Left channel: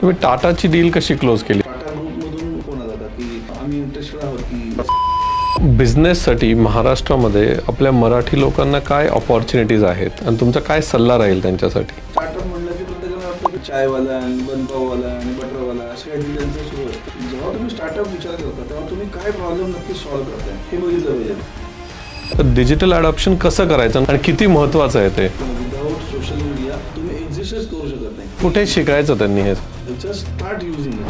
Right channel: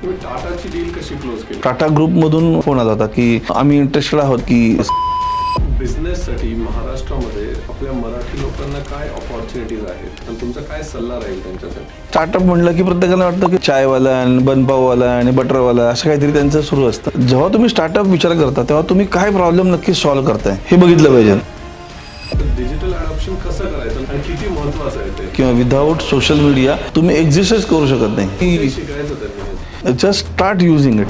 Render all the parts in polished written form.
तुम्ही टाटाची डील कशी क्लोज केली? टाटा ग्रुपमधून फोन आला होता की आम्ही इंटरेस्टेड आहोत की बिझनेससाठी महाराष्ट्रामध्ये आपल्या मराठी लोकांना काय ऑपॉर्च्युनिटीज आहेत आणि तुमचा काय सल्ला राहील त्यांच्यासाठी? स्टार्टअप म्हणलं की प्रत्येकाला वाटतं की चायवाला आणि बनपाववाला आणि बटरवाला असं काहीतरी त्यांचं सुरू असतं. जेव्हा तुम्ही स्टार्टअप विचार करता तेव्हा तुम्ही काय प्रॉब्लेम नक्की सॉल्व्ह करताय हे बघितलं पाहिजे. डिजिटल अडॉप्शन कसं करायचं आणि किती महत्त्वाचं आहे ते? किंवा विदाऊट सोशल मीडिया तुम्ही एक्झिस्टच करू शकत नाही. कुठे शिकायचं त्यांनी हे? Just start using it.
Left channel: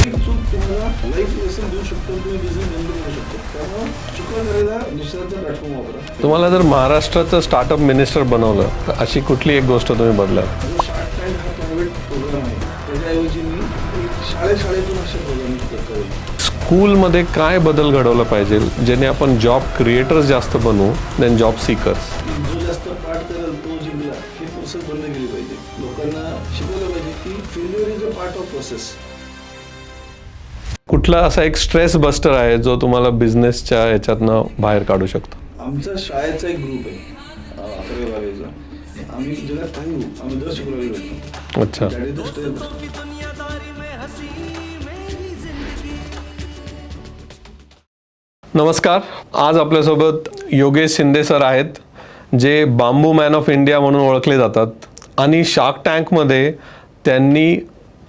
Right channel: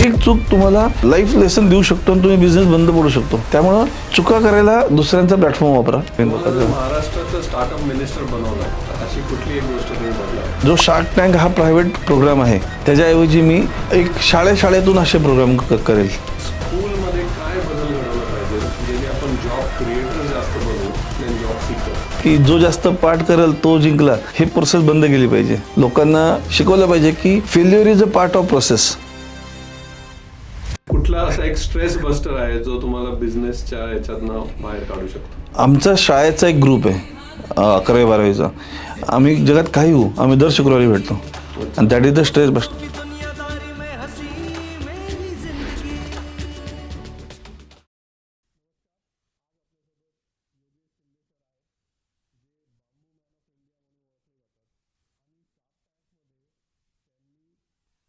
एक चूक तुम्हाला लाईफ लेसन देऊ शकतो आणि तुम्ही बिझनेस बंद पडू शकतो. त्यामुळं चुका करायला दुसऱ्यांचा प्लॅटफॉर्म वापरा. तुम्हाला जर महाराष्ट्राचं स्टार्टअप मिनिस्टर बनवलं तर अशी कुठली एक गोष्ट तुम्ही बदला? जो शार्क टँक हा प्रायव्हेट प्रोग्राम आहे त्याच्याऐवजी मी एक शाळेतून असे प्रोग्राम करेल. स्कूलमध्ये काय बदल घडवला पाहिजे जेणे आपण जॉब क्रिएटर्स जास्त बनवू देन जॉब सीकर्स? की जो जास्त पाठ करेल तो जिंकला हे प्रोसेस बंद केली पाहिजे. लोकांना शिकवलं पाहिजे की failure is a part of process. कुठला असा एक स्ट्रेस बस्टर आहे जो तुम्हाला बिझनेसच्या याच्यातनं बाहेर काढू शकतो? आमचा शाळेचा एक ग्रुप आहे 11वी 12वीचा. आम्ही जगात काही होऊ आम्ही दर शुक्रवारी भेटतो. अच्छा. That is the stress buster. नमस्कार. आज आपल्यासोबत योगेश शिंदे सर आहेत जे बांबू मॅन ऑफ इंडिया म्हणून ओळखले जातात आणि शार्क टँकमध्ये त्यांनी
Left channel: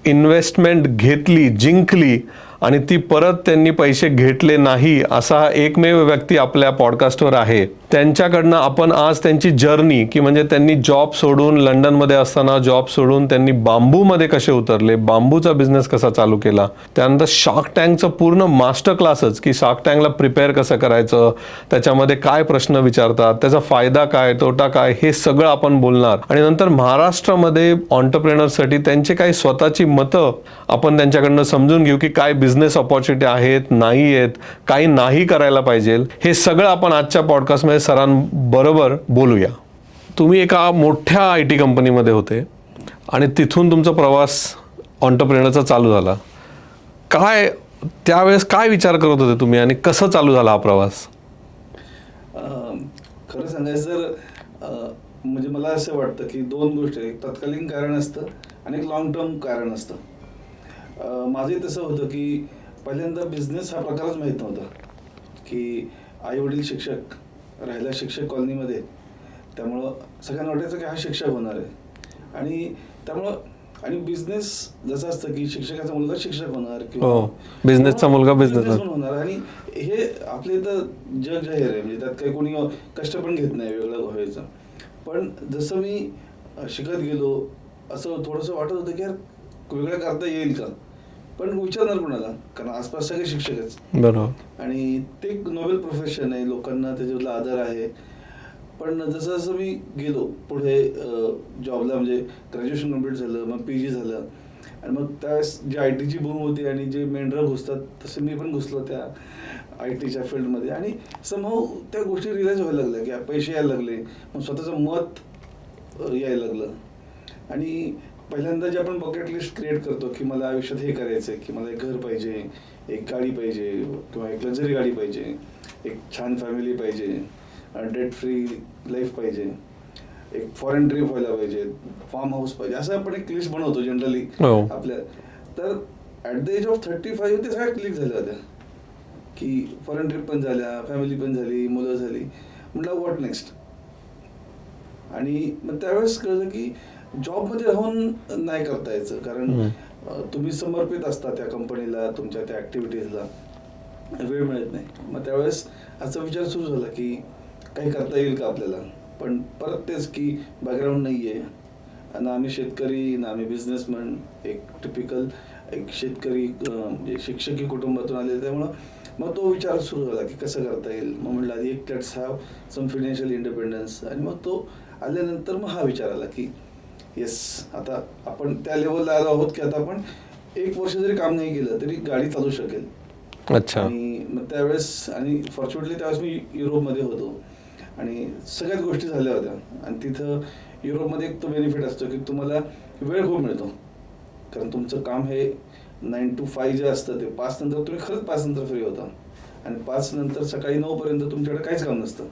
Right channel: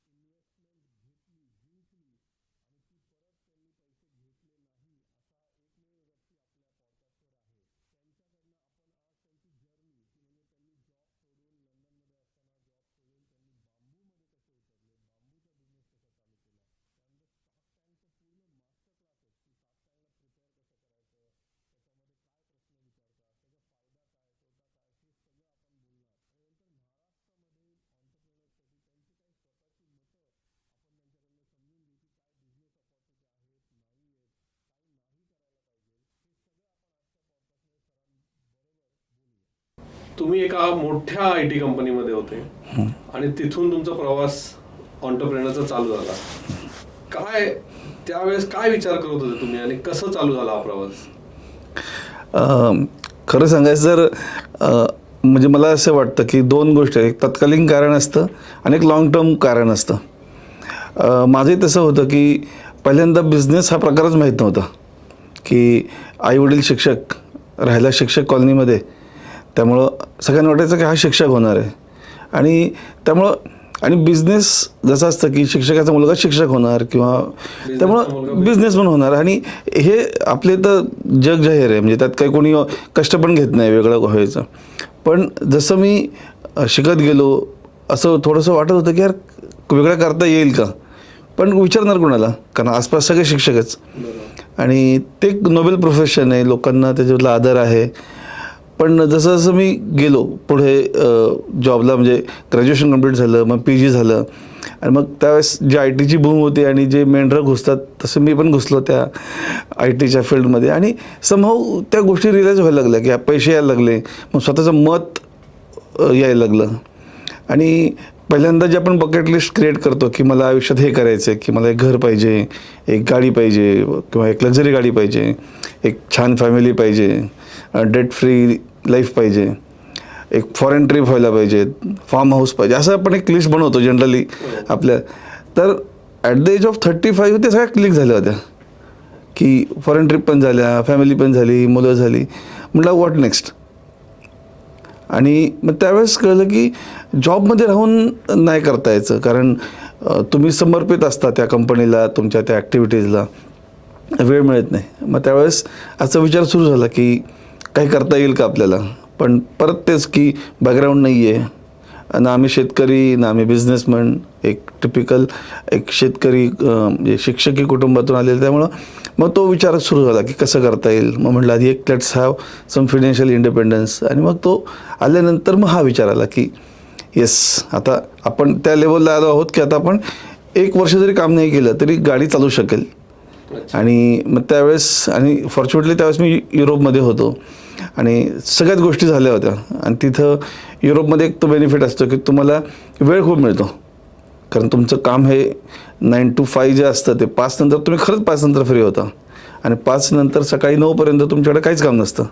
इन्व्हेस्टमेंट घेतली, जिंकली आणि ती परत त्यांनी पैसे घेतले नाही असा हा एकमेव व्यक्ती आपल्या पॉडकास्टवर आहे. त्यांच्याकडनं आपण आज त्यांची जर्नी की म्हणजे त्यांनी जॉब सोडून लंडनमध्ये असताना जॉब सोडून त्यांनी बांबूमध्ये कसे उतरले, बांबूचा बिझनेस कसा चालू केला, त्यानंतर शार्क टँकचं पूर्ण मास्टर क्लासच की शार्क टँकला प्रिपेअर कसं करायचं, त्याच्यामध्ये काय प्रश्न विचारतात, त्याचा फायदा काय तोटा काय हे सगळं आपण बोलणार. आणि नंतर महाराष्ट्रामध्ये ऑन्टरप्रेनर्ससाठी त्यांचे काही स्वतःची मतं आपण त्यांच्याकडनं समजून घेऊ की काय बिझनेस ऑपॉर्च्युनिटी आहेत, नाही आहेत, काही नाही करायला पाहिजे. हे सगळं आपण आजच्या पॉडकास्टमध्ये सरांबरोबर बोलूया. तुम्ही एका मोठ्या IT कंपनीमध्ये होते आणि तिथून तुमचा प्रवास ऑन्टरप्रेनरचा चालू झाला. काय त्यावेळेस काय विचार करत होते तुम्ही आणि कसं चालू झाला हा प्रवास? खरं सांगायचं तर म्हणजे मला असं वाटतं की दोन गोष्टी आहेत. एक तत्कालीन कारण असतं आणि एक लॉंग टर्म कारण असतं. माझंही तसं होतं की पहिल्यांदा बिझनेस हा प्रकारच माहीत नव्हता. की आईवडील शिक्षक, राहायला शिक्षक कॉलनीमध्ये, त्यामुळं सगळ्यांना वाटायचं की हा शिक्षक होणार आहे. आणि त्यामुळं आणि बिझनेस जसं असतं की शिक्षकाचा मुलगा शिक्षक होणार किंवा बिझनेसचा मुलगा बिझनेसमॅन होणार. आणि हे आपले तर जग जाहीर आहे, म्हणजे त्यात काही कोणी कष्ट पण घेत नाही वेगळं व्हायचं. पण जसं मी शिकत गेलो असं थोडंसं वाटत होतं की यार वेगळं करता येईल का, पण विचारणार कोणाला, कारण आसपास सगळे शिक्षकच. बरोबर. आणि ते एक नोबेल प्रोफेशन आहे, लोकांना त्याच्यातला आदर आहे. पण जसं जसं मी गेलो पुढे जॉबला, म्हणजे ग्रॅज्युएशन कंप्लीट झालं, मग PG झालं आणि मग त्यावेळेस जी ITची बूम होती आणि जे मेंढरं घुसतात तसं मी पण घुसलो त्या ITच्या फील्डमध्ये. आणि समहाऊ त्या गोष्टी रिअलाईज व्हायला लागल्या की पैसे यायला लागले, मग स्वतःचं मत यायला लागलं. आणि पहिल्यांदा जे आपण बकेट लिस्ट क्रिएट करतो की मला आयुष्यात हे करायचं आहे, की मला एक घर पाहिजे, एक गाडी पाहिजे किंवा एक लक्झरी गाडी पाहिजे, एक छान फॅमिली पाहिजे, डेट फ्री लाईफ पाहिजे, एक फॉरेन ट्रिप व्हायला पाहिजे, फार्म हाऊस पाहिजे, असं आपण एक लिस्ट बनवतो जनरली आपल्या. तर ॲट द एज ऑफ 35 ते सगळ्या क्लिक झाल्या होत्या की फॉरेन ट्रिप पण झाल्या, फॅमिली पण झाली, मुलं झाली. म्हटलं व्हॉट नेक्स्ट. आणि मग त्यावेळेस कळलं की जॉबमध्ये राहून नाही करता यायचं, कारण तुम्ही समर्पित असता त्या कंपनीला, तुमच्या त्या ॲक्टिव्हिटीजला, वेळ मिळत नाही. मग त्यावेळेस असा विचार सुरू झाला की काही करता येईल का आपल्याला. पण परत तेच की बॅकग्राऊंड नाही आहे, ना आम्ही शेतकरी ना आम्ही बिझनेसमॅन, एक टिपिकल एक शेतकरी म्हणजे शिक्षकी कुटुंबातून आलेलं. त्यामुळं मग तो विचार सुरू झाला की कसं करता येईल. मग म्हटलं आधी एक let's have some financial independence. आणि मग तो आल्यानंतर मग हा विचार आला की येस, आता आपण त्या लेवलला आलो आहोत की आता आपण 1 वर्ष जरी काम नाही केलं तरी गाडी चालू शकेल. अच्छा. आणि मग त्यावेळेस आणि फॉर्च्युनेटली त्यावेळेस मी युरोपमध्ये होतो आणि सगळ्याच गोष्टी झाल्या होत्या. आणि तिथं युरोपमध्ये एक तो बेनिफिट असतो की तुम्हाला वेळ खूप मिळतो, कारण तुमचं काम हे 9 to 5 जे असतं ते 5 नंतर तुम्ही खरंच 5 नंतर फ्री होता आणि 5 नंतर सकाळी 9 पर्यंत तुमच्याकडे काहीच काम नसतं.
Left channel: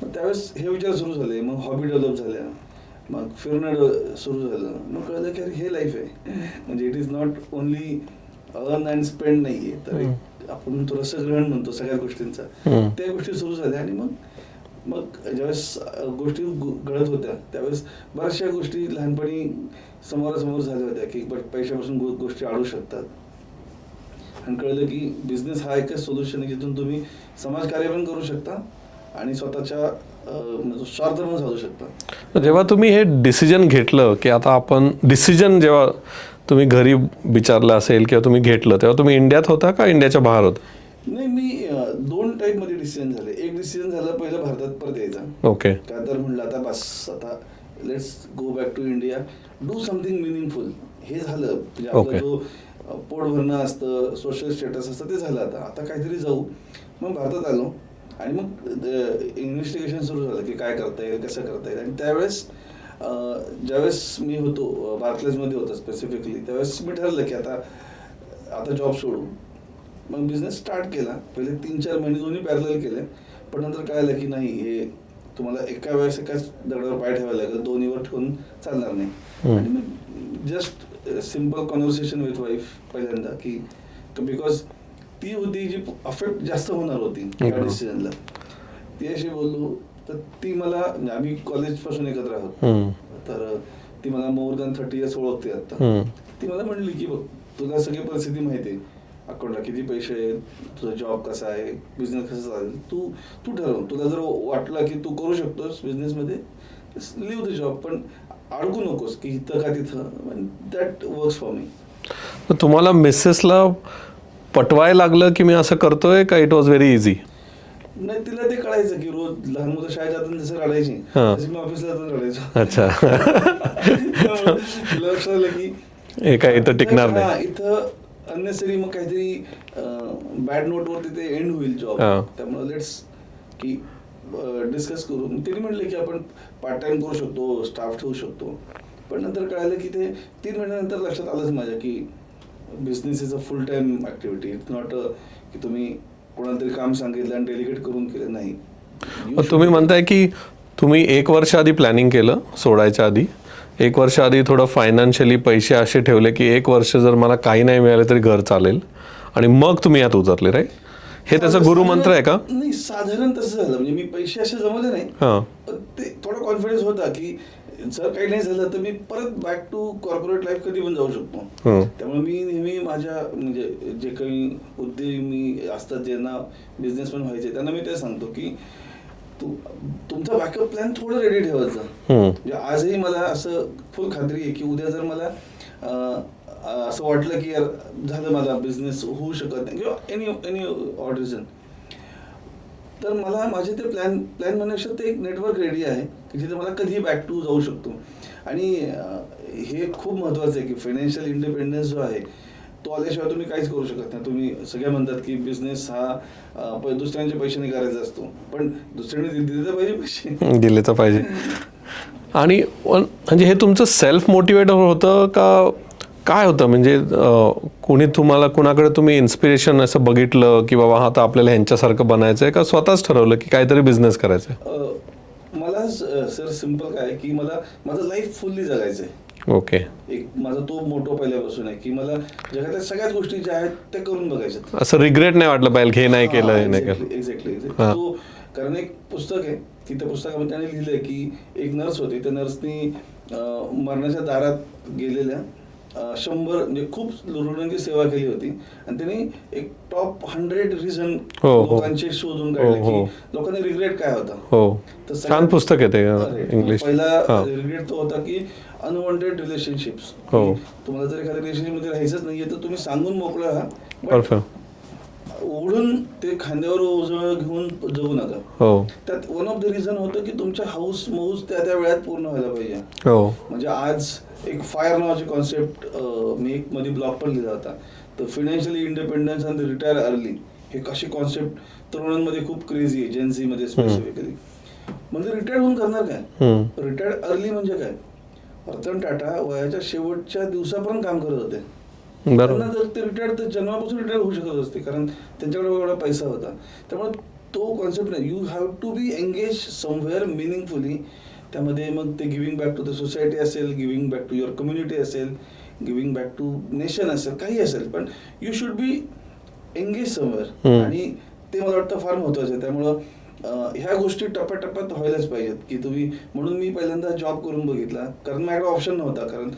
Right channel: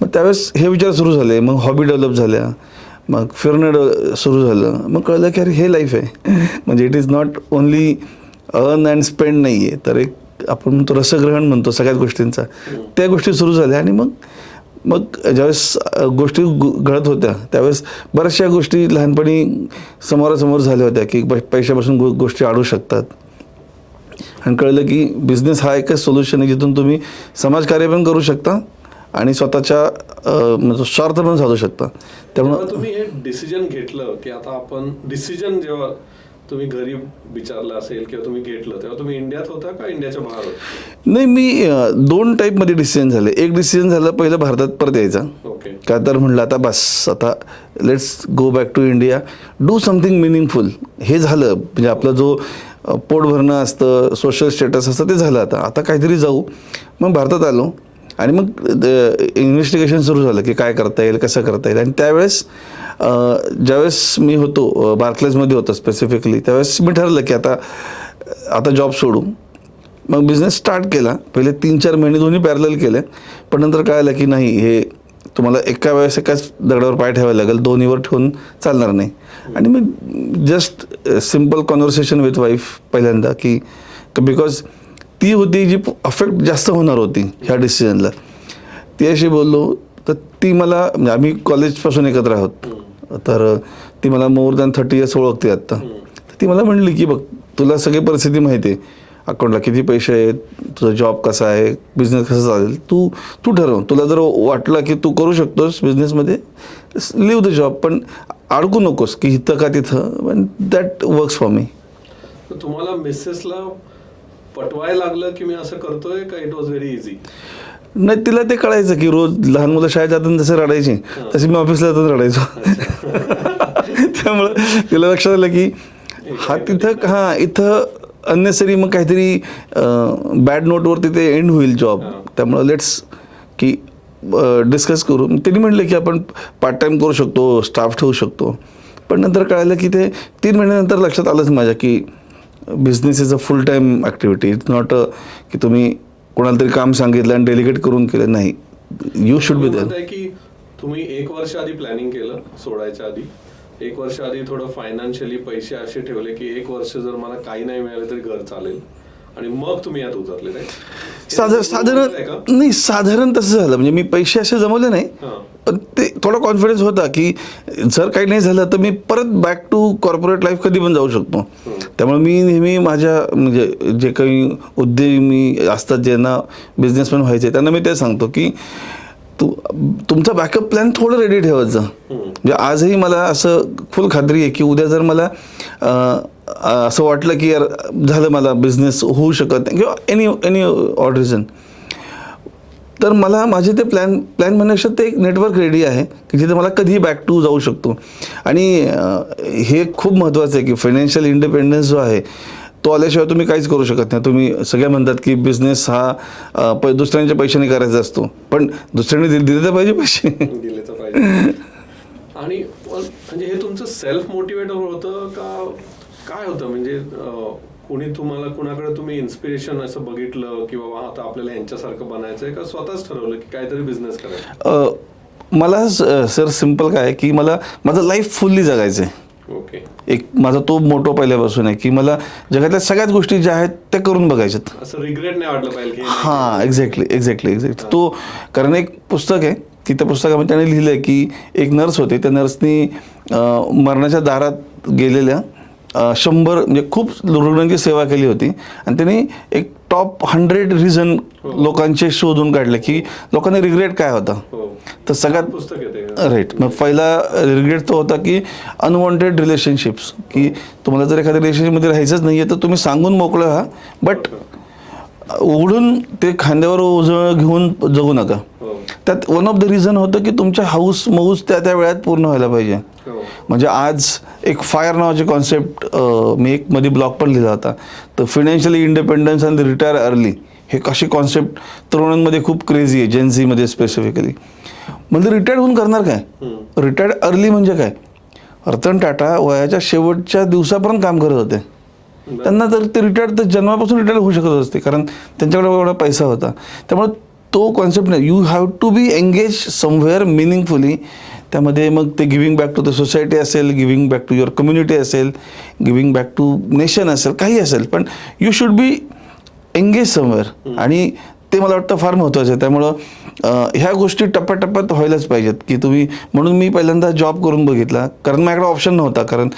मग त्यावेळेस हे विचार सुरू झाले. मग हॉबी डेव्हलप झाल्या. मग फिरणं सुरू झालं. मग कळलं की अरे हे लाईफ आहे. म्हणजे it is not only earn and spend नाही आहे, तर एक आपण म्हणतो रसग्रहण म्हणतो सगळ्याच गोष्टींचा. त्या गोष्टी सुरू झाल्या आणि मग ज्यावेळेस गोष्टी घडत होत्या त्यावेळेस बऱ्याचशा गोष्टी लहानपणी समोरासमोर झाल्या होत्या की पैशापासून गोष्टी अडू शकतात. आणि कळलं की बिझनेस हा एकच सोल्युशन आहे जिथून तुम्ही समाजकार्य पण करू शकता आणि स्वतःच्या स्वार्थ पण साधू शकता. जेव्हा तुम्ही हे डिसिजन घेतलं की आता आपण डिसिजन जेव्हा तुम्ही घरी विचारलं असेल किंवा तुम्ही घेतलं तेव्हा तुम्ही इंडियात होता का इंडियाच्या बाहेर होता? नाही, मी 2 टाईपमध्ये डिसिजन झाले. एक डिसिजन झालं पहिलं भारतात परत यायचा. ओके. का तर म्हणलं आता बस, आता let's go back to India, do something meaningful. हे झालं म्हणजे आपला जो पोट भरणं असतं, सोशल स्टेटस असतं ते झालं. आता काहीतरी जाऊ. मग भारतात आलो आणि मग इन्व्हेस्टिगेशन सुरू झालं की काय करता येईल, कसं करता येईल. आणि त्यावेळेस ज्यावेळेस मी होतो बार्कलेजमध्ये होतो स्पेसिफिकली, त्यावेळेस मी ठरवलं की आता जॉब सोडू. मग बिझनेस स्टार्ट केला. पहिले 3-4 महिने दोन्ही पॅरलल केले, पण नंतर कळालं की नाही, हे तुम्हाला एका वेळेस एकाच दगडावर पाय ठेवायला लागेल, दोन्हीवर ठेवून चालणार नाही. आणि मग just simple conversation with wife पहिल्यांदा की बिकॉज ती होती जी अफेक्ट जास्त होणार होती ह्या डिसिजनला. ती अशी बोललो तर ती मला, म्हणजे आम्ही कॉलेजपासून एकत्र आहोत, तर ती मला मोर दॅन 30 इयर्स ओळखते आत्ता. ती मला म्हणली की बघ, तुला सगळी परिस्थिती माहिती आहे, अकाउंटला किती पैसे आहेत, तुझा जॉब कसा आहे, बिझनेस कसा चालेल, तू ठरव. तुला जर वाटलं की तू करू शकतोस बिझनेसमध्ये, लिव्ह द जॉब, पण अडकू नकोस की इथं का तिथं. That works for me. तुम्हाला मिसेसला पटवायला लागलं की मी असं करतोय का इट वॉज व्हेरी इझी? नाही, तिला ते कळायचं की रोज लहान मुलं शाळेत जाताना जसं रडायची तशी मी ऑफिसला जाताना रडायचो. त्यामुळे तिला लक्षात आलं की इथं अननेसरी मग काहीतरी बॅड नोटवरती ते एंड होईल जॉब. त्यामुळे लेट्स की डिस्कस करू. तिने म्हटलं की आपण पार्ट टाइम करू शकतो, स्टाफ ठेवू शकतो. पण नंतर कळालं की ते 3 महिन्यानंतर लक्षात आलंच माझ्या की business is a full time activity. It's not की तुम्ही कोणाला तरी काम सांगितलं आणि डेलिगेट करून केलं. नाही, तुम्ही म्हणताय की तुम्ही 1 वर्ष आधी प्लॅनिंग केलं सोडायच्या आधी, 1 वर्ष आधी थोडं फायनान्शियली पैसे असे ठेवले की 1 वर्ष जर मला काही नाही मिळाले तरी घर चालेल, आणि मग तुम्ही यात उतरले, राईट? हे त्याचा गुरुमंत्र आहे का? नाही, साधारण तसं झालं. म्हणजे मी पैसे असे जमवले नाही, पण ते थोडा कॉन्फिडन्स होता की जर काही नाही झालं तर मी परत बॅक टू कॉर्पोरेट लाईफ कधी पण जाऊ शकतो. त्यामुळे मी नेहमी माझ्या म्हणजे जे काही उद्योमी असतात ज्यांना बिझनेसमॅन व्हायचे त्यांना मी ते सांगतो की तुमचा बॅकअप प्लॅन थोडं रेडी ठेवायचं. म्हणजे आजही मला असं फुल खात्री आहे की उद्या जर मला असं वाटलं की यार झालं, मला बिझनेस होऊ शकत नाही किंवा एनी ऑड रिझन, तर मला माझे ते प्लॅन म्हणण्यापेक्षा ते एक नेटवर्क रेडी आहे की जिथे मला कधीही बॅक टू जाऊ शकतो. आणि हे खूप महत्त्वाचं आहे की फायनान्शियल इंडिपेंडन्स जो आहे तो आल्याशिवाय तुम्ही काहीच करू शकत नाही. तुम्ही सगळे म्हणतात की बिझनेस हा दुसऱ्यांच्या पैशाने करायचा असतो, पण दुसऱ्यांनी दिले तर पाहिजे, पैसे दिले तर पाहिजे. आणि म्हणजे हे तुमचं सेल्फ मोटिवेटर होतं का काय होतं? म्हणजे कोणी तुम्हाला, कुणाकडे तुम्ही इन्स्पिरेशन असं बघितलं की बाबा आता आपल्याला ह्यांच्यासारखं बनायचं आहे, का स्वतःच ठरवलं की काहीतरी बिझनेस करायचा? मला सर सिम्पल काय आहे की मला माझं लाईफ फुल्ली जगायचं आहे. ओके. एक माझा तो मोटो पहिल्यापासून आहे की मला जगातल्या सगळ्याच गोष्टी ज्या आहेत त्या करून बघायच्यात. असं रिग्रेट नाही वाटलं पाहिजे हे नाही केलं. एक्झॅक्टली. तो कारण एक पुस्तक आहे की त्या पुस्तकामध्ये त्याने लिहिलंय की एक नर्स होते, त्या नर्सनी मरणाच्या दारात गेलेल्या 100 म्हणजे खूप रुग्णांची सेवा केली होती आणि त्यांनी एक टॉप 100 रिझन लोकांचे शोधून काढले की लोकांना रिग्रेट काय होता. तर सगळ्यात पुस्तक येते, राईट. मग पहिला रिग्रेट तो होता की अनवॉन्टेड रिलेशनशिप्स, की तुम्हाला जर एखाद्या रिलेशनशिपमध्ये राहायचंच नाहीये तर तुम्ही सांगून मोकळं व्हा, बट उघडून ते खांद्यावर ओझं घेऊन जगू नका. त्यात वन ऑफ द रिझन होतं की तुमच्या हाऊस मौज त्या वेळात पूर्ण व्हायला पाहिजे. म्हणजे आज एक फायर नावाची कॉन्सेप्ट मी एक मध्ये ब्लॉग पण लिहिला होता, तर financially independence and retire early, हे अशी कॉन्सेप्ट तरुणांमध्ये खूप क्रेझी आहे, जेनझीमध्ये स्पेसिफिकली. म्हणजे रिटायर्ड होऊन करणार काय? रिटायर्ड अर्ली म्हणजे काय? रतन टाटा वयाच्या शेवटच्या दिवसापर्यंत काम करत होते. त्यांना तर ते रिटायर्ड तर जन्मापासून रिटायर्ड होऊ शकत असते, कारण त्यांच्याकडे एवढा पैसा होता. त्यामुळे तो कॉन्सेप्ट नाही, you have to be engage somewhere meaningfully. त्यामध्ये मग ते giving back to the society असेल, giving back to your community असेल, गिव्हिंग बॅक टू नेशन असेल, काही असेल, पण you should be engage somewhere. आणि ते मला वाटतं फार महत्त्वाचं आहे. त्यामुळं ह्या गोष्टी टप्प्याटप्प्यात व्हायलाच पाहिजेत की तुम्ही. म्हणून मी पहिल्यांदा जॉब करून बघितला, कारण माझ्याकडे ऑप्शन नव्हता. कारण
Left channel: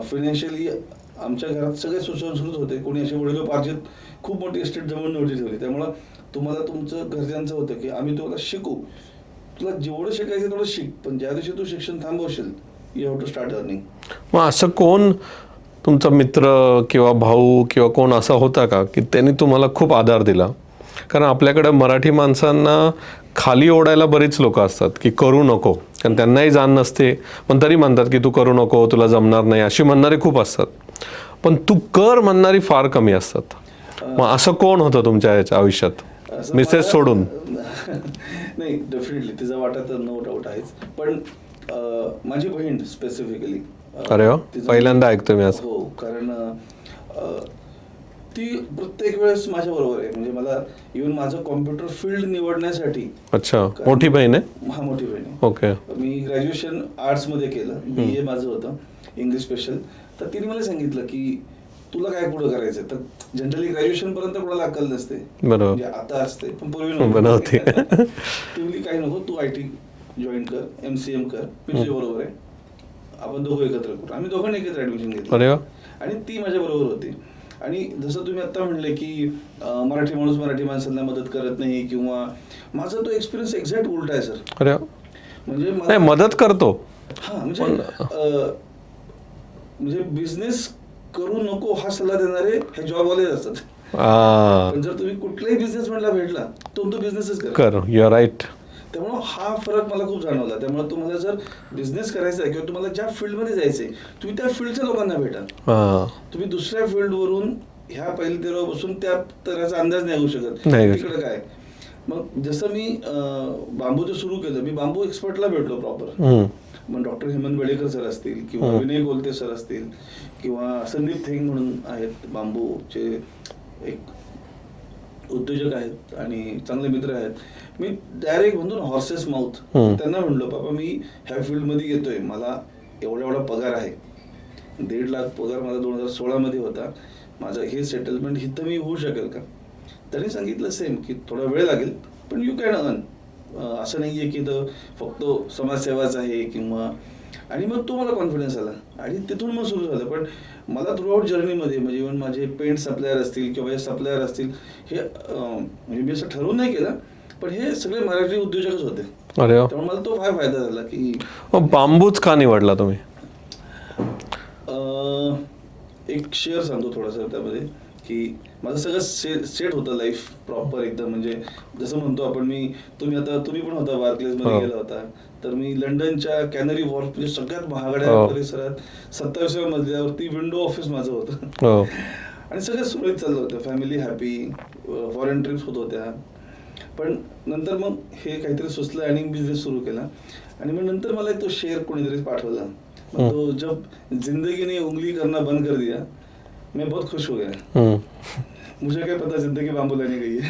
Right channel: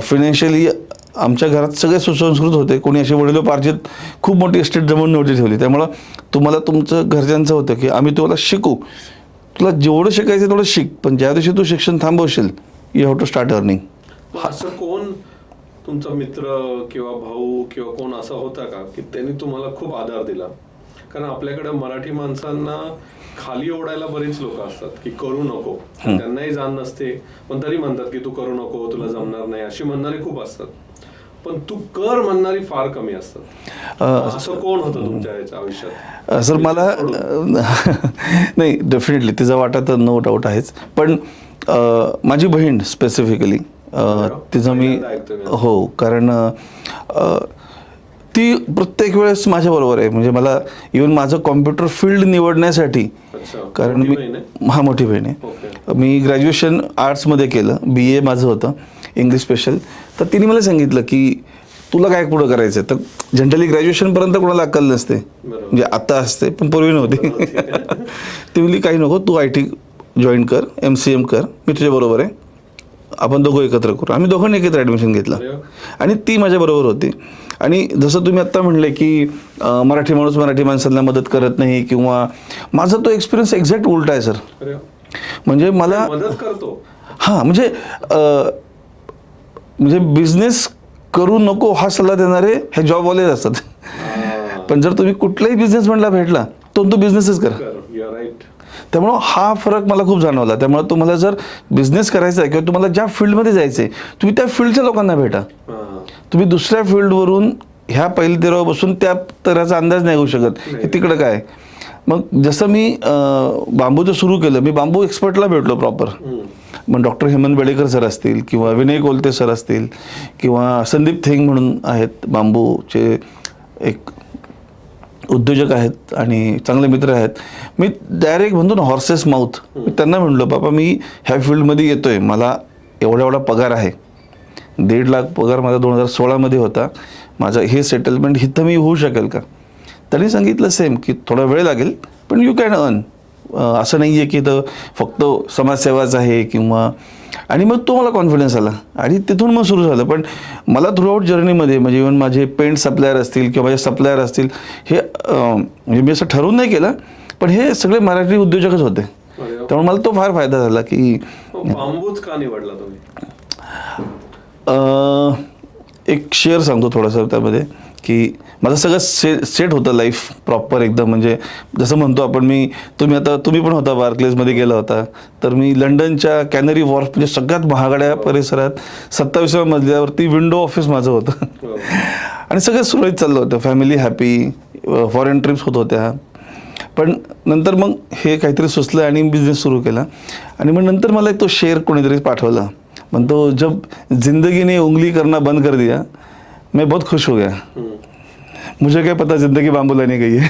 फायनान्शियली आमच्या घरात सगळे सुसंस्कृत होते, कोणी असे वडिलोपार्जित खूप मोठी एस्टेट जमवून नव्हती ठेवली. त्यामुळं तुम्हाला तुमचं घरच्यांचं होतं की आम्ही तुम्हाला शिकू, तुला जेवढं शिकायचं तेवढं शिक, पण ज्या दिवशी तू शिक्षण थांबवशील you have to start earning. मग असं कोण तुमचा मित्र किंवा भाऊ किंवा कोण असा होता का की त्यांनी तुम्हाला खूप आधार दिला? कारण आपल्याकडे मराठी माणसांना खाली ओढायला बरीच लोक असतात की करू नको, आणि त्यांनाही जाण नसते, पण तरी म्हणतात की तू करू नको, तुला जमणार नाही, अशी म्हणणारे खूप असतात. पण तू कर म्हणणारी फार कमी असतात. मग असं कोण होतं तुमच्या याच्या आयुष्यात? सर मिसेस सोडून? नाही, डेफिनेटली तिचा वाटा तर नो डाऊट आहेच. पण माझी बहीण स्पेसिफिकली पहिल्यांदा ऐकतोय मी असं. हो, कारण ती प्रत्येक वेळेस माझ्या बरोबर आहे. म्हणजे मला इव्हन माझं कॉम्प्युटर फील्ड निवडण्यासाठी. अच्छा, मोठी बहीण आहे? हा, मोठी बहीण आहे. ओके. मी ग्रॅज्युएशन आर्ट्समध्ये केलं, BA माझं होतं इंग्लिश स्पेशल. तर तिने मला सांगितलं की तुला काय पुढं करायचं. तर जनरली ग्रॅज्युएशनपर्यंत कोणाला अक्कल नसते, बरोबर, म्हणजे आता असते पण पूर्वी नव्हती. ती म्हणली काही नको, तू IT जॉईन कर, MCM कर, मी तुझ्या बरोबर आहे, आपण दोघं एकत्र करू. आम्ही दोघांनी एकत्र ॲडमिशन घेतलं आणि ती माझ्या बरोबर होती. आणि जसं तुम्ही आत्ता म्हणले की मराठी माणूस मराठी माणसांना मदत करत नाही, किंवा माझा तो एक्सपिरियन्स एक्झॅक्ट उलटा आहे सर. अरे, म्हणजे मला मदत करतो. हां, म्हणजे बिझनेस करू नको हा सल्ला देणारे हे जॉबवालेच असतात. पण जर तुम्ही कुठलाही बिझनेसमॅनला भेटला तो बिझनेसच कर. You are right. त्यामुळं हा फरक मला खूप जाणवला. त्यामुळे तुम्हाला जर बिझनेस करायचा आहे किंवा तुम्हाला ज्या फील्डमध्ये जायचं आहे, तुम्ही त्या फील्डच्या लोकांना भेटा. तुम्ही दुसऱ्या फील्डवरून ह्या पहिल्या तेरावर बसून त्या तऱ्हाचा अंदाज नाही घेऊ शकत तिकडं काय. मग जसं मी बांबूचं सुरू केलं, मी बांबू एक्सपर्टला भेटलो प्रॉपर. मग डॉक्टर हेमंत बेडेकर सर असतील, किंवा विनय कोलते सर असतील, किंवा संदीप थेंग म्हणून आहेत, बांबूचे एक उद्योजक आहेत आणि चांगले मित्र आहेत. मी डायरेक्ट म्हणतो ना हॉर्सेस माउथ, त्यांना म्हणलो बाबा मी ह्या फील्डमध्ये येतोय, मला एवढा पगार आहे, 1.5 लाख पगार माझा 2016 होता, माझं हे सेटलमेंट इथं मी होऊ शकेल का? त्यांनी सांगितलं सेम की थोडा वेळ लागेल पण यू कॅन अर्न. असं नाही आहे की इथं फक्त समाजसेवाच आहे किंवा. आणि मग तो मला कॉन्फिडन्स आला आणि तिथून मग सुरू झालं. पण मला थ्रूआउट जर्नीमध्ये म्हणजे इव्हन माझे पेंट सप्लायर असतील किंवा माझे सप्लायर असतील, हे म्हणजे मी असं ठरवून नाही केलं, पण हे सगळे मराठी उद्योजकच होते. त्यामुळे मला तो फार फायदा झाला. की बांबूच का निवडला तुम्ही? एक शेअर सांगतो थोडासा त्यामध्ये, की माझं सगळं सेट होतं लाईफ प्रॉपर एकदम. म्हणजे जसं म्हणतो आपण, तुम्ही पण होता बार्कलेजमध्ये गेला होता, तर मी लंडनच्या कॅनरी वॉर्फ म्हणजे सगळ्यात महागड्या परिसरात 27व्या मजल्यावरती विंडो ऑफिस माझं होतं. आणि सगळं सुरळीत चाललं होतं, फॅमिली हॅपी, फॉरेन ट्रिप्स होत होत्या. पण नंतर मग हे काहीतरी सुचलं आणि बिझनेस सुरू केला. आणि मग नंतर मला तो शेअर कोणीतरी पाठवला, म्हणतो जब जिंदगी ने उंगली करना बंद कर दिया मैं बहुत खुश हो गया, मुझे क्या पता जिंदगी बांबू लाने गई है.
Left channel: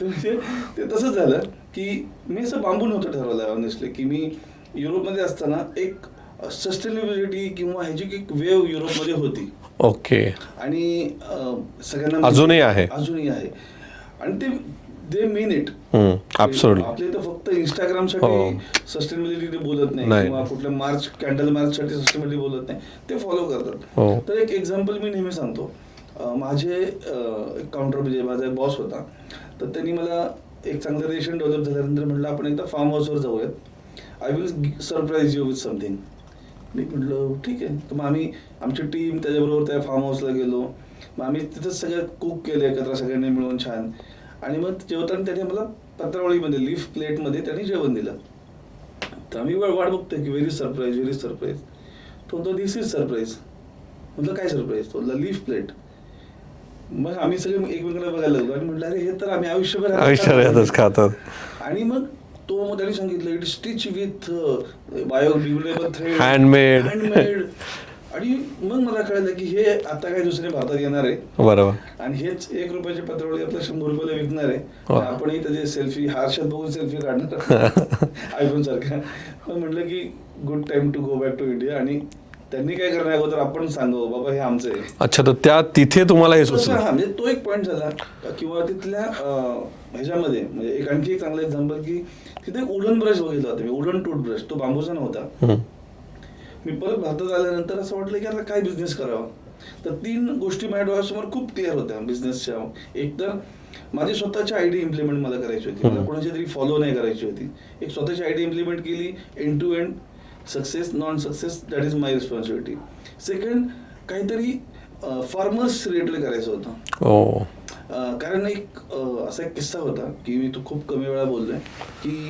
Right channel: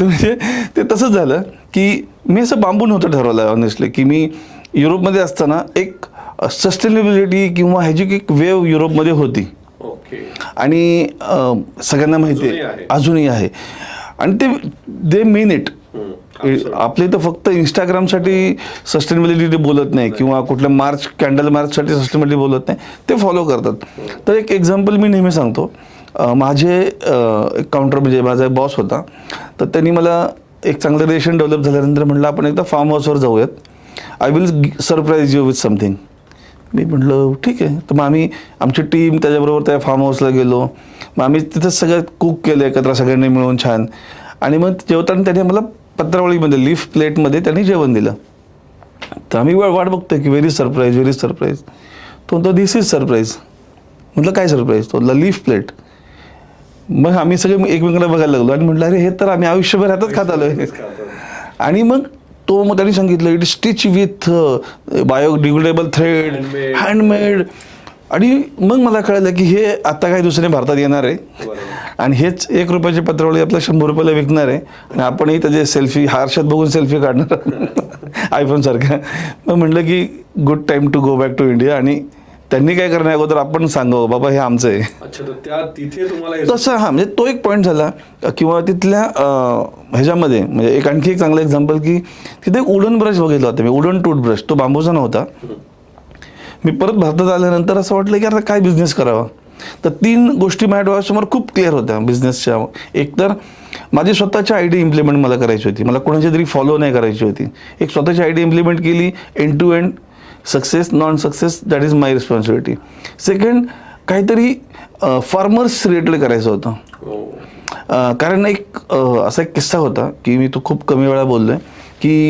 म्हणजे ते तसंच झालं की मी असं बांबू नव्हतं ठरवलं ऑनेस्टली, की मी युरोपमध्ये असताना एक सस्टेनेबिलिटी किंवा ह्याची एक वेव युरोपमध्ये होती. ओके. आणि सगळ्यांना अजूनही आहे. आणि दे मीन इट. आपले तर फक्त इंस्टाग्रामसाठी सस्टेनेबिलिटी बोलत नाही किंवा कुठल्या कॅन्डल मार्चसाठी सस्टेनेबिलिटी बोलत नाही, ते फॉलो करतात. तर एक एक्झाम्पल मी नेहमी सांगतो. माझे काउंटर म्हणजे माझा बॉस होता, तर त्यांनी मला एक चांगलं रिलेशन डेव्हलप झाल्यानंतर म्हटलं आपण एकदा फार्म हाऊसवर जाऊयात, I will surprise you with something. मी म्हटलं ठीक आहे. तर मग आमची टीम त्याच्याबरोबर त्या फार्म हाऊसला गेलो. मग आम्ही तिथं सगळं कुक केलं एकत्र सगळ्यांनी मिळून छान. आणि मग जेवताना त्याने मला पत्रावळीमध्ये लीफ प्लेटमध्ये त्यांनी जेवण दिलं. तर आम्ही वाट बघतोय की व्हेरी सरप्राईज. तो दिस इज सरप्राईज. म्हटलं काय सरप्राईज? तो लीफ प्लेट. मग आम्ही सगळे एकमेकांना बघायला लागलो आणि म्हटलं अरे हे तर आम्ही आयुष्यभर खातात. आणि मग त्यांनी सांगितलं it stitch with biodegradable thread, handmade. आणि मग मला कळलं की हे आता काही दुसरे भारतात येणार आहे बरोबर. आणि हेच 1 रुपयाचे पत्रावळी आपल्या 100 रुपयाला विकणार आहे आणि आपणही त्याचे सेल्फी हारशात बघून सेल्फी काढणार आयफोन सारखा. मग म्हटलं की good time to go back to India आणि त्यांनी काय करण्या अगोदर आपण सांगावं बाबा हे आमचं आहे. अच्छा, तर तिथे तुम्हाला हे तसं सुचलं? हा म्हणजे तो एक पॉईंट झाला. किंवा तिथल्या ह्याच्यामध्ये म्हणजे आणखी एक चांगलं एक्झाम्पल की तिथे एक वुडन ब्रश बघितला होता मी, वुडन टूथब्रश. तो बांबूचा नव्हता. मी परत भारतात आल्यानंतर असं वाटलं की आता काय बिझनेस करावा. तर 3 गोष्टी माझ्या डोळ्यासमोर खूप क्लिअर होत्या बिझनेसच्या. एक तर माझी स्वतःची आयडिया इम्प्लिमेंट मला करायची होती, मला कोणाची तरी फॉलो नाही करायची होती. एक स्वतःची आयडिया इम्प्लिमेंट केली, end to end success non success that is my responsibility. Second, काहीतरी फार्मर्स रिलेटेड करायचं होतं. कारण एक असा एक किस्सा होता की मी तो खूप कमी वेळा बोललोय की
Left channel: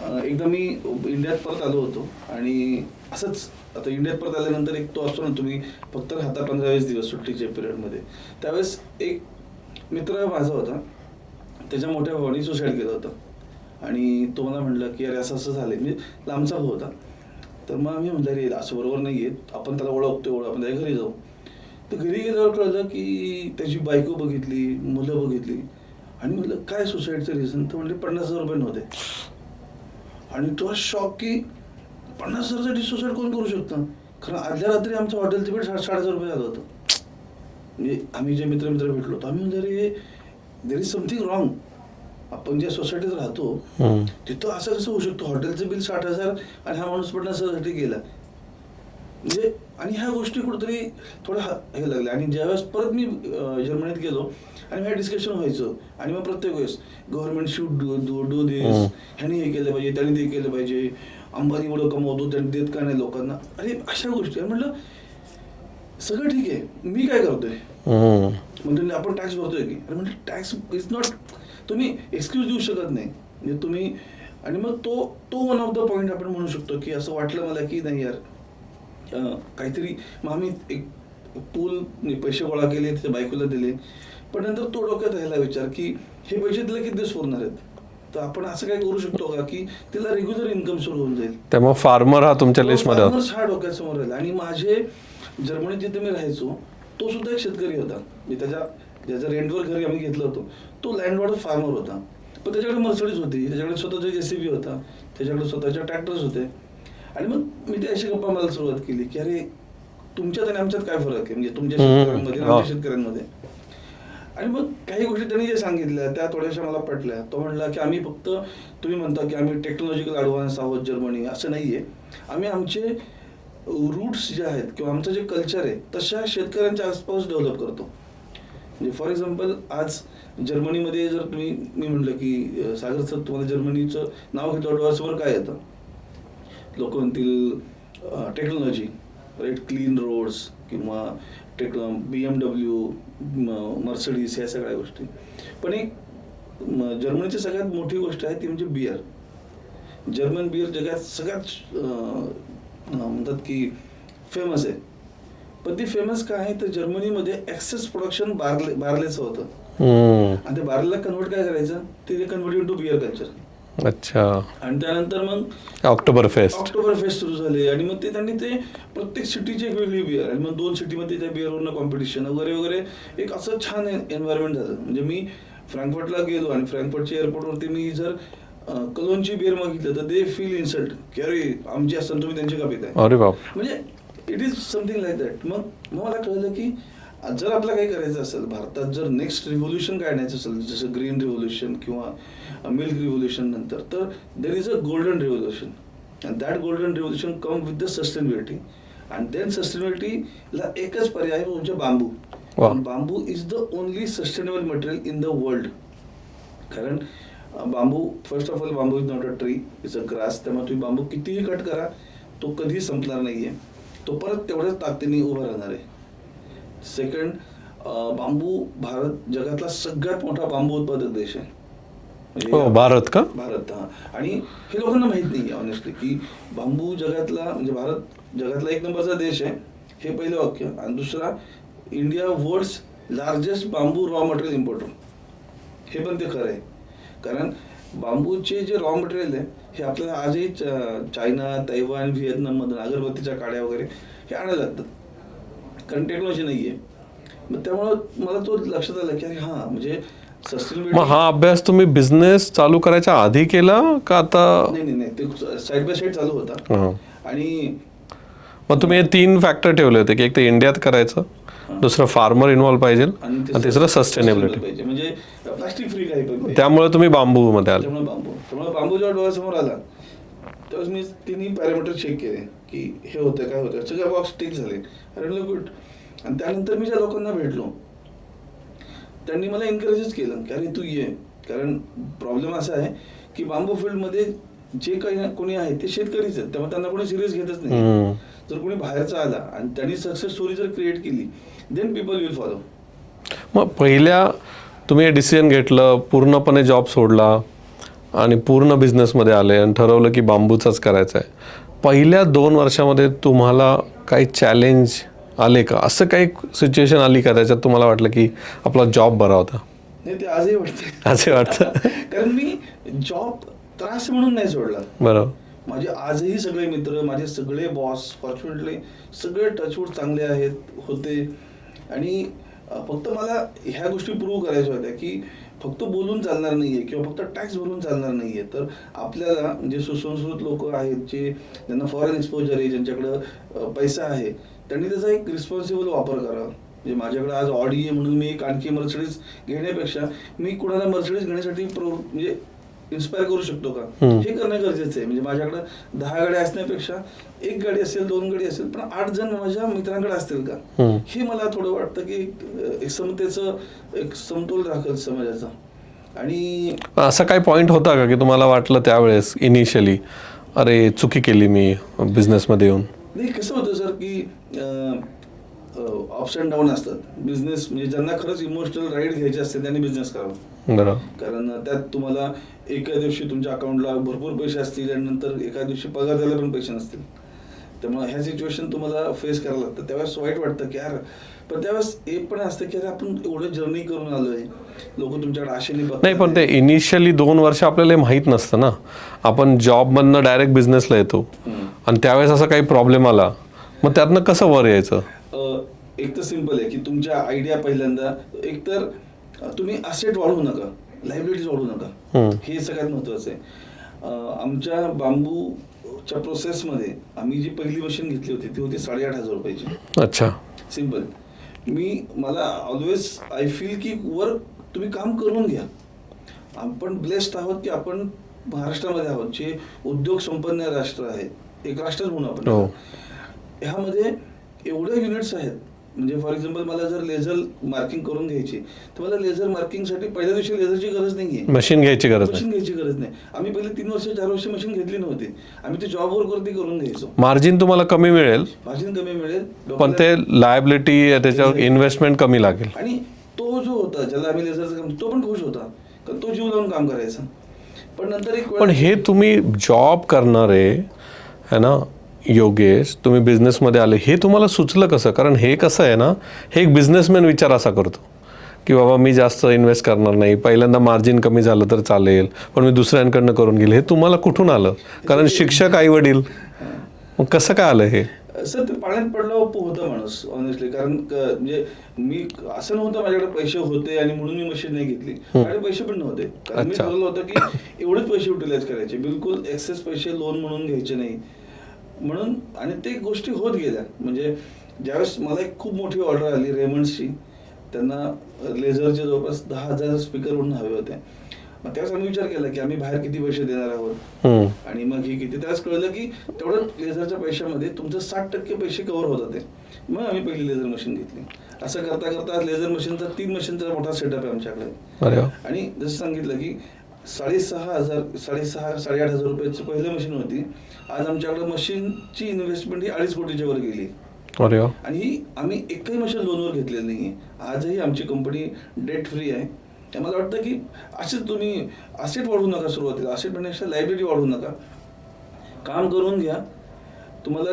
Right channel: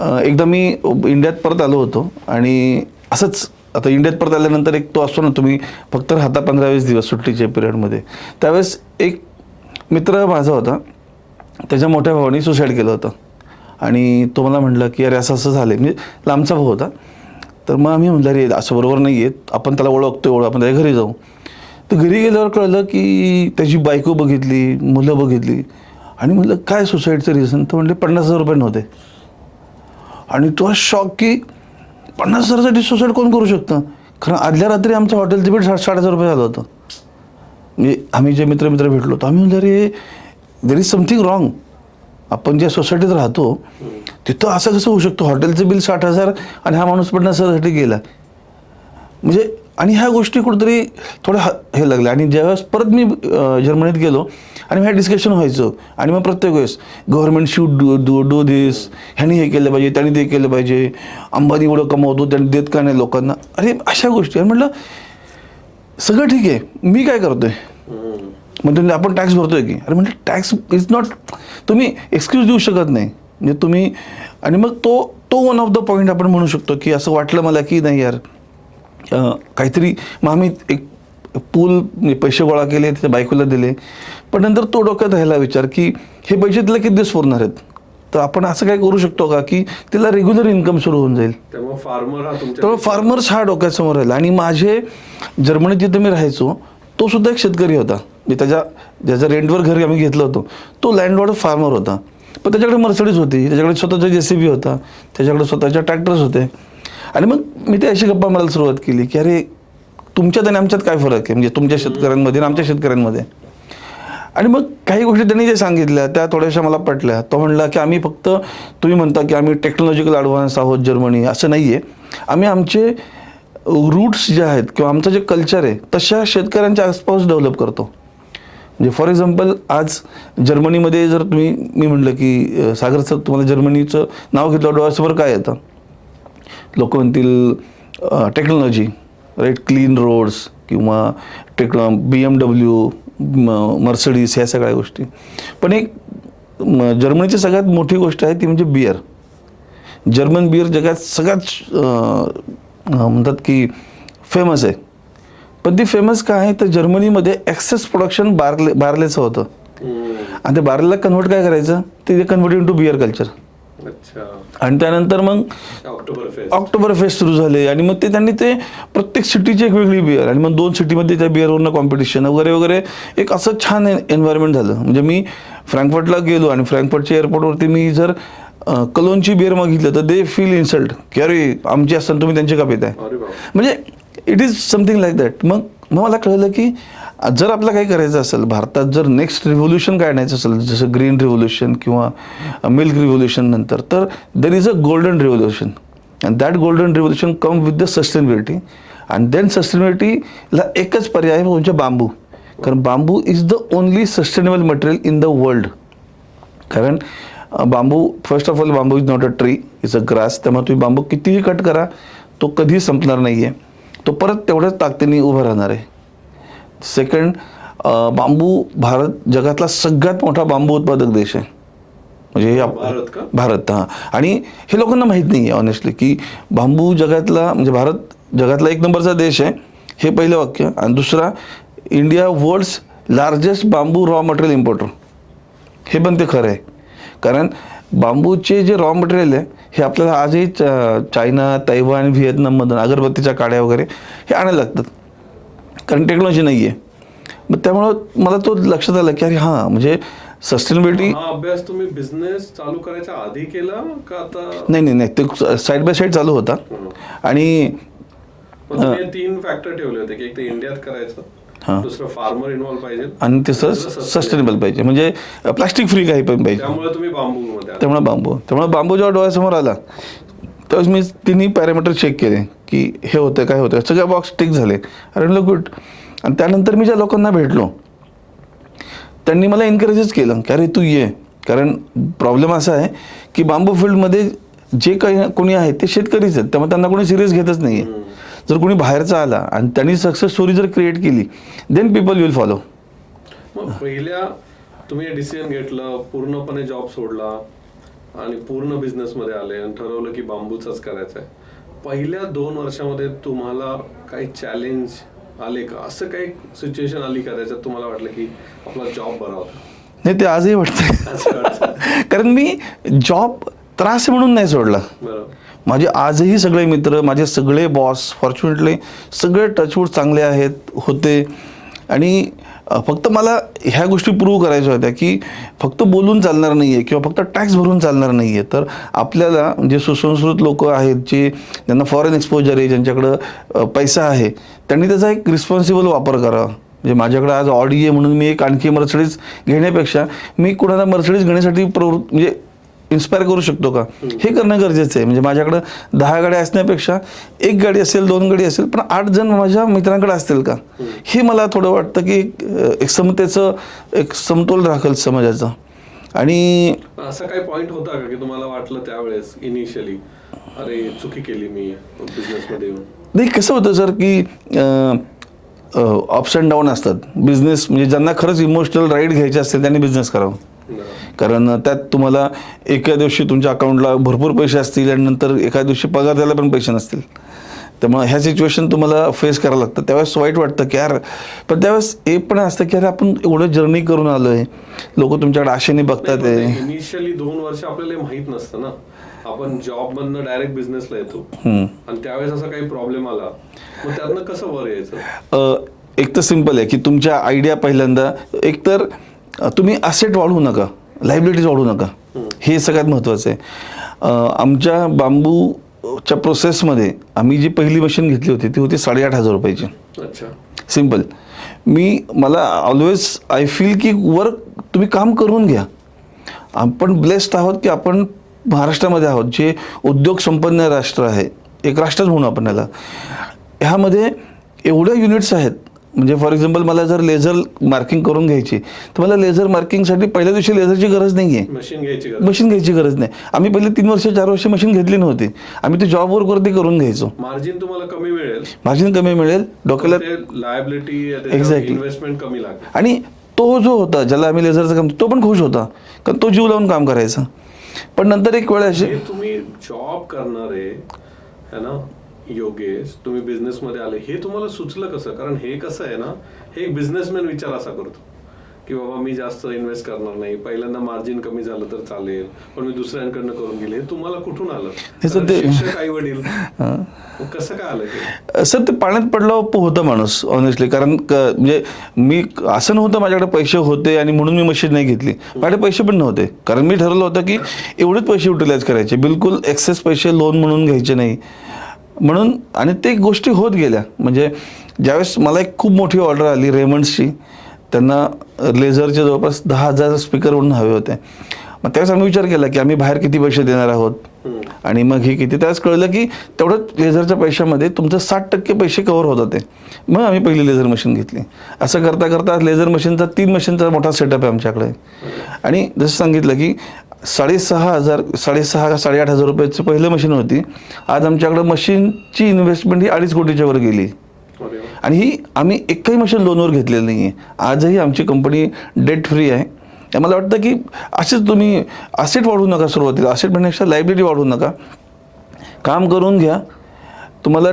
एकदा मी इंडियात परत आलो होतो आणि असंच आता इंडियात परत आल्यानंतर एक तो असतो ना, तुम्ही फक्त राहता 15-20 दिवस सुट्टीच्या पिरियडमध्ये. त्यावेळेस एक मित्र माझा होता, त्याच्या मोठ्या भावाने सुसाईड केलं होतं आणि तो मला म्हटलं की अरे असं असं झालं. म्हणजे लांबचा भाऊ होता. तर मग आम्ही म्हटलं अरे असं बरोबर नाही आहे, आपण त्याला ओळखतो आपण त्याच्या घरी जाऊ. तर घरी गेल्यावर कळलं की त्याची बायको बघितली, मुलं बघितली आणि म्हटलं काय सुसाईडचं रिझन. तर म्हटले 50,000 रुपये नव्हते. आणि तो शॉक की 50,000साठी सुसाईड कोण करू शकतं. खरं आदल्या रात्री आमच्या हॉटेलचं बिल 60,000 रुपये झालं होतं. म्हणजे आम्ही जे मित्र भेटलो होतो, आम्ही म्हणजे अरे देर इज समथिंग रॉंग. आपण ज्या सोसायटीत राहतो तिथं असं कसं होऊ शकतं, हॉटेलचं बिल 60,000 आणि हा माणूस 50,000साठी गेला. म्हणजे आणि ह्या गोष्टी कुठेतरी थोडं हे लागल्या. आणि ज्यावेळेस परत मी जर्मनीत गेलो आणि ह्या डिस्कशन व्हायचं आणि मग प्रत्येक वेळेस गव्हर्नमेंट शूड डू दिस, ह्यानी हे केलं पाहिजे, त्यांनी ते केलं पाहिजे, अंबानी एवढं कमवतो त्यांनी देत का नाही लोकांना, अरे अशा गोष्टी. आणि म्हटलं सगळं ठीक आहे, मी काय करतोय. म्हणजे आपण टॅक्स भरतोय की, अरे म्हणजे टॅक्स इज नॉट, तुम्ही एक्सक्यूज देऊ शकत नाही म्हणजे तुम्ही. आणि मग तो वन ऑफ द पॉईंट आपण म्हणू शकतो की असं वाटलं मला की नाही यार काहीतरी. मग आम्ही एक पूल पैसे गोळा केले, त्याच्या बायकोला दिले. पण नंतर तो डोक्यात राहिला विचार की हे पैसे तिला किती दिवस पुरणार आहेत. तर आपण असं काय करू शकतो का की तिला रेग्युलर इन्कम सुरू होऊन जाईल. त्यामुळे फार्मर हा तुमच्या फार्मर्स हा डोक्यासमोर राहिला. आणि माझे जर्मनीत जिथे मी राहायचो तो सुद्धा एक शेतकरी होता. मी ज्याच्या रेंटवर घर आम्ही घेतलं होतं तो लँडलॉर्ड फार्मर होता. पण त्याच्याकडे मर्सिडीज होती, त्याच्याकडे स्वतःचा JCB होता, त्याच्याकडे स्वतःच्या ट्रॅक्टर्स होते. आणि मग मी ते अशी गप्पा मारायला सुरुवात केली की अरे तुमच्यात आणि आमच्यात काय फरक आहे, म्हणजे तुमच्या शेतकऱ्यांमध्ये आणि आमच्या शेतकऱ्यांमध्ये. आणि मग काही गोष्टी त्यांनी जे सांगितल्या त्या थोड्याशा मला पटल्या. तो म्हणला की आम्ही फक्त, तुम्ही म्हणता की आम्ही टेक्नॉलॉजिकल ॲडव्हान्स आहोत जर्मनी, असं नाही आहे. आम्ही आमचे रूट्स जे आहेत किंवा आमचं जे कल्चर आहे तशा शेतकऱ्यांच्या आसपास डेव्हलप करतो. म्हणजे फॉर एक्झाम्पल आज जर्मनीमध्ये जर मी म्हटलं की सागर सर तुम्हाला जर्मनीचं नाव घेतलं डोळ्यासमोर काय येतं, लोक म्हणतील टेक्नॉलॉजी, राईट, क्लीन रोड्स किंवा BMW, मर्सिडीज, ह्या सगळ्या गोष्टी. पण एक जर्मनीची सगळ्यात मोठी गोष्ट आहे ती म्हणजे बियर. जर्मन बियर जगात सगळ्यात म्हणतात की फेमस आहे. पण ती फेमस काय आहे तर जर्मनीमध्ये एक्सेस प्रोडक्शन बार्लेचं होतं. आणि ते बार्लेला कन्व्हर्ट काय करायचं, ते कन्व्हर्ट टू बियर कल्चर. अच्छा. आणि त्यानंतर मग ऑक्टोबर फेस्ट सुरू झाले. आणि मग त्यांनी ते प्रत्येक सिटीची एक वेगळी बियर, आणि मग 2 सिटीमध्ये त्या बियरवरनं कॉम्पिटिशन वगैरे वगैरे, एक असं छान एन्व्हायरमेंट झालं. म्हणजे मी फ्रँकफर्टला गेलो आणि फ्रँकफर्टच्या एअरपोर्टवरती मी जर कलोनची बियर मागितलं तर दे फील इन्सल्ट की अरे आमची असताना तुम्ही त्यांची का पिताय. अरे बाप. म्हणजे it is something like that. मग मला कळलं की जर आपलं काही करायचं असेल भारतात, जर नेक्स्ट रिव्होल्युशन काढायचं असेल जसं ग्रीन रिव्होल्युशन किंवा मिल्क रिव्होल्युशन नंतर, तर there is a golden revolution. And that golden revolution come with the sustainability. And then सस्टेनेबिलिटीला एकच पर्याय म्हणजे बांबू. कारण bamboo is the only sustainable material in the world. कारण bamboo, first of all bamboo is not a tree, is a grass. त्यामुळे तुम्ही बांबू कितीही cut करा तो कधी संपणार नाही आहे, तो परत तेवढ्याच ताकदीने उभा राहणार आहे. सेकंड, बांबू भारत जगातला सगळ्यात मोठा बांबू उत्पादक देश आहे. म्हणजे भारत का? भारत, हां. आणि हे लोकांना माहीत नाही आहे ऑनेस्टली की बांबू जगातला, म्हणजे भारत जगातला 1 नंबरचा देश आहे, हे पहिलं वाक्य. आणि दुसरा, इंडिया वर्ल्ड्स लार्जेस्ट बांबू रॉ मटेरियल इम्पोर्टर, हे पण ते खरं आहे. कारण बांबूचे जे रॉ मटेरियल आहे हे आपल्याला आजही चायना, तैवान, व्हिएतनाममधून अगरबत्तीच्या काड्या वगैरे हे आणायला लागतात. कारण टेक्नॉलॉजी नाही आहे. मग त्यामुळं मला तो लक्षात आलं की अरे हां, म्हणजे सस्टेनेबिलिटी. हा अभ्यास तुम्ही बिझनेस चालू करायच्या आधी केला का आता? नाही, ते साईड बाय साईड चालू होता. आणि मग तुम्ही हे 3 फॅक्टर ठेवले होते की एक तर इंडियात करायचं, दुसरं फार्मर इन्व्हॉल्व पाहिजे, आणि तिसरं सस्टेनेबल. सस्टेनेबल पाहिजे, म्हणजे प्लास्टिक फ्री काही पण पाहिजे. त्यामुळे तुम्ही बांबू मध्ये आले. त्यामुळे बांबू जेव्हा डोळ्यासमोर आला त्यावेळेस मी तिन्ही पॅरामीटर चेक केले की हे होतं काय होतं, सगळे बॉक्स टिक झाले. अरे म्हणलं गुड. आणि त्यानंतर मी ज्या लोकांना भेटलो त्यांनी मला एनकरेजच केलं की अरे तू ये. कारण प्रॉब्लेम असा आहे की बांबू फील्डमध्ये जे काही कोणी आहे ते शेतकरीच आहेत, त्यामुळे त्यांना कोणी सिरियस घेतच नाही आहे. जर कोणी बाहेरचा आला आणि त्यांनी सक्सेस स्टोरी जर क्रिएट केली देन पीपल विल फॉलो. मग पहिल्या तुम्ही हे डिसिजन घेतलं, पूर्णपणे जॉब सोडला आणि पूर्ण बिझनेसमध्ये आले आणि ठरवलं की बांबूचाच करायचं आहे. पहिल्या 2 वर्षामध्ये तुम्हाला काही चॅलेंज आले का? असं काही सिच्युएशन आली का त्याच्यात तुम्हाला वाटलं की आपला जॉब बरा होता? नाही, ते आजही वाटतं. असं वाटतं? कारण मी जॉब त्रास म्हणून नाही सोडला. बरोबर. माझे आजही सगळे मित्र, माझे सगळे बॉस फॉर्च्युनेटली सगळे टचवूड चांगले आहेत होते. आणि फक्त मला ह्या गोष्टी प्रूव्ह करायच्या होत्या की फक्त बोलून चालणार नाही आहे किंवा फक्त टॅक्स भरून चालणार नाही आहे. तर आपल्याला जे सुसंस्कृत लोक आहेत, जे ज्यांना फॉरेन एक्सपोजर आहे, ज्यांच्याकडं पैसा आहे, त्यांनी त्याचा एक रिस्पॉन्सिबल वापर करावा. म्हणजे माझ्याकडे आज ऑडी आहे म्हणून मी एक आणखी मर्सिडीज घेण्यापेक्षा मी कुणाला मर्सिडीज घेण्यासाठी म्हणजे इन्स्पायर करू शकतो का, हे करणं गरजेचं आहे. म्हणजे माझ्याकडे 10 गाड्या असण्यापेक्षा 1 गाडी असेल, 2 गाडी असेल, पण 8 जण माझ्या मित्रांकडे असतील का, हे मला थोडं वाटतं की एक समतेचं एक समतोल राखेल समाजाचा. आणि असा काही पॉईंट होता का की तुम्हाला वाटलं त्यावेळेस इनिशियली अरे चुकी केली मी बिझनेसमध्ये येऊन? नाही, कसं होतं सर की अप्स अँड डाऊन असतात. बिझनेस म्हणजे ज्यांना खरंच इमोशनल राईड घ्यायचे असते त्यांनी बिझनेस करावा. बरोबर. कारण त्यात तुम्हाला एका दिवशी तुमच्या अकाउंटला भरपूर पैसे असतील आणि नंतर एका दिवशी पगार द्यायला पण पैसे नसतील. त्यामुळे ह्या सिच्युएशन तुम्हाला फेस करावं लागतं. त्यावेळेस वाईट वाटतं की यार, पण त्यावेळेस एक पण असतं की अरे आपण एवढं जर्नी करून आलोय, लोक तुमच्याकडे आशेने बघतात. पण ते इनिशियली 2 वर्ष आपल्याला माहित नसतं ना, आपण जॉब मधनं डायरेक्ट बिझनेसला येतो आणि त्यावेळेस असा काही प्रॉब्लेम आला, मग त्यातनं कसं वर यायचं? एक तर सिम्पल आहे की तुमच्या आयडिया पहिल्यांदा एकतर तुम्ही असेट वाढवू नका, लायबिलिटीज वाढवू नका, हे सगळ्यात महत्त्वाचं आहे. आमच्या बांबूच्या प्रोसेसमध्ये आम्ही जी पहिली मशीन घेतली होती ती होती 8,500 रुपयाची. अच्छा. सिम्पल. मला ऑलवेज आय फील की तुम्ही काम करून घ्या. आपण ब्लेस्ड आहोत की आपण महाराष्ट्रामध्ये आहोत, जे उद्योग संपन्न राष्ट्र आहे, एक राष्ट्रच म्हणू आपण त्याला. ह्यामध्ये एवढ्या युनिट्स आहेत. म्हणजे फॉर एक्झाम्पल मला जर लेझर मार्किंग करून घ्यायची तर मला लेझर मार्किंगसाठी पहिल्या दिवशी लेझरची गरज नाही आहे, मशीन घ्यायची गरज नाही. आम्ही पहिले 3 वर्ष 4 वर्ष मशीन घेतली नव्हती. आम्ही ते जॉबवर वरती करून घ्यायचो. मार्जिन तुम्हाला कमी मिळेल, डोक्याला ते लायबिलिटी, त्याच्यावर इन्व्हेस्टमेंट कमी लागेल. आणि तो जो होता ज्याला आम्ही लेझरचं काम, तो पण खुश होता कारण तो जीव लावून काम करायचा. पण नंतर एक वेळ हे तुम्ही जॉब करणारे है ना योगेश, तुम्ही बिझनेसमध्ये आले, हे तुम्हाला सुचलं कसं? कारण हे कसं आहे ना, हे एक बिझनेसमॅन विचार असा करतो की बाबा मी जास्त इन्व्हेस्ट करणार नाही, पहिल्यांदा मार्जिन कमी झालं तर चालेल, पण मी दुसऱ्यांकडनं करून गेले. हे तुम्हाला कुठून आलं? कारण शिक्षक, आई वडील, कसं काय आलं हे? सर, ते पाण्यात पडलं होतं माणूस ऑनेस्टली. कारण म्हणजे मी असं नव्हतं माझ्याकडे पैसे होते आणि म्हणून मी मशीन नाही घेतली. माझ्याकडे पैसे पण नव्हते, कारण मी ठरवलं होतं की एवढेच पैसे युटिलाइज करायचे, बिलकुल एक्सेस पैसे लोन म्हणून घ्यायचे नाही म्हणून. आणि ते गोष्टी होत गेल्या. म्हणजे ज्यावेळेस मला एक खूप मोठी ऑर्डर आली रेमंड्सची, त्यांना लेझरचे जवळपास 10,000 स्पीकर म्हणून हवे होते. मग त्यावेळेस आम्ही विचार केला की आम्ही बाहेर किती पैसे देणार आहोत आणि मग हे किती. त्यावेळेस कळलं की तेवढं लेझरच्या पैशामध्ये तुमचं 60% पैसे कव्हर होत होते. मग आम्ही पहिली लेझर मशीन घेतली. असं करता करता लेझर मशीनचा 3 मशीनचा मोठा सेटअप आहे आमच्याकडे. आणि जसं सांगितलं की 6,500-8,000 रुपयाची पहिलं मशीन होती. आज आमच्याकडे मशीनची इन्व्हेस्टमेंट ही 2.5 कोटीच्या वर गेली. आणि ही आम्ही एकही मशीन लोनवर घेतलेली नाही आहे. आजही आमची कंपनी डेट फ्री आहे. मला वाटतं की असेच तुम्ही असेट वाढवू नका. सुरुवातीला असेट म्हणण्यापेक्षा लायबिलिटी वाढवू नका, काम करून घ्या. तुम्हाला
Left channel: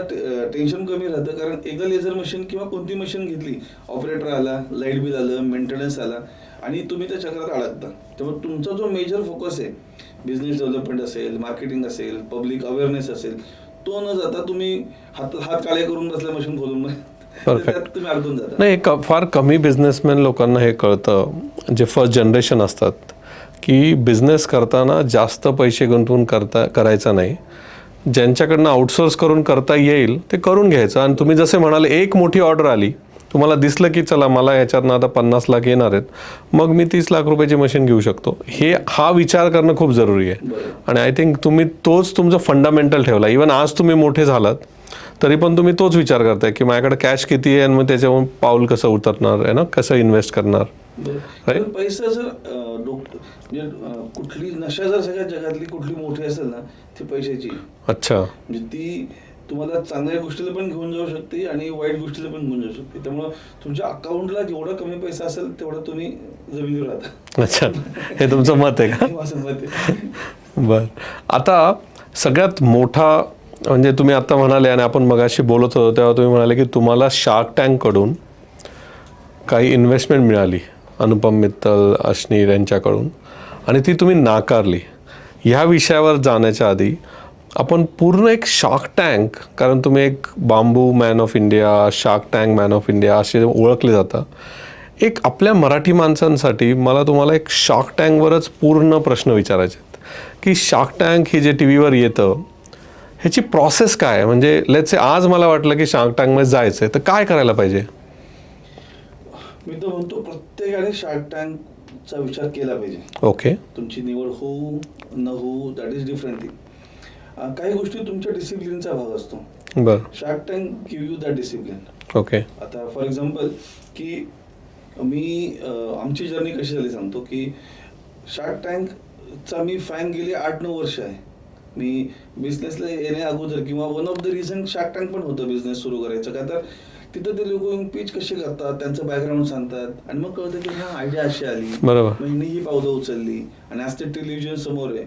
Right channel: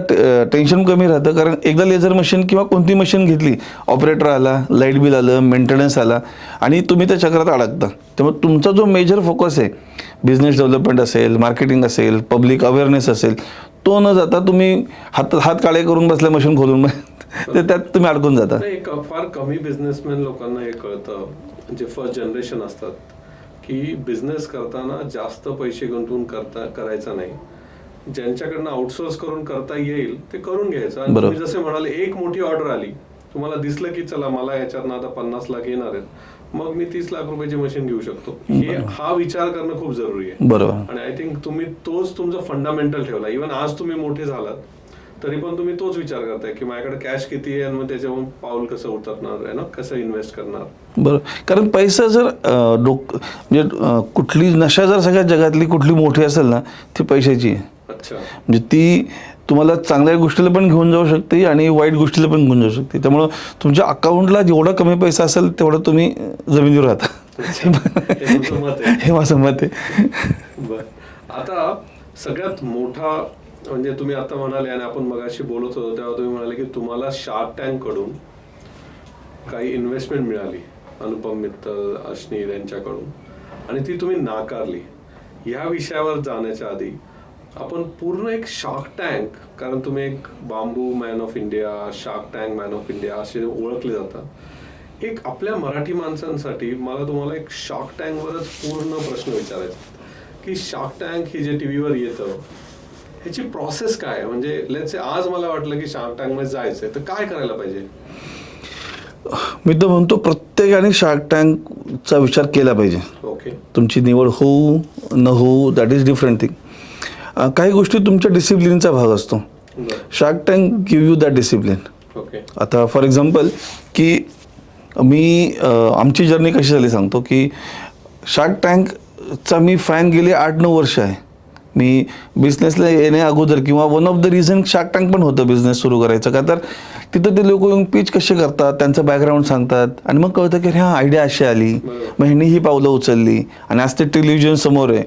टेन्शन कमी राहतं. कारण एकदा लेझर मशीन किंवा कोणती मशीन घेतली, ऑपरेटर आला, लाईट बिल आलं, मेंटेनन्स आला आणि तुम्ही त्या चक्रात अडकता. त्यामुळे तुमचा जो मेजर फोकस आहे, बिझनेस डेव्हलपमेंट असेल, मार्केटिंग असेल, पब्लिक अवेअरनेस असेल, तो न जाता तुम्ही हात काळे करून बसल्या मशीन खोलून तर त्यात तुम्ही अडकून जाता. नाही, फार कमी बिझनेसमॅन लोकांना हे कळतं, जे फर्स्ट जनरेशन असतात, की बिझनेस करताना जास्त पैसे गुंतवून करायचा नाही. ज्यांच्याकडनं आउटसोर्स करून करता येईल ते करून घ्यायचं. आणि तुम्ही जसे म्हणाले, एक मोठी ऑर्डर आली, तुम्हाला दिसलं की चला मला याच्यातनं आता 50 लाख येणार आहेत, मग मी 30 लाख रुपयाची मशीन घेऊ शकतो. हा विचार करणं खूप जरुरी आहे. बरोबर. आणि आय थिंक तुम्ही तोच तुमचा फंडामेंटल ठेवला. इव्हन आज तुम्ही मोठे झालात तरी पण तुम्ही तोच विचार करताय की माझ्याकडे कॅश किती आहे आणि मग त्याच्यावरून पाऊल कसं उतरणार आहे ना, कसं इन्व्हेस्ट करणार. बरोबर. कारण पैसा जर म्हणजे कुठली नशा जर सगळ्या जगातली कुठली मोठी असेल ना, ती पैशाची आहे. अच्छा. म्हणजे ती तुम्हाला चांगल्या गोष्टीला पण घेऊन जाऊ शकते आणि वाईट गोष्टीला पण घेऊन जाऊ शकते. त्यामुळं तुमच्या अकाउंटला जेवढा कमी पैसा असेल तेवढं तुम्ही जमिनीवर राहता. अच्छा, हे तुमचं मत आहे. हे माझं मत आहे. बर, आता सगळ्यात मोठा म्हणजे तुम्ही आता म्हणाले आणि आपण मगाशी बोलत होतो तेव्हा तुम्ही म्हणाले की तुम्हाला शार्क टँककडून काही इन्व्हेस्टमेंट मिळाली, अनुपम मित्तल, अश्नीर यांच्याकडून, आणि ती तुम्ही नाकारली. ह्या विषयावर जाण्याच्या आधी आपण पूर्ण एक शार्क टँक, कारण तुम्ही एक bamboo man of India, shark tank man of India असे ओळखले जाता, एक आपल्या मराठी माणसांसाठी मला तुम्हाला एक शार्क टँकवरच पूर्ण प्रश्न विचारायचे आहेत की शार्क टँक हे जे टी व्हीवर येतं ह्याची प्रोसेस काय आहे. म्हणजे लेट्स से आज मला वाटलं की शार्क टँकमध्ये जायचं आहे तर काय करायला पाहिजे. मी तर म्हणतो प्रत्येकाने शार्क टँकचा विचार केला पाहिजे. ओके. तुमची निवड होऊ न होऊ दॅट इज डिफरंट थिंग. काही गोष्टी तुमच्या डिसिप्लिनचा भाग असतो. बरं. Shark tank give you that discipline. Okay. आता फॉर एक्झाम्पल की मी आमची जर्नी कशी झाली सांगतो की शार्क टँकचा मी फॅन गेले 8-9 वर्ष आहे. मी बिझनेसला येण्या अगोदर किंवा one of the reason shark tank पण होतं बिझनेस सुरू करायचं. का तर तिथं ते लोक येऊन पिच कसे करतात, त्यांचं बॅकग्राऊंड सांगतात आणि मग कळतं की ह्या आयडिया अशी आली, बरोबर, मग ह्यांनी ही पावलं उचलली आणि आज ते टेलिव्हिजन समोर आहे.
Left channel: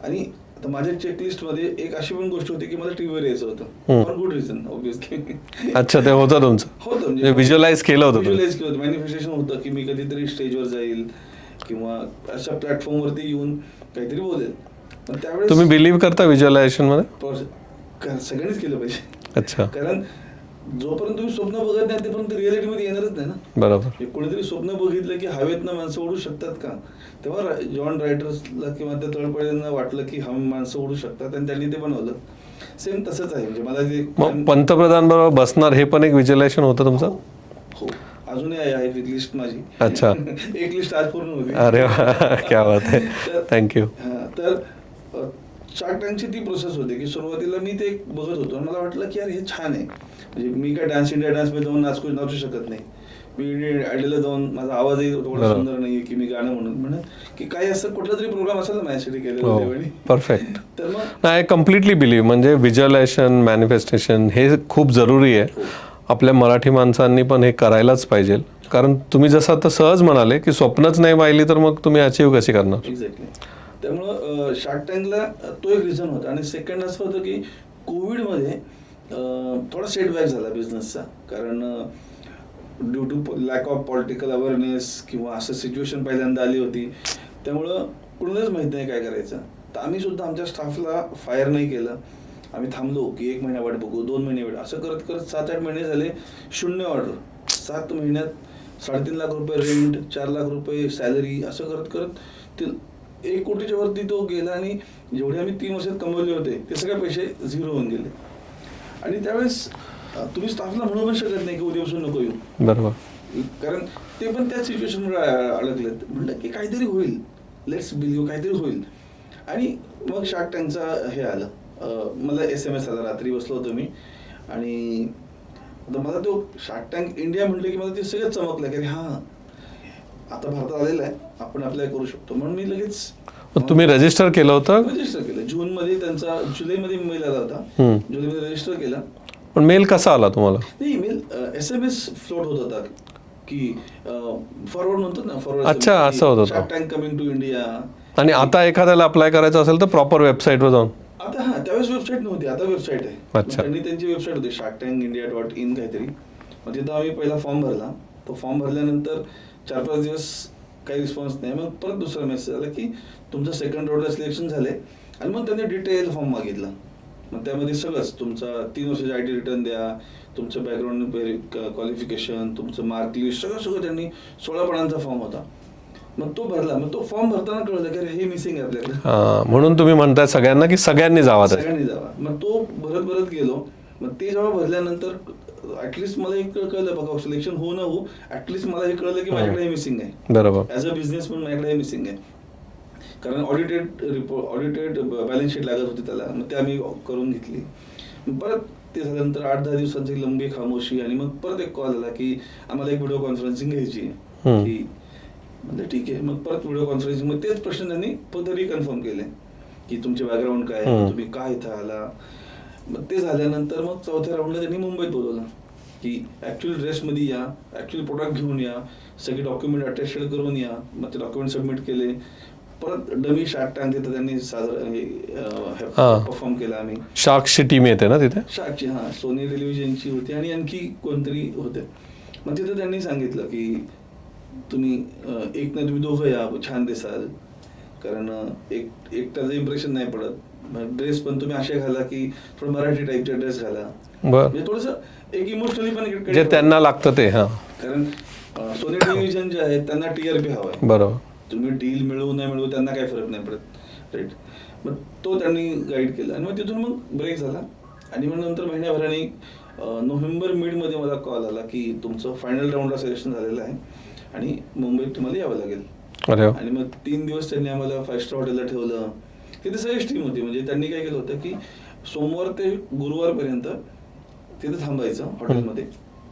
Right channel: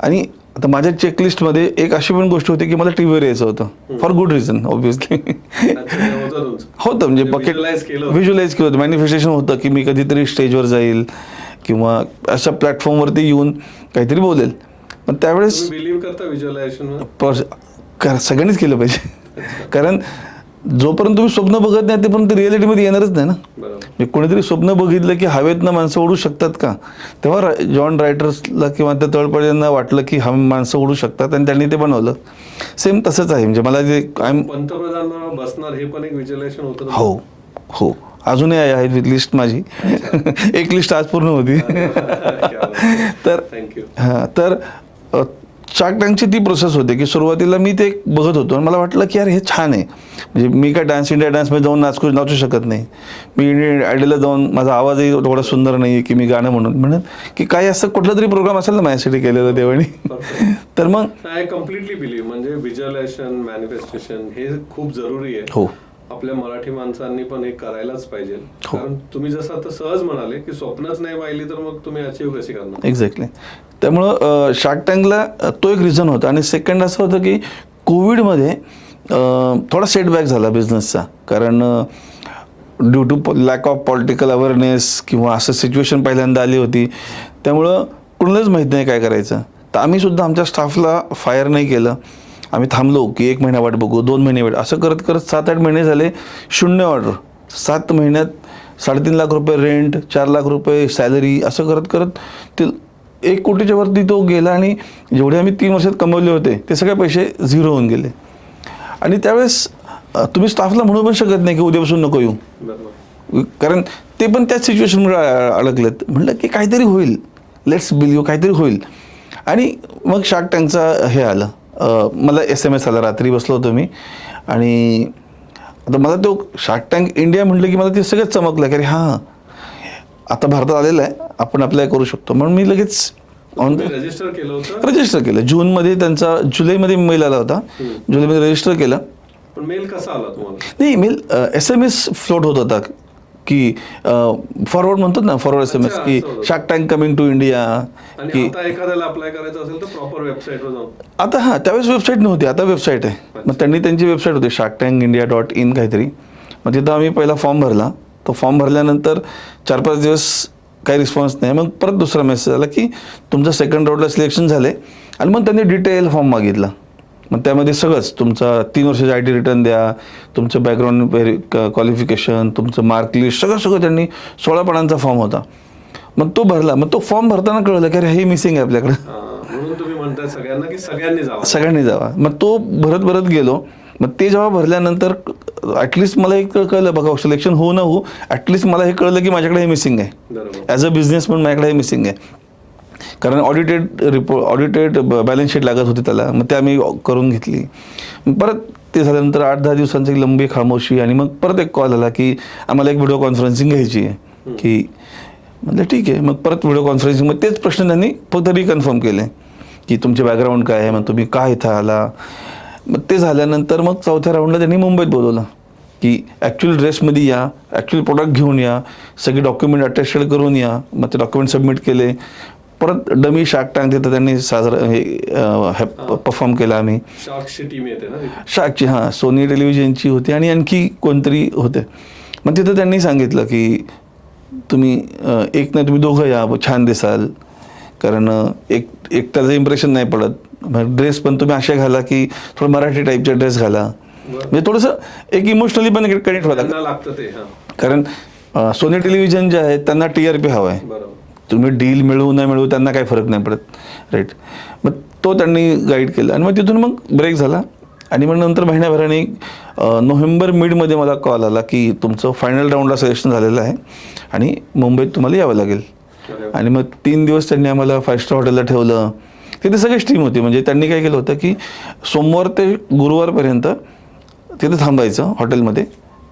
आणि आता माझ्या चेकलिस्टमध्ये एक अशी पण गोष्ट होती की मला टीव्हीवर यायचं होतं फॉर गुड रिझन ऑब्व्हियसली. अच्छा, ते होतं तुमचं. होतं म्हणजे व्हिज्युअलाइज केलं होतं, मॅनिफेस्टेशन होतं की मी कधीतरी स्टेजवर जाईल किंवा अशा प्लॅटफॉर्मवरती येऊन काहीतरी बोलेल. पण त्यावेळेस तुम्ही बिलीव्ह करता व्हिज्युअलायझेशन मध्ये? सगळ्यांनीच केलं पाहिजे. अच्छा. कारण जोपर्यंत तुम्ही स्वप्न बघत नाही तोपर्यंत रिअलिटीमध्ये येणारच नाही ना. बरोबर. कोणीतरी स्वप्न बघितलं की हवेतनं माणसं उडू शकतात का, तेव्हा जॉन रायटर्सला किंवा त्या तळपड्यांना वाटलं की माणसं उडू शकतात आणि त्यांनी ते बनवलं. सेम तसंच आहे. म्हणजे मला जे पंतप्रधान बरोबर बसणार हे पण एक व्हिज्युअलायझेशन होतं तुमचं? हो हो, अजूनही आहे लिस्ट माझी. अच्छा. एक लिस्ट आज पूर्ण होती. तर थँक्यू. हां, तर शार्क टँकची ती प्रोसेस होते की सुरुवातीला मी ते बघत होतो आणि मला वाटलं की यार हे छान आहे. म्हणजे मी काय इंडिया डान्समध्ये जाऊन नाचू शकत नाही. मी इंडियन आयडलला जाऊन माझा आवाजही थोडा सुंदर नाही आहे की मी गाणं म्हणून की काही असं कुठला तरी प्रोग्राम असेल ना माझ्यासाठी केलेलं देवानी. परफेक्ट. तर मग आय कम्प्लिटली बिलीव्ह, म्हणजे व्हिज्युअलायझेशन, मॅनिफेस्टेशन हे खूप जरुरी आहे. हो, आपल्या मराठी माणसांनी पण हे करायलाच पाहिजे. कारण तुम्ही जसं आता सहज म्हणाले की स्वप्नच नाही पाहिली तर मग तुम्ही अचीव्ह कशी करणार. एक्झॅक्टली. त्यामुळं शार्क टँकला तो एक रिझन होता. आणि सेकंड असं होतं की कोविडमध्ये थोडा सेटबॅक झाला बिझनेसचा. कारण due to lack of political awareness किंवा असं सिच्युएशन पहिल्यांदा आली होती. त्यामुळं कुणालाच माहीत नाही काय करायचं. तर आम्ही सुद्धा आमच्या स्टाफला फायर नाही केलं. आम्ही थांबलो की 1 महिना वाट बघू, 2 महिने वाट, असं करत करत 7-8 महिने झाले. 0 ऑर्डर. 7 महिन्यात 3.5 लाख रुपये रेंट, 4 लाख रुपये सॅलरी, असं करत करत ते 1 कोटीच्या वरती तो गेला. आणि जेवढे आम्ही 3 वर्षात कमवले होते ते सगळे पैसे झिरो होऊन गेले. आणि त्यावेळेस तुम्ही स्टाफला म्हणू पण शकत नाही की उद्यापासून नको येऊ. बरोबर. कारण ते पण त्याच सिच्युएशनमुळे अडकलेत. म्हटलं की काहीतरी होईल, लेट्स बिलीव्ह, काहीतरी होईल. आणि मग शार्क टँकचा हे आलं. मला SMS आला. रात्री बसलो होतो मी आणि आता मला तो शार्क टँक इंडिया म्हटलं की मला ते सगळं चमकलं की अरे हां, आता भारतात आलेलं आहे, आपण अप्लाय करू शकतो. म्हणून मी लगेच. तुम्ही रजिस्टर केलं होतं? रजिस्टर केलं. जूनमध्ये त्यांचा, जुलैमध्ये मेल आला होता. जुलैमध्ये रजिस्टर केलं. पण मेल कसा आला तुम्हाला? नाही, मेल SMS फ्लोट होत होता की फॉरवर्ड म्हणतात ना, forward SMS, Shark Tank coming to India. आणि आता एखाद्याला अप्लाय करायचं असेल तर प्रॉपर वेबसाईटवर जाऊन? आता हां, त्यावेळेस वेबसाईट नव्हती, आता वेबसाईट आहे. मग त्यांनी त्यांची वेबसाईट होती sharktankindia.in काहीतरी. मग तिथं आम्ही पहिला फॉर्म भरला. तो फॉर्म भरल्यानंतर 4-5 दिवस काही रिस्पॉन्स नाही. मग परत दुसरा मेसेज आला की तुमचं सेकंड राऊंडला सिलेक्शन झाले. आणि मग त्यांनी डिटेल फॉर्म मागितला मग त्यामध्ये सगळंच तुमचा 3 वर्षाचा IT रिटर्न द्या, तुमचं बॅकग्राऊंड क्वालिफिकेशन, तुमचं मार्क लिस्ट, सगळं त्यांनी 16 पानांचा फॉर्म होता. मग तो भरला. मग तो फॉर्म भरताना कळलं की अरे हे मिसिंग आहे आपल्याकडे. म्हणून तुम्ही म्हणताय सगळ्यांना की सगळ्यांनी जावा. मग तो भरत गेलो. मग ते जेव्हा भरल्यानंतर ॲटलिस्ट मला हे कळलं, बघा सिलेक्शन हो ना हो, ॲटलिस्ट मला हे कळलं की माझ्याकडे हे मिसिंग आहे. बरोबर. ॲज अ बिझनेसमॅन माझ्याकडे हे मिसिंग आहे. कारण ऑडिटेड बॅलन्स शीट लागत होती त्याला. मग ते आम्ही करून घेतली. परत ते झाल्यानंतर 8-10 दिवसांची लंबी खामोशी आणि मग परत एक कॉल आला की आम्हाला एक व्हिडिओ कॉन्फरन्सिंग घ्यायची आहे. की म्हटलं ठीक आहे. मग परत व्हिडिओ कॉन्फरन्सिंग, मग तेच प्रश्न त्यांनी फक्त रिकन्फर्म केले की तुमचे बॅकग्राऊंड काय आहे, मग तुम्ही का इथं आला. मग ते झाल्यानंतर मग 4थ्या राऊंडला त्यांनी मुंबईत बोलवलं की ॲक्च्युअल ड्रेसमध्ये या, ॲक्च्युअल प्रोडक्ट घेऊन या, सगळे डॉक्युमेंट अटेस्टेड करून या. मग ते डॉक्युमेंट सबमिट केले. परत डमी शार्क टँक तिथं त्यांनी परफॉर्म केला. आम्ही शार्कची टीम येते ना तिथे, शार्कची, हां, सोनी टेलिव्हिजनची होती आणि आणखी कोणतरी होते. मग तिथं त्यांनी सांगितलं की तुम्ही एक नाही तुम्ही दोघं या, छान दिसाल. कारण एकट्याचं इम्प्रेशन नाही पडत. ड्रेस पण तुम्ही असे घाला की थोडं मराठी टाईपचे ड्रेस घाला. म्हणजे थोडंसं एक इमोशनली पण कनेक्ट त्यांना लागतं ते. कारण सोनी टेलिव्हिजन जे आहे त्यांना TRP हवा आहे. बरोबर. तुम्ही डील मिळवू न मिळवू त्यांना काही फरक नाही पडत. राईट. मग तो त्यांनी गाईड केला आणि मग तिथून मग ब्रेक झाला. आणि मग नंतर महिन्याभराने नोव्हेंबर मिडमध्ये मला कॉल आला की तुमचं फायनल राऊंडला सिलेक्शन झालेलं आहे आणि मुंबईत तुम्हाला यावं लागेल. आणि मग 3 दिवस त्यांनी आम्हाला 5 स्टार हॉटेलला ठेवलं. तिथे सगळीच टीम होती. म्हणजे त्यांनी काय केलं होतं की सोमवार ते गुरुवारपर्यंत तिथे थांबायचं हॉटेलमध्ये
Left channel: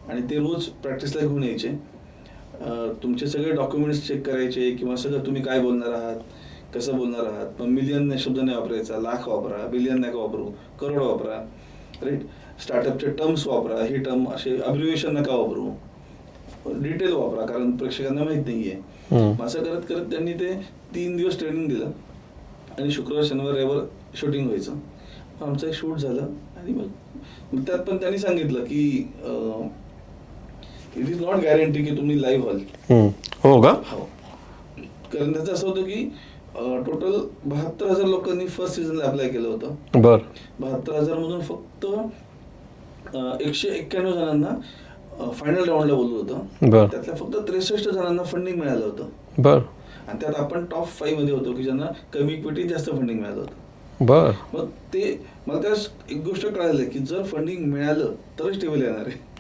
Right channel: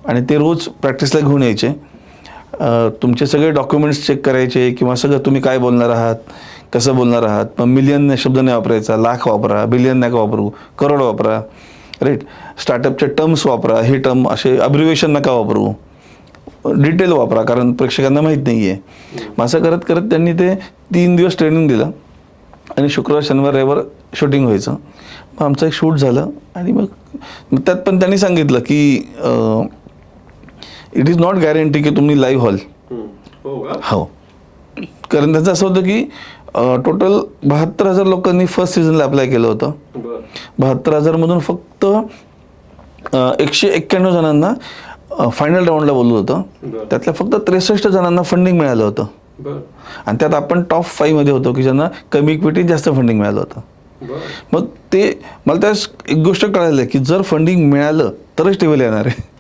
आणि ते रोज प्रॅक्टिसला घेऊन यायचे. तुमचे सगळे डॉक्युमेंट्स चेक करायचे किंवा सगळं तुम्ही काय बोलणार आहात, कसं बोलणार आहात. मग मिलियन शब्द नाही वापरायचा, लाख वापरा, बिलियन नका वापरू, करोड वापरा. राईट. स्टार्टअपचे टर्म्स वापरा, हे टर्म असे अब्रिव्हिएशन नका वापरू, डिटेल वापरा, कारण प्रेक्षकांना माहीत नाही आहे. असं करत करत त्यांनी ते 3 दिवस ट्रेनिंग दिलं आणि शुक्रवार शनिवार रविवार शूटिंग व्हायचं. मग आमचं एक शूट झालं आणि मग त्यात पण त्यांनी सांगितलं की इट इज नॉट गॅरंटी की तुम्ही लाईव्ह व्हाल. हो का? हो. कारण त्याचं असं होतं की टोटल 72,000 लोकांनी फर्स्ट सीझनला अप्लाय केलं होतं. बरं. 72,000 मधून फक्त 191 जणांना फायनल राऊंडला बोलवलं होतं. त्यातल्या फक्त 63 जणांना फंडिंग मिळालं होतं. बरं. आणि त्यात आपण टॉप 5 मध्ये होतो की ज्यांना कमी इक्विटी जास्त फंडिंग मिळालं होतं. बरं. मग ते मला त्यास एक गोष्ट कळाली की जर फंडिंग मिळालं तरच टीव्हीला येणार आहे.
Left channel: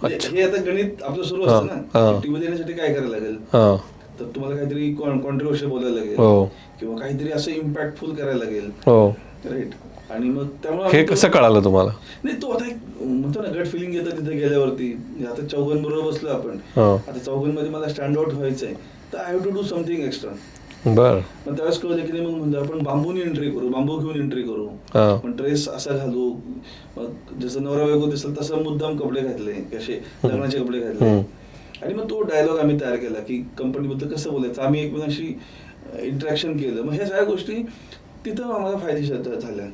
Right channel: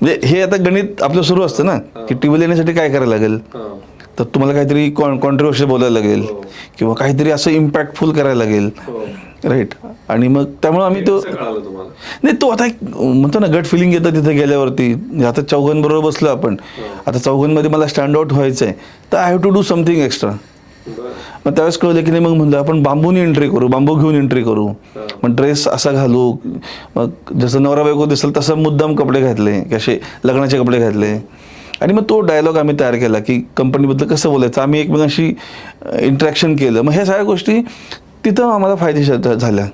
म्हणजे हे आता गणित आपलं सुरू असतं ना की टीव्हीला येण्यासाठी काय करायला लागेल. तर तुम्हाला काहीतरी कॉन्ट्रोवर्शियल बोलायला लागेल किंवा काहीतरी असं इम्पॅक्टफुल करायला लागेल. राईट. आणि मग त्यामुळे आम्ही कसं कळालं तुम्हाला? नाही, तो आता एक म्हणतो ना गट फिलिंग येतं तिथे गेल्यावरती. आता चौघांबरोबर बसलो आपण, आता चौघांमध्ये मला स्टँड आउट व्हायचंय तर I have to do something extra. बरं. मग त्यावेळेस कळलं की नाही, मग म्हणलं आपण बांबूनी एंट्री करू, बांबू घेऊन एंट्री करू. मग ड्रेस असा घालू, मग जसं नवरा बायको दिसेल तसं मुद्दाम कपडे घातले, कसे लग्नाचे कपडे घातले. आणि मग तो डायलॉग आम्ही तयार केला की कंपनीबद्दल कसं बोलायचं, आम्ही एकमेकांशी इंटरॅक्शन केलं. मग ह्या सगळ्या गोष्टी तिथं आम्हाला फायदेशीर झाल्या.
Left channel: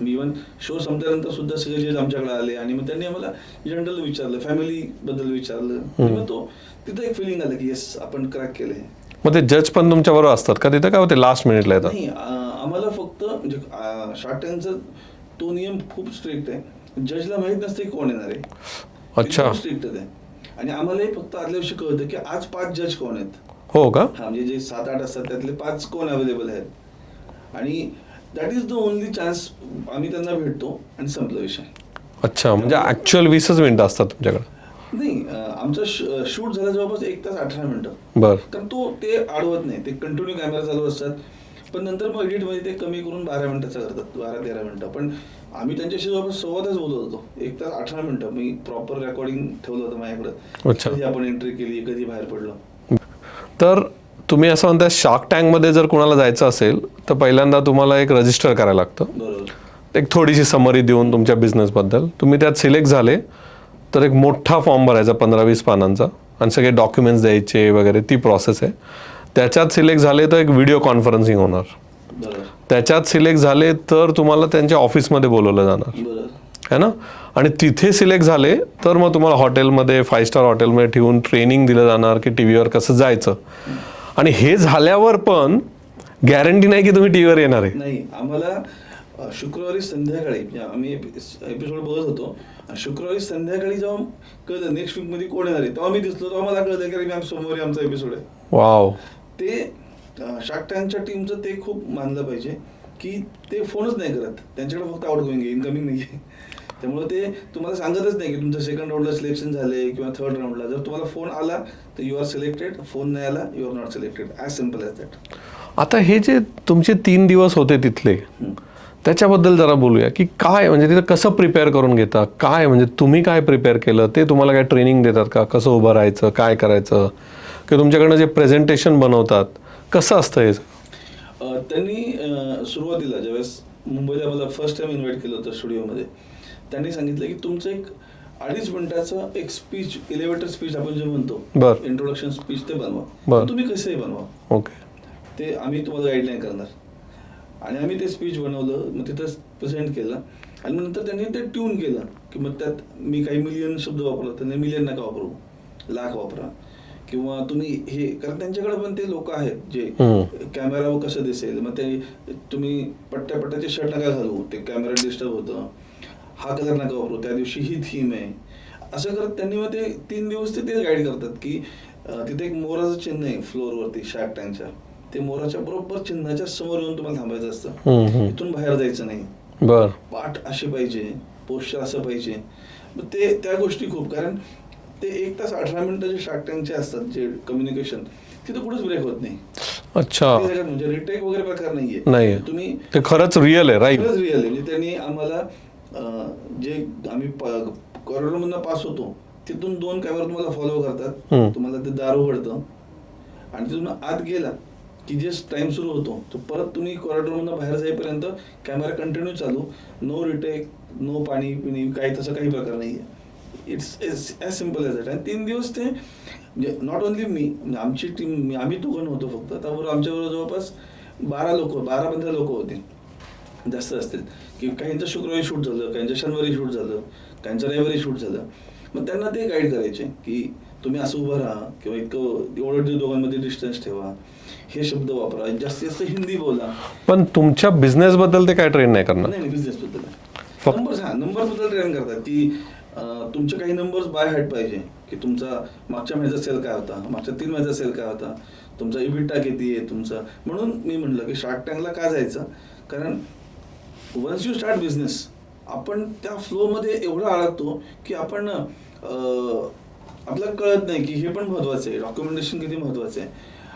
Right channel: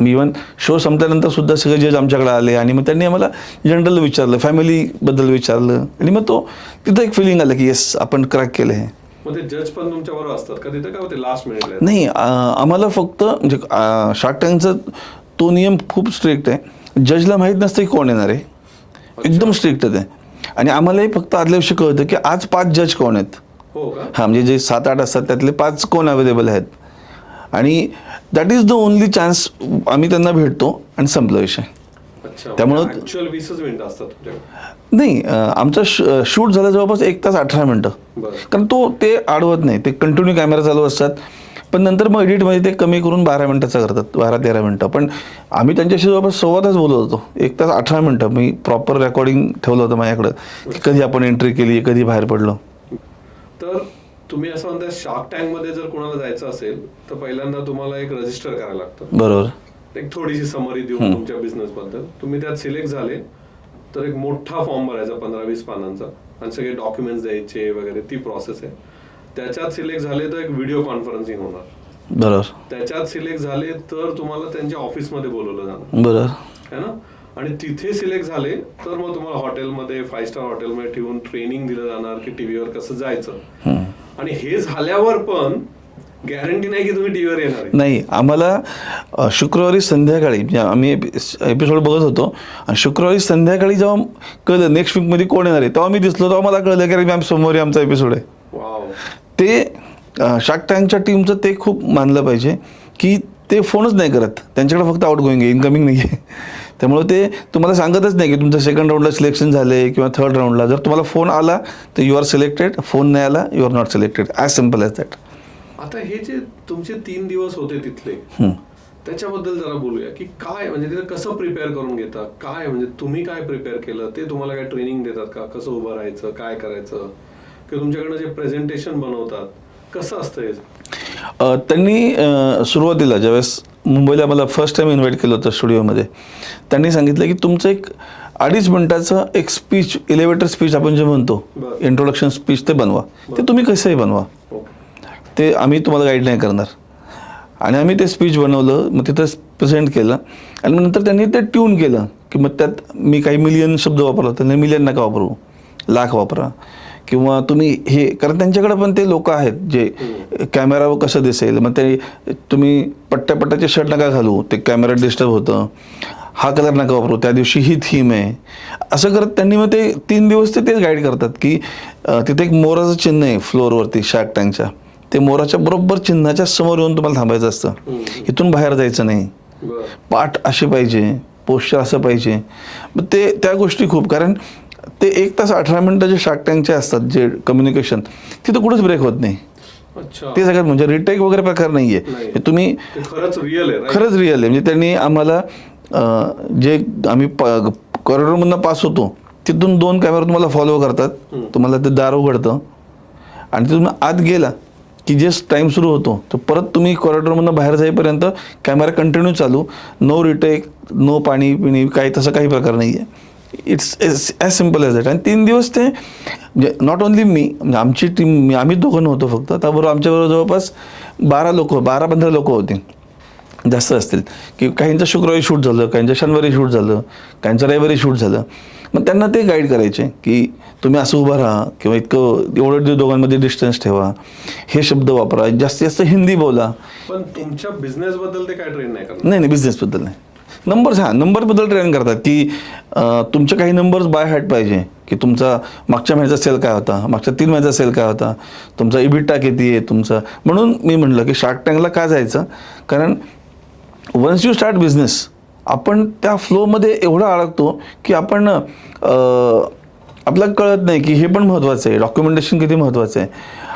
मी इव्हन शो संपल्यानंतर सुद्धा सगळे जज आमच्याकडे आले आणि मग त्यांनी आम्हाला जनरल विचारलं, फॅमिलीबद्दल विचारलं. आणि मग तो तिथं एक फिलिंग आलं की येस आपण क्रॅक केलं हे. मग ते जज पण तुमच्या बरोबर असतात का तिथं, काय होते लास्ट मिनिटला? नाही, आम्हाला फक्त म्हणजे शार्क टँकचा तो नियम खूप स्ट्रिक्ट आहे. जजला माहीत नसतं की कोण येणार आहे, एकदम स्ट्रिक्ट आहे. आणि आम्हालाही फक्त आदल्या दिवशी कळतं की आज 5 जज कोण आहेत. हो का? हां, म्हणजे जे 7-8 असतात त्यातले 5 कोण अवेलेबल आहेत. आणि that is the only chance. आम्ही त्यांना भेटतो आणि संपला विषय. अच्छा. त्यामुळे ऍक्च्युअल 20 मिनिटं असतात तुमच्याकडे? नाही, आमचा शूट झाला जवळपास 1 तास 18 मिनिटं. बरं. कारण ते आडवत नाही, ते कंटिन्यू कॅमेरा चालू असतात. पण नंतर मग एडिटमध्ये ते कमी करून 12 मिनिटाचा करतात, 12-13 मिनिटं. पण आम्ही त्यांच्याशी जवळपास 1.25 तास बोलत होतो. 1 तास 18 मिनिटं मी प्रॉपर रेकॉर्डिंग ठेवलं होतं माझ्याकडं. कधी आपण एंट्री केली, कधी बाहेर पडलो. तर तुम्ही असं म्हणता शार्क टँकमध्ये जर कोणाला जायचं असेल तर पहिल्यांदा तुम्हाला एक रजिस्टर करायला लागतं. बरोबर. एक थोडीशी समरी देऊन तुमच्या बिझनेसबद्दल. तुम्ही त्यात सिलेक्ट झाले तर एक मोठा फॉर्म भरायचा 15-20 पानांचा आणि सगळे डॉक्युमेंट्स द्यायचे वगैरे, ती प्रोसेस आहे. त्याच्यात सिलेक्ट झाले तर एक व्हिडिओ कॉन्फरन्सिंग होणार. बरोबर. त्याच्यात सिलेक्ट झाले तर तुम्हाला त्यांच्या ऑफिसमध्ये बोलवलं जाणार. बरोबर है ना. आणि तिथे सिलेक्ट झाले तर मग तुम्हाला हॉटेलमध्ये 5 स्टार हॉटेलमध्ये ठेवून ट्रेनिंग दिलं जाणार की टीव्हीवर कसं जायचं. आणि हे झाल्यावर पण गॅरंटी नाही की तुम्ही टीव्हीवर येणार आहे. नाही, आम्हाला शुक्रवारी संध्याकाळी म्हणजे आम्ही एपिसोड बघत होतो आणि शुक्रवारी संध्याकाळी जेव्हा कळलं नेक्स्ट वीकमध्ये कोण येणार आहे, तेव्हा मी दिसलो, तेव्हा मला कळलं की अरे मॅम सोमवारी आमचा एपिसोड आहे. वाव. ते शार्क टँकच्या टीमचं ते खूप मानलं पाहिजे की ते फोनच नाही करत, त्यांच्याकडे फक्त आउट गोईंग आहे, इनकमिंग नाही आहे. त्यामुळे ते तुम्हाला सांगतच नाही की तुमचं सेकंड राऊंडला सिलेक्शन झाले किंवा थर्ड राऊंडला. जर तुम्हाला फोन आला तर यू आर सिलेक्टेड, फोन नाही आला you are not selected, as simple as that. आता हे जे तुमचे 3 दिवस होते तिथले, त्याच्याबद्दल जरा बोलूया की काय म्हणजे तिथं कसं प्रिपेअर करून घेता, काय म्हणजे तुम्ही काय प्रिपेअर केलं, ते तुम्हाला काय ट्रेनिंग देतात का, कसं उभं राहायचं, काय करायचं, की तुमच्याकडनं जे प्रेझेंटेशन बनवतात कसं असतं हे? त्यांनी सुरुवातीला ज्यावेळेस मुंबईला मला फर्स्ट टाइम इन्व्हाइट केलं होतं स्टुडिओमध्ये, त्यांनी सांगितलं की तुमचं एक 2.5 मिनिटाचं एक स्पीच, एलिव्हेटर स्पीच आपण जे म्हणतो, बरं. इंट्रोडक्शन स्पीच, ते बनवा. ते तुम्ही कसंही बनवा, ओके. ते आम्ही तुम्हाला गाईड नाही करणार. आणि आम्ही ते स्पीच बनवलं, मग तिथं प्रेझेंट केलं आणि मग नंतर त्यांनी ते ट्यून केलं की मग त्यात मी काही मिलियन शब्द वापरला, त्यांनी मिलियन नका वापरू, लाख वापरा. किंवा तुम्ही हे, कारण त्यांच्याकडे पण ते लोक आहेत जे कॅमेरावर कसं दिसेल, मग ते तुम्ही पट्ट्याचे शर्ट नका घालू, ते कॅमेरा डिस्टर्ब होतं, हा कलर नका वापरू, त्या दिवशी ही थीम आहे, असं करत त्यांनी मग ते 3 दिवस ते तेच गाईड करतात की तिथे एक मोराचं चिन्ह आहे फ्लोअरवरती शार्क टँकच्या, ते मोराच्या बरोबर चिन्हाच्या समोर येऊन तुम्हाला थांबायचं असतं, इथून बाहेर जायचं नाही. बरं. पाठ असे पाहिजे, पोस्चर असं पाहिजे. मग ते त्या गोष्टी खूप, कारण ते 1 तास 18 मिनिटं जे शार्क टँकचे असतात जे कम्युनिकेशन, तिथं कुठेच ब्रेक होत नाही. अच्छा. ते सगळ्यात म्हणजे रिटेक वगैरे प्रकार नाहीये. तुम्ही ते खरंच रिअल आहे, राईट? खरंच रिअल आहे. म्हणजे त्यांनी आम्हाला जे आम्ही कॉरिडॉरमधनं पास होतो तिथून 2 कॅमेरा तुम्हाला फॉलो करतात, तुम्हाला ते दार उघडतं आणि तुम्ही आत गेला की जे टाइम सुरू होतो तर परत तुम्ही कॉरिडॉरमधनं बाहेर जाईपर्यंत कॅमेरा कंटिन्यू चालू, नो रिटेक, नो पाणी पिणी, काही तसं काही प्रकार नाही आहे. It's as simple as that. आणि 3 दिवस ते म्हणजे नॉट ओन्ली मी, म्हणजे आमची टीम, आम्ही दोघं नव्हतो फक्त, त्याबरोबर आमच्याबरोबर जवळपास 12-15 लोक होते, जास्त असतील. की काहींचं शुक्रवारी शूट झालं, काहींचं शनिवारी शूट झालं, काहींचं रविवारी शूट झालं. मग त्यांना ते गाईड करायचे की तुम्ही असं उभं राहा किंवा इतकं एवढं दोघांमध्ये डिस्टन्स ठेवा, हे शब्द वापरा, जास्तीत जास्त हिंदी बोला. पण तुमच्या बिझनेसबद्दल ते काय ट्रेन नाही करणार? नाही, बिझनेसबद्दल नाही. नंबरबद्दल ट्रेन करतात की तुमचे काही नंबर्स बाय हार्ट पाहिजे, की तुमचा मागच्या महिन्याचा सेल काय होता, मागच्या 3 महिन्याचा सेल काय होता, तुमचा इबिटा किती आहे तुमचा. म्हणून मी म्हटलं की शार्क टँकला का जायचं, कारण वन्स यू स्टार्ट बिझनेस आपण त्या फ्लोमध्ये एवढं अडकतो की आपण आपल्याला कळत नाही की हे पण महत्त्वाचं आहे, डॉक्युमेंटेशन किती महत्त्वाचं आहे.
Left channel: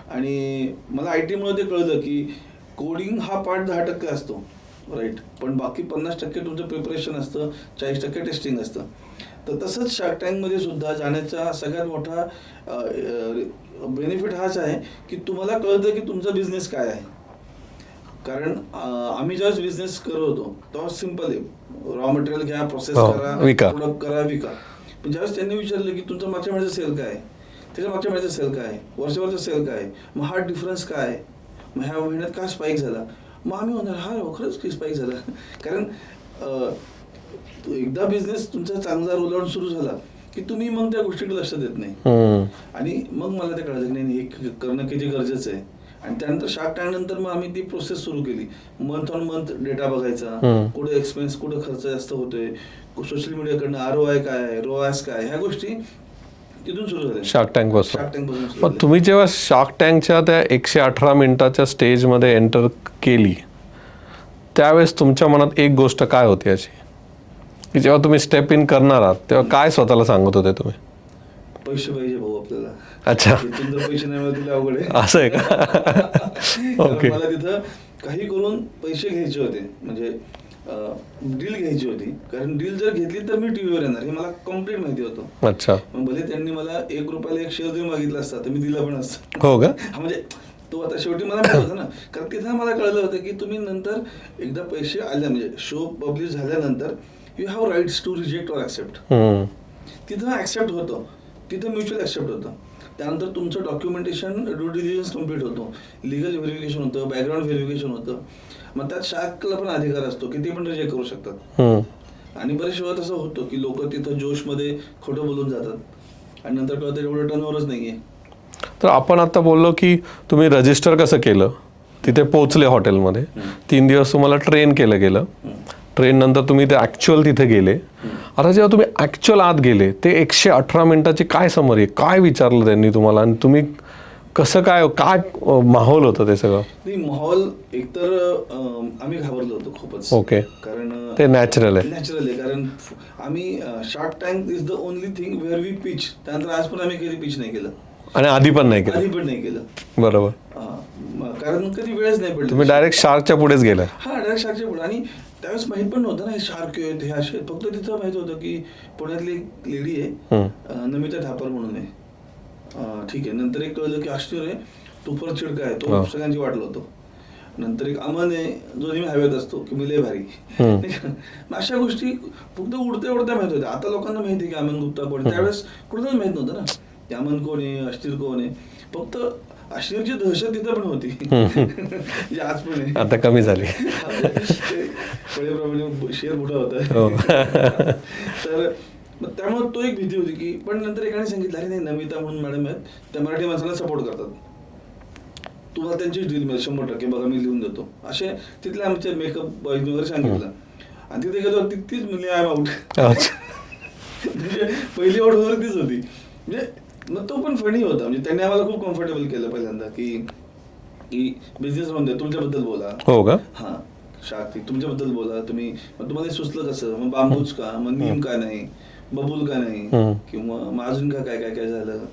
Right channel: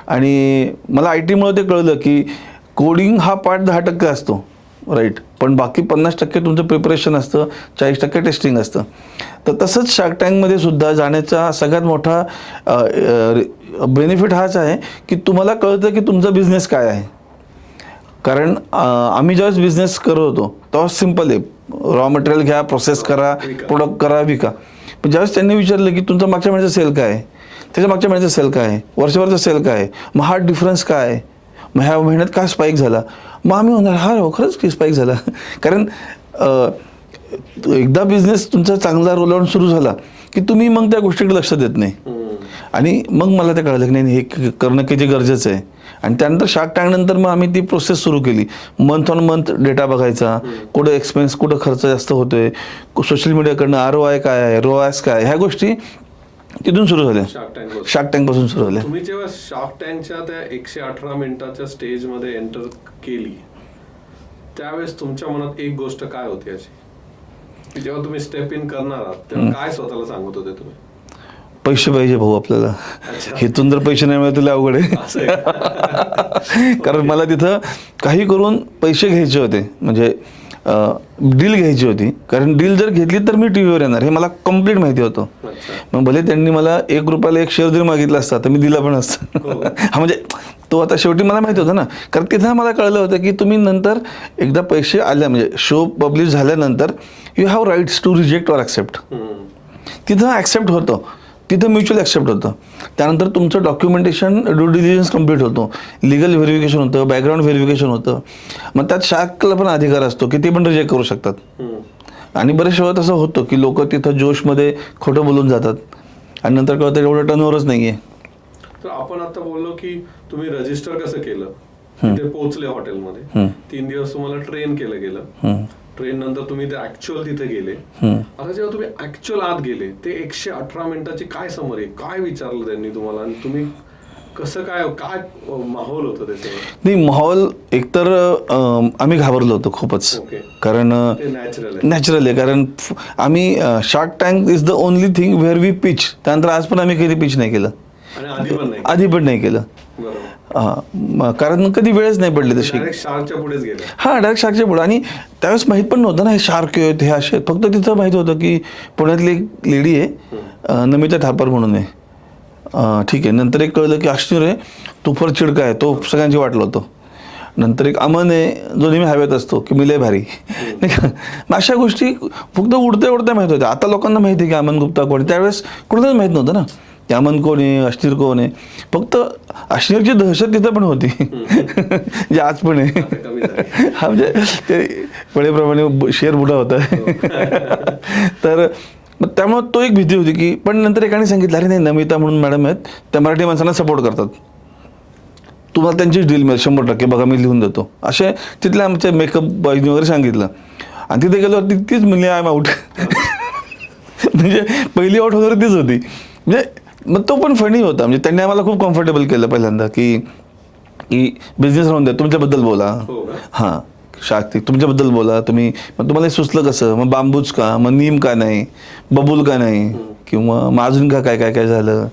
आणि मला IT मुळे ते कळलं की कोडिंग हा पार्ट 10% असतो, राईट, पण बाकी 50% तुमचं प्रिपरेशन असतं, 40% टेस्टिंग असतं. तर तसंच शार्क टँकमध्ये सुद्धा जाण्याचा सगळ्यात मोठा बेनिफिट हाच आहे की तुम्हाला कळतं की तुमचा बिझनेस काय आहे. कारण आम्ही ज्यावेळेस बिझनेस करत होतो तेव्हा सिम्पल आहे, रॉ मटेरियल घ्या, प्रोसेस करा, प्रोडक्ट करा, विका. पण ज्यावेळेस त्यांनी विचारलं की तुमचा मागच्या महिन्याचा सेल काय आहे, त्याच्या मागच्या महिन्याचा सेल काय आहे, वर्षभरचा सेल काय आहे, मग हा डिफरन्स काय आहे, मग ह्या महिन्यात का स्पाईक झाला, मग आम्ही म्हणणार हा खरंच की स्पाईक झाला. कारण एकदा बिझनेस तुमचा चांगला रोल आउट सुरू झाला की तुम्ही मग त्या गोष्टीकडे लक्ष देत नाही. आणि मग मला ते कळलं की नाही, हे करणं किती गरजेचं आहे. आणि त्यानंतर शार्क टँक नंतर मग आम्ही ती प्रोसेस सुरू केली, मंथ ऑन मंथ डेटा बघायचा, कुठं एक्सपेन्स, कुठं खर्च जास्त होतोय, सोशल मीडियाकडनं ROI काय आहे, ROAS काय आहे, ह्या गोष्टी तिथून सुरू झाल्या. शार्क टँक पासून सुरू झाल्या. तुम्ही जेव्हा शार्क टँकच्या त्या 118 मिनिटाच्या स्टेजमध्ये एंटर केली त्यावेळेस तुमच्या मनात एक गोष्ट काय होती अशी, की जेव्हा तुम्ही स्टेप इन करणार आहात तेव्हा काय स्वतःला सांगत होते तुम्ही? पैसे पाहिजे भाऊ आपल्याला. अच्छा. इथून जर पैसे नाही मिळत तुला अवघड आहे. असं आहे. कारण मला तिथं काही करून पैसे घ्यायचे होते, म्हणजे डील घ्यायची होती. कारण डील जर घेतली तर मी टीव्हीवर येणार हे मला कम्प्लीट माहिती होतं. अच्छा. मग भले त्यांनी मला 1 रुपयाला 1 शेअर जरी मागितला असता तर मी दिला पण असतं. हो का? हा, म्हणजे तो आता शेवटी मला माहित होतं ना. कारण तिथं मला कळलं होतं की तुम्ही नंतर एकदा पैसे आल्या, म्हणजे शो पब्लिश झाल्यानंतर you have rights to reject or accept. तिथं ॲक्सेप्ट होतं, तिथं म्युच्युअल ॲक्सेप्ट होतं. त्यानंतर तुमचं डॉक्युमेंटेशन, ड्यू डिलिजन्स कम्प्लीट होतो, लिगल व्हेरिफिकेशन होतं, बॅकग्राऊंड व्हेरिफिकेशन होतं. मग त्यात शार्कला पण अधिकार असतो की ते पण रिजेक्ट करू शकतात. आणि बरेच वेळा तसं होतं की लोक तिथं जोशमध्ये खोटं बोलून जातात आणि नंतर कळतं एवढं टर्नओव्हरच नाही आहे. तर आपण आता बोललो की तुम्ही रजिस्टर कसं केलं, तिथे पोहोचले हॉटेलमध्ये. 3 दिवस तुम्हाला ट्रेन केलं गेलं. ट्रेन नंतर तुम्ही ते ऍक्च्युअल तिथे गेले. आता जेव्हा तुम्ही ऍक्च्युअल आत गेले, ते 118 मिनिटाची काय समरी, काय विचारलं त्यांनी तुम्हाला आणि तुम्ही कसं काय काय माहोल होतं ते सगळं? नाही, माहोल एकतर आम्ही घाबरलो होतो खूपच. ओके. कारण ते नॅचरल आहे. नॅचरल आहे, कारण आम्ही Shark Tank is the only thing where we pitch. त्यानंतर आज पण आम्ही कधी पिच नाही केलं आणि आधी पण नाही केलं. आधी पण नाही केलं. बरोबर. कारण कधी वेळच नाही पडली तशी. डायरेक्ट शार्कच्या पुढेच गेला. हा, डायरेक्ट शार्कच्या पुढे. आणि त्यावेळेस माहित पण नव्हतं ना हे शार्क आहेत, हे असे. फक्त तिथं माहित होतं की पुण्यातली एक लेडी आहे, नमिता ठापर म्हणून आहे. ठीक आहे. नंतर एक कळलं की अश्नीर आहे, तुफर चिडका आहे, तो सगळ्यांची वाटलं होतं. नंतर एक अमन आहे, जो नेहमी हवेत असतो की मी लय भारी, नाही का. मग अशा गोष्टी फक्त उडत्या उडत्या माहित होत्या. आता लोकांना माहिती आहे की अमन गुप्ता कोण आहे. त्यावेळेस कुणालाच माहित नव्हतं ना की अमन कोण आहे, अश्नीर कोण आहे. फक्त अश्नीरची दहशत तिथं पण होती, जे आज पण आहे. आता कमी झाली. हा, म्हणजे वेळेप्रमाणे शेर बुडा होता. तर मग त्यामुळे तो एक भीती होती की. पण नंतर एकाने सांगितलं, अरे नाही, नमिता म्हणून मॅडम आहेत, त्या मराठी माणसांना सपोर्ट करतात, तुम्हाला त्यांचीच डील मिळेल 100%, बघा मी लिहून देतो. असे तिथल्या आमच्या मेकअप बॉयजने वगैरे सांगितलं. आणि तिथे गेलो तीच म्हणली आय एम आउट. म्हणजे पहिली आउट वगैरे तीच होती. म्हणजे मग तो पण फनी होता. म्हणजे त्यांनी आम्हाला खूप कम्फर्टेबल केलं पहिल्यांदा की बिझनेस राहून द्या, तुमच्याबद्दल बोला. हो का? हां, शाक्ती तुमच्याबद्दल बोला तुम्ही. मग तुम्हाला हे सुचलं कसं, मग बांबूच का, मग नीम का नाही, बबूल का नाही, किंवा मग अजून का काय काय काय झालं,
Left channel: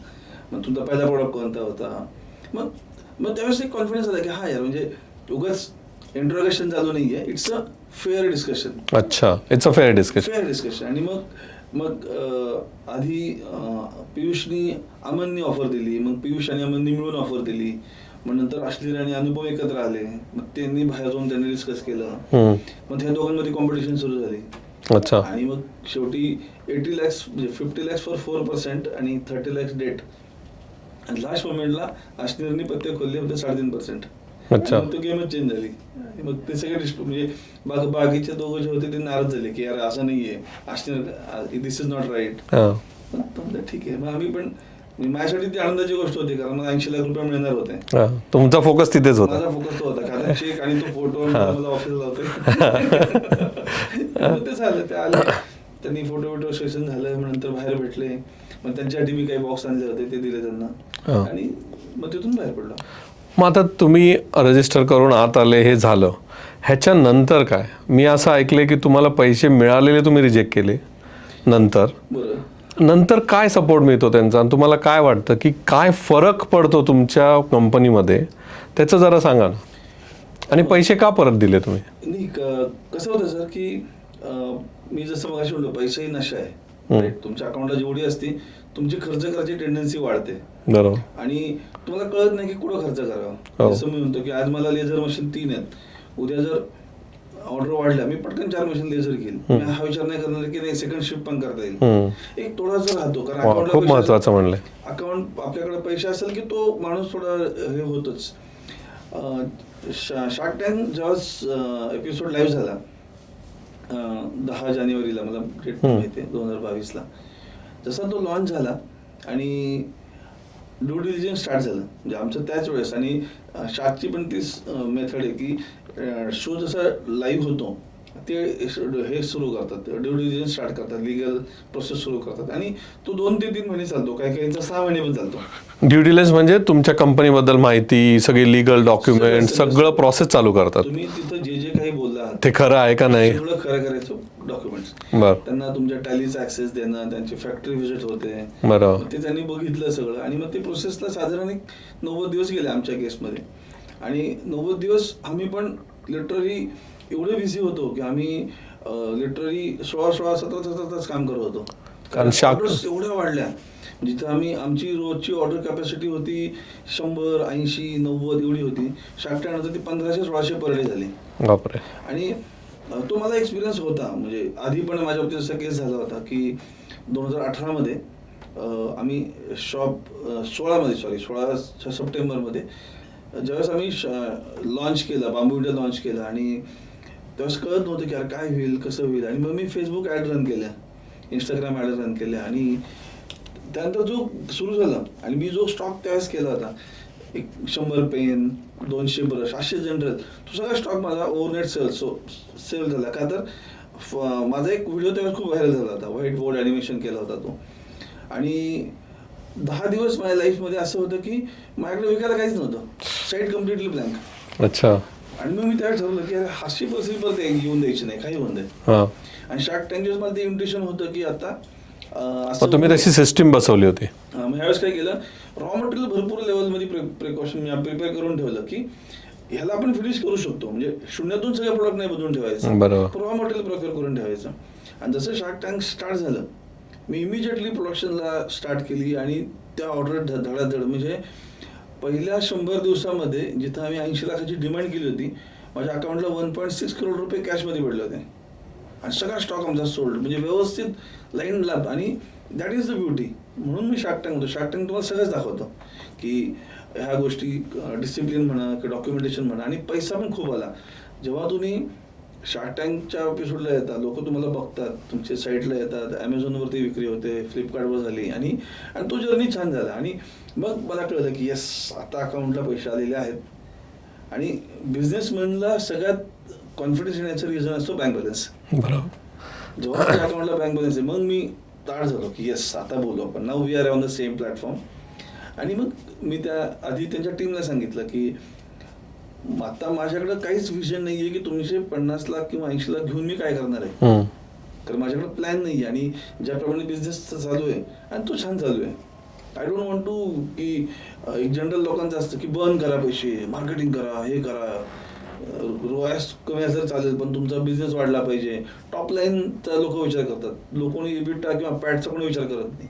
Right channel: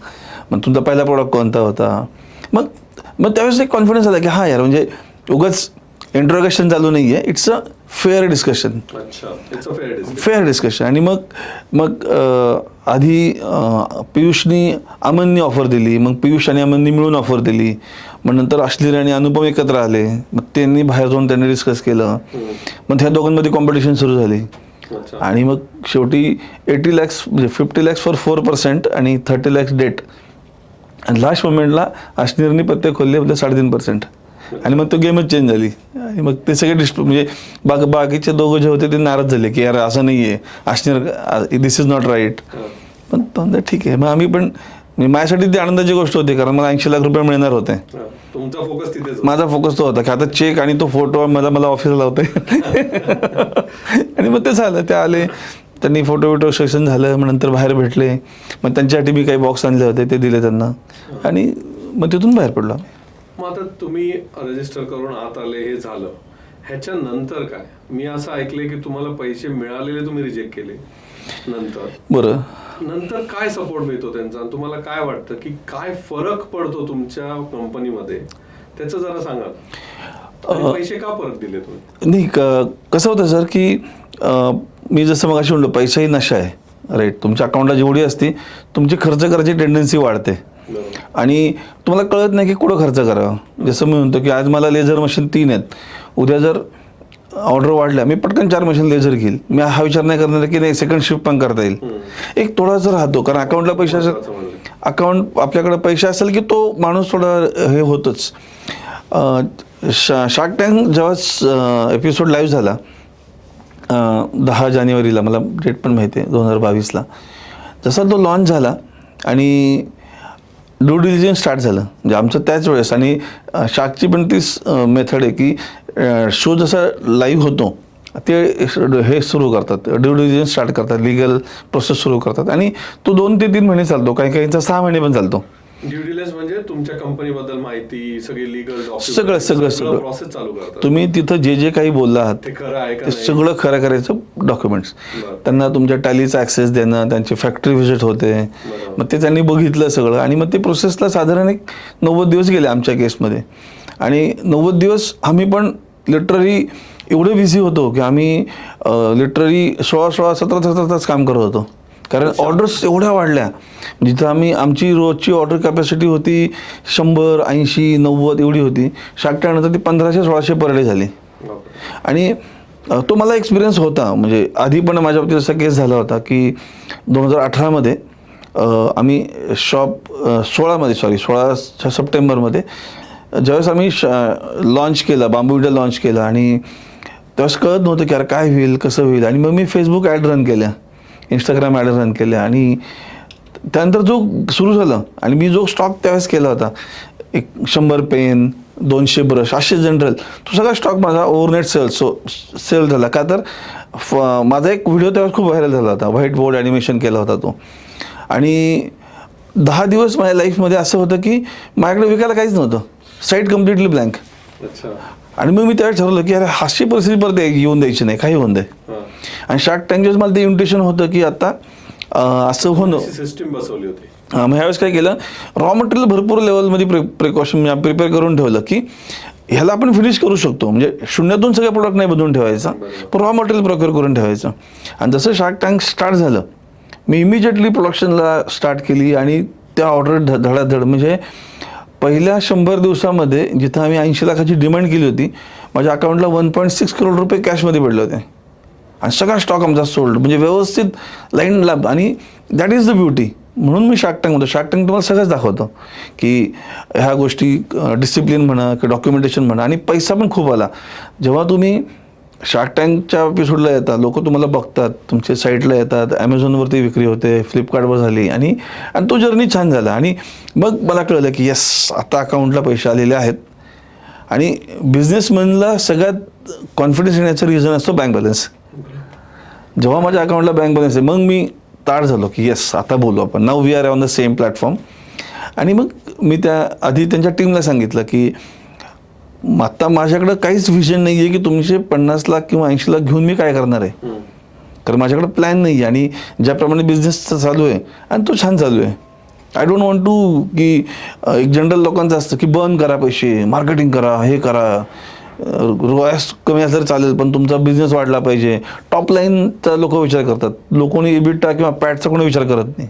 मग तुमचा पहिला प्रोडक्ट कोणता होता. मग त्यावेळेस एक कॉन्फिडन्स आला की हा यार, म्हणजे उगाच इंट्रोगेशन चालू नाही आहे, इट्स अ फेअर डिस्कशन. अच्छा, it's a fair discussion. Fair discussion. आणि मग आधी पियुषनी अमननी ऑफर दिली, मग पियुष आणि अमननी मिळून ऑफर दिली. मग नंतर अश्लीर आणि अनुपम एकत्र आले, मग त्यांनी बाहेर जाऊन त्यांनी डिस्कस केलं. मग त्या दोघांमध्ये कॉम्पिटिशन सुरू झाली. अच्छा. आणि मग शेवटी 80 lakhs म्हणजे 50 lakhs फॉर 4% आणि 30 lakhs डेट. आणि लास्ट मोमेंटला अश्नीरनी पत्ते खोलले होते 3.5%. आणि मग तो गेमच चेंज झाली. आणि मग ते सगळे म्हणजे बाकीचे दोघं जे होते ते नाराज झाले की यार असं नाही आहे, अश्नीर दिस इज नॉट राईट. पण ठीक आहे. मग आम्ही पण, माझ्यासाठी ती आनंदाची गोष्ट होती, कारण मला 80 लाख रुपये मिळणार होते. तुमचा फोकस तिथेच होता. माझा फोकस तो होता की आता चेक आणि तो फोटो मला ऑफिसला लावते. आणि मग ते झालं, ते आले, त्यांनी फोटो सेशन झालं. मग नंतर बाहेर भेटले. मग त्यांच्यासाठी मी काही बॉक्स आणले होते, ते दिले त्यांना. आणि मग तिथून बाहेर पडलो. मग आता तुम्ही रजिस्टर करून आत आले, हे झालं. ह्याच्यानंतर काय? मी असं ऐकलंय की तुम्हाला पैसे मिळालेले तुम्ही रिजेक्ट केले नंतर. बरं. नंतर काय सपोर्ट मिळतो त्यांचा, आणि तुम्हाला काय वाटतं की काय फरक पडतो तुमच्या कंपनीमध्ये, त्याचं जरा सांगा ना. आणि पैसे का परत दिले तुम्ही? नाही, कसं होतं सर की मी जसं मग अशी म्हणलो, पैसाही नशा आहे, राईट. तुमच्या अकाउंटला जेवढी असते तुमची खर्च करायची टेंडन्सी वाढते. बरोबर. आणि तुम्हाला कळत नाही की कुठं खर्च करावा. जसं मी म्हणतो की आज मला लेझर मशीन 3 आहेत, उद्या जर ऑर्डर वाढल्या मी पटकन 4 मशीन लेझर घेईल. मी हा विचार नाही करणार की नाही सेकंड शिफ्ट पण करता येईल. एक थोडासा राहतो, कारण अकाउंटला पैसे असेल, अकाउंट आपल्याकडे पैसे असेल की तो माणूस थोडा हे होतच. शार्क टँक जेव्हा एपिसोड लाईव्ह झाला 10 जानेवारीला, मला डेट पण माहिती आहे, 2022ला, जसा तो लॉन्च झाला आणि ड्यू डिलिजन्स स्टार्ट झालं. म्हणजे आमचं त्याच वेळेस. आणि शार्कची पण तीच मेथड आहे की शो जसा लाईव्ह होतो ते हे सुरू करतात, ड्यू डिलिजन्स स्टार्ट करतात, लिगल प्रोसेस सुरू करतात. आणि तो 2 ते 3 महिने चालतो, काही काहींचा 6 महिने पण चालतो. ड्यू डिलिजन्स म्हणजे तुमच्या कंपनीबद्दल माहिती, सगळी लिगल डॉक्युमेंट, सगळं प्रोसेस चालू करतात. तुम्ही तिथं जे काही बोलला ते खरं आहे का नाही, सगळं खरं करायचं डॉक्युमेंट्स. त्यांना तुमच्या टॅलीचा ऍक्सेस देणं, त्यांची फॅक्टरी व्हिजिट होते, मग ते त्यांनी बघितलं सगळं. आणि मग ते प्रोसेसला साधारण एक 90 दिवस गेले आमच्या केसमध्ये. आणि 90 दिवस आम्ही पण लिटरली एवढे बिझी होतो की आम्ही लिटरली 16-17 तास काम करत होतो, कारण ऑर्डर्स एवढ्या वाढल्या. जिथं आमची रोजची ऑर्डर कॅपॅसिटी होती 100, 80, 90 एवढी होती. शार्क टँकनंतर ती 1500-1600 पर डे झाली. आणि तो मला एक्सपिरियन्स होता. म्हणजे आधी पण माझ्या बाबतीत असा केस झाला होता की 2018मध्ये आम्ही शॉप 16 सप्टेंबरमध्ये ज्यावेळेस आम्ही लॉन्च केलं, बांबू इंडिया लॉन्च केलं, आणि त्यावेळेस कळत नव्हतं की यार काय होईल, कसं होईल. आणि मग मी फेसबुक ॲड रन केल्या, इंस्टाग्राम ॲड रन केल्या. आणि त्यानंतर जो सुरू झालं, आणि मी जो स्टॉक त्यावेळेस केला होता, एक 100 पेन, 200 ब्रश असे जनरल तो सगळा स्टॉक माझा ओव्हरनेट सेल झाला. का तर माझा एक व्हिडिओ तेव्हा खूप व्हायरल झाला होता, व्हाईट बोर्ड ॲनिमेशन केला होता तो. आणि 10 दिवस माझ्या लाईफमध्ये असं होतं की माझ्याकडे विकायला काहीच नव्हतं, साईट कम्प्लिटली ब्लँक. अच्छा. आणि मग मी त्यावेळेस ठरवलं की अरे अशी परिस्थिती परत येऊन द्यायची नाही, काही होऊन दे. आणि शार्क टँकच्या मला ते इन्व्हिटेशन होतं की आता असं तुम्ही तशी सिस्टीम बसवली होती. मग ह्यावेळेस काय केलं, रॉ मटेरियल भरपूर लेवलमध्ये प्रिकॉशन प्रिपेअर करून ठेवलं की ह्याला आपण फिनिश करू शकतो, म्हणजे शून्यातून सगळे प्रोडक्ट नाही बनवून ठेवायचं, पण रॉ मटेरियल प्रोक्युअर करून ठेवायचं. आणि जसं शार्क टँक स्टार्ट झालं मी इमिजिएटली प्रोडक्शनला स्टार्ट केली आणि त्या ऑर्डर धडाधड, म्हणजे पहिल्या 100 दिवसामध्ये जिथं आम्ही 80 लाखाची डिमांड केली होती माझ्या अकाउंटला 1.6 करोड रुपये कॅशमध्ये पडले होते. आणि सगळा स्टॉक आमचा सोल्ड, म्हणजे व्यवस्थित लाईन लाभ. आणि दॅट इज द ब्युटी. म्हणून मी शार्क टँक म्हणतो. शार्क टँक तुम्हाला सगळंच दाखवतो की ह्या गोष्टी डिसिप्लिन म्हणा किंवा डॉक्युमेंटेशन म्हणा, आणि पैसा पण खूप आला. जेव्हा तुम्ही शार्क टँकच्या एपिसोडला येतात, लोक तुम्हाला बघतात, तुमच्या साईटला येतात, ॲमेझॉनवरती विक्री होते, फ्लिपकार्टवर झाली, आणि तो जर्नी छान झाला. आणि मग मला कळलं की येस आता अकाउंटला पैसे आलेले आहेत. आणि बिझनेसमॅनला सगळ्यात कॉन्फिडन्स येण्याचं रिझन असतो बँक बॅलन्स. जेव्हा माझ्या अकाउंटला बँक बॅलन्स आहे मग मी ताड झालो की येस आता बोलू आपण, now we are on the same platform. आणि मग मी त्या आधी त्यांच्या टीमला सांगितलं की आता माझ्याकडं काहीच विजन नाही आहे की तुमचे 50 लाख किंवा 80 लाख घेऊन मी काय करणार आहे, कारण माझ्याकडे प्लॅन नाही आहे. आणि ज्याप्रमाणे बिझनेस चालू आहे आणि तो छान चालू आहे. आय डोंट वॉन्ट टू की एक जनरल लोकांचं असतं की बर्न करा पैसे, मार्केटिंग करा, हे करा, रोयास कमी असलं चालेल पण तुमचा बिझनेस वाढला पाहिजे. टॉप लाईनचा लोक विचार करतात, लोकांनी इबिटा किंवा पॅटचा कोणी विचार करत नाही.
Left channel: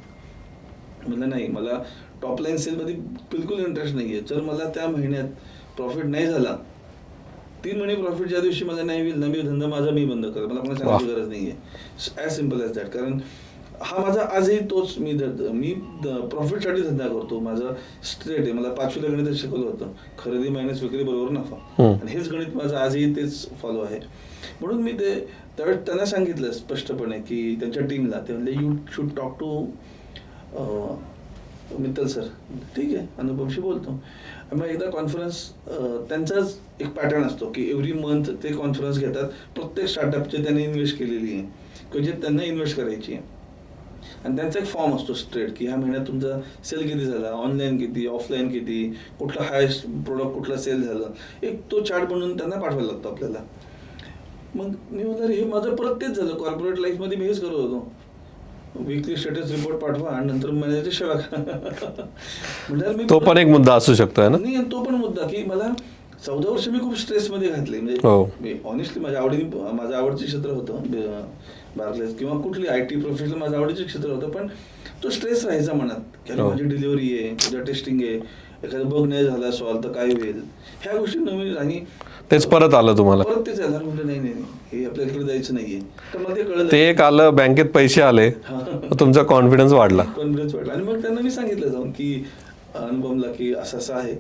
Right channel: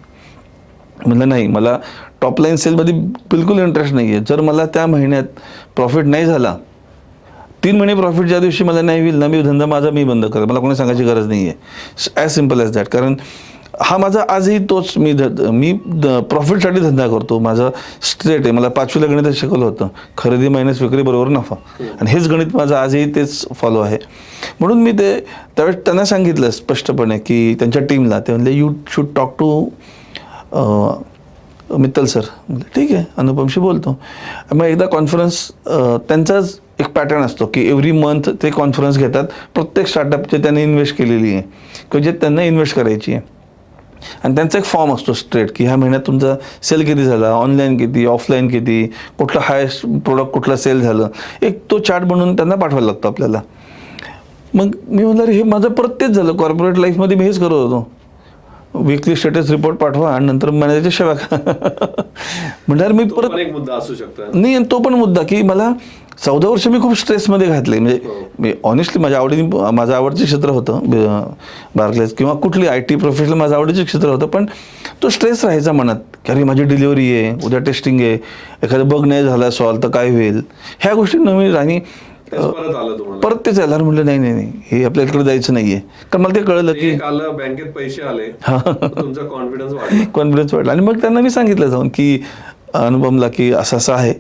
म्हणलं नाही, मला टॉप लाईन सेलमध्ये बिलकुल इंटरेस्ट नाही आहे. जर मला त्या महिन्यात प्रॉफिट नाही झाला, 3 महिने प्रॉफिट ज्या दिवशी मला नाही होईल ना, मी धंदा माझा मी बंद करेल, मला कोणी सांगायची गरज नाही आहे. As simple as that. कारण हा माझा आजही तोच, मी प्रॉफिटसाठी धंदा करतो. माझा स्ट्रेट आहे. मला 5वीला गणित शिकवलं होतं, खरेदी मायनस विक्री बरोबर नफा, आणि हेच गणित माझं आजही तेच फॉलो आहे. म्हणून मी ते त्यावेळेस त्यांना सांगितलं स्पष्टपणे की त्यांच्या टीमला, ते म्हणले you should talk to Mittal sir. ठीक आहे, अनुपमशी बोलतो. मग एकदा कॉन्फरन्स, त्यांचाच एक पॅटर्न असतो की एव्हरी मंथ ते कॉन्फरन्स घेतात प्रत्येक स्टार्टअपचे त्यांनी इन्व्हेस्ट केलेली आहे किंवा जे त्यांना इन्व्हेस्ट करायची आहे. आणि त्यांचा एक फॉर्म असतो स्ट्रेट की ह्या महिन्यात तुमचा सेल किती झाला, ऑनलाईन किती, ऑफलाईन किती, कुठलं हायेस्ट प्रोडक्ट कुठला सेल झालं, एक तो चार्ट बनवून त्यांना पाठवायला लागतो आपल्याला. मग मी म्हणलं हे माझं परत तेच झालं. कॉर्पोरेट लाईफमध्ये मी हेच करत होतो, वीकली स्टेटस रिपोर्ट पाठवा आणि नंतर मॅनेजरच्या सेवा म्हणणार. मी तो पण एक मुद्दा असू शकतो नाही, तो पण मुद्दा की मला 14 वर्ष मी खूप स्ट्रेसमध्ये घातले. म्हणजे मी ऑनेस्टली माझं आवडचं क्षेत्र होतं बार्कलेज किंवा कुठली IT प्रोफेशनल माझं आवडीचं क्षेत्र होतं, पण तो स्ट्रेस राहायचा मनात की अरे माझी डिलिव्हरी आहे, उद्या टेस्टिंग आहे, एखादं बग नाही झाला सॉल्व तर काय होईल, ह्या गोष्टी नवीन. आणि तेच परत आलं तुम्हाला, परत तेच आलं. म्हटलं नाही हे आपल्याकडे जायचं नाहीये. तर मला ते कळलं, ते एक आलं, बँकेत पैसे आले, तुमचा कॉन्फिडन्स वाढला. आणि मग त्यांना मी सांगितलं जाऊन की अनुपमला की असं आहे,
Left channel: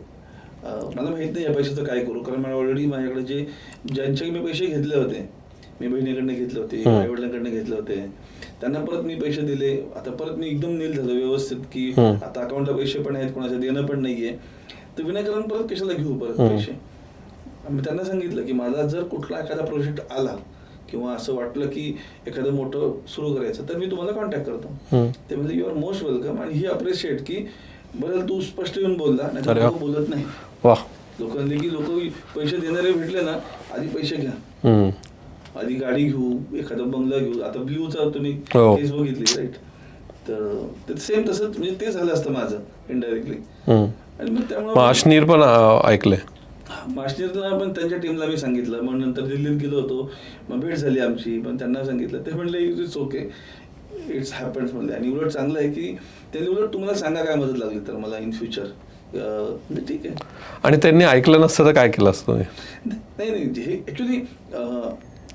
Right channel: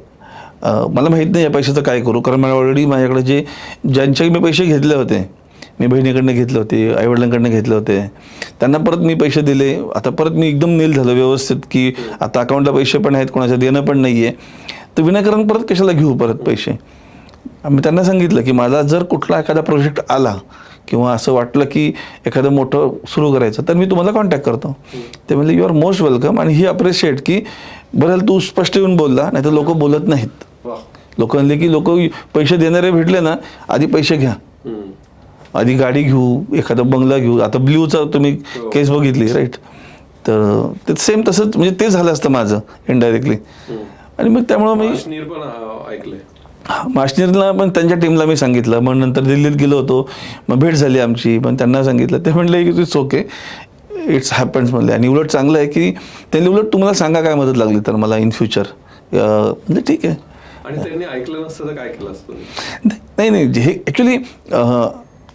मला माहीत नाही या पैशाचं काय करू, कारण मला ऑलरेडी माझ्याकडे ज्यांच्याकडे मी पैसे घेतले होते, मी बहिणीकडनं घेतले होते, आईवडिलांकडनं घेतले होते, त्यांना परत मी पैसे दिले. आता परत मी एकदम नील झालो व्यवस्थित की आता अकाउंटला पैसे पण आहेत, कोणाच्या देणं पण नाही आहे, तर विनाकारण परत कशाला घेऊ परत पैसे. मी त्यांना सांगितलं की मला जर कुठला एखादा प्रोजेक्ट आला किंवा असं वाटलं की एखादं मोठं सुरू करायचं तर मी तुम्हाला कॉन्टॅक्ट करतो. ते म्हणले यू आर मोस्ट वेलकम. आणि ही अप्रिशिएट की बरं तू स्पष्ट येऊन बोलला, नाही तर लोक बोलत नाहीत. लोक म्हणले की लोक पैसे देणारे भेटले ना, आधी पैसे घ्या, आधी गाडी घेऊ, एखादा बंगला घेऊ. आता ब्ल्यूचा तुम्ही केस बघितली राईट, तर ते सेम तसंच, म्हणजे ते झालं असतं माझं इनडायरेक्टली. आणि मग त्यामुळे माशनीर पण ऐकले, माशनीरला पण त्यांच्या टीमला मी सांगितलं. मग नंतर दिल्लीत गेलो होतो, मग भेट झाली आमची, पण त्यांना सांगितलं. ते म्हणले की इट्स ओके, इट्स हॅपन्स म्हणले. आणि उलट चांगलं आहे की त्यांनी उलट तुम्हाला सांगा काय मदत लागली तर मला इन फ्युचर, म्हणजे ठीक आहे. आणि त्यांनी ऐकलं नसतं तर काय केलं असतं? नाही हे ॲक्च्युली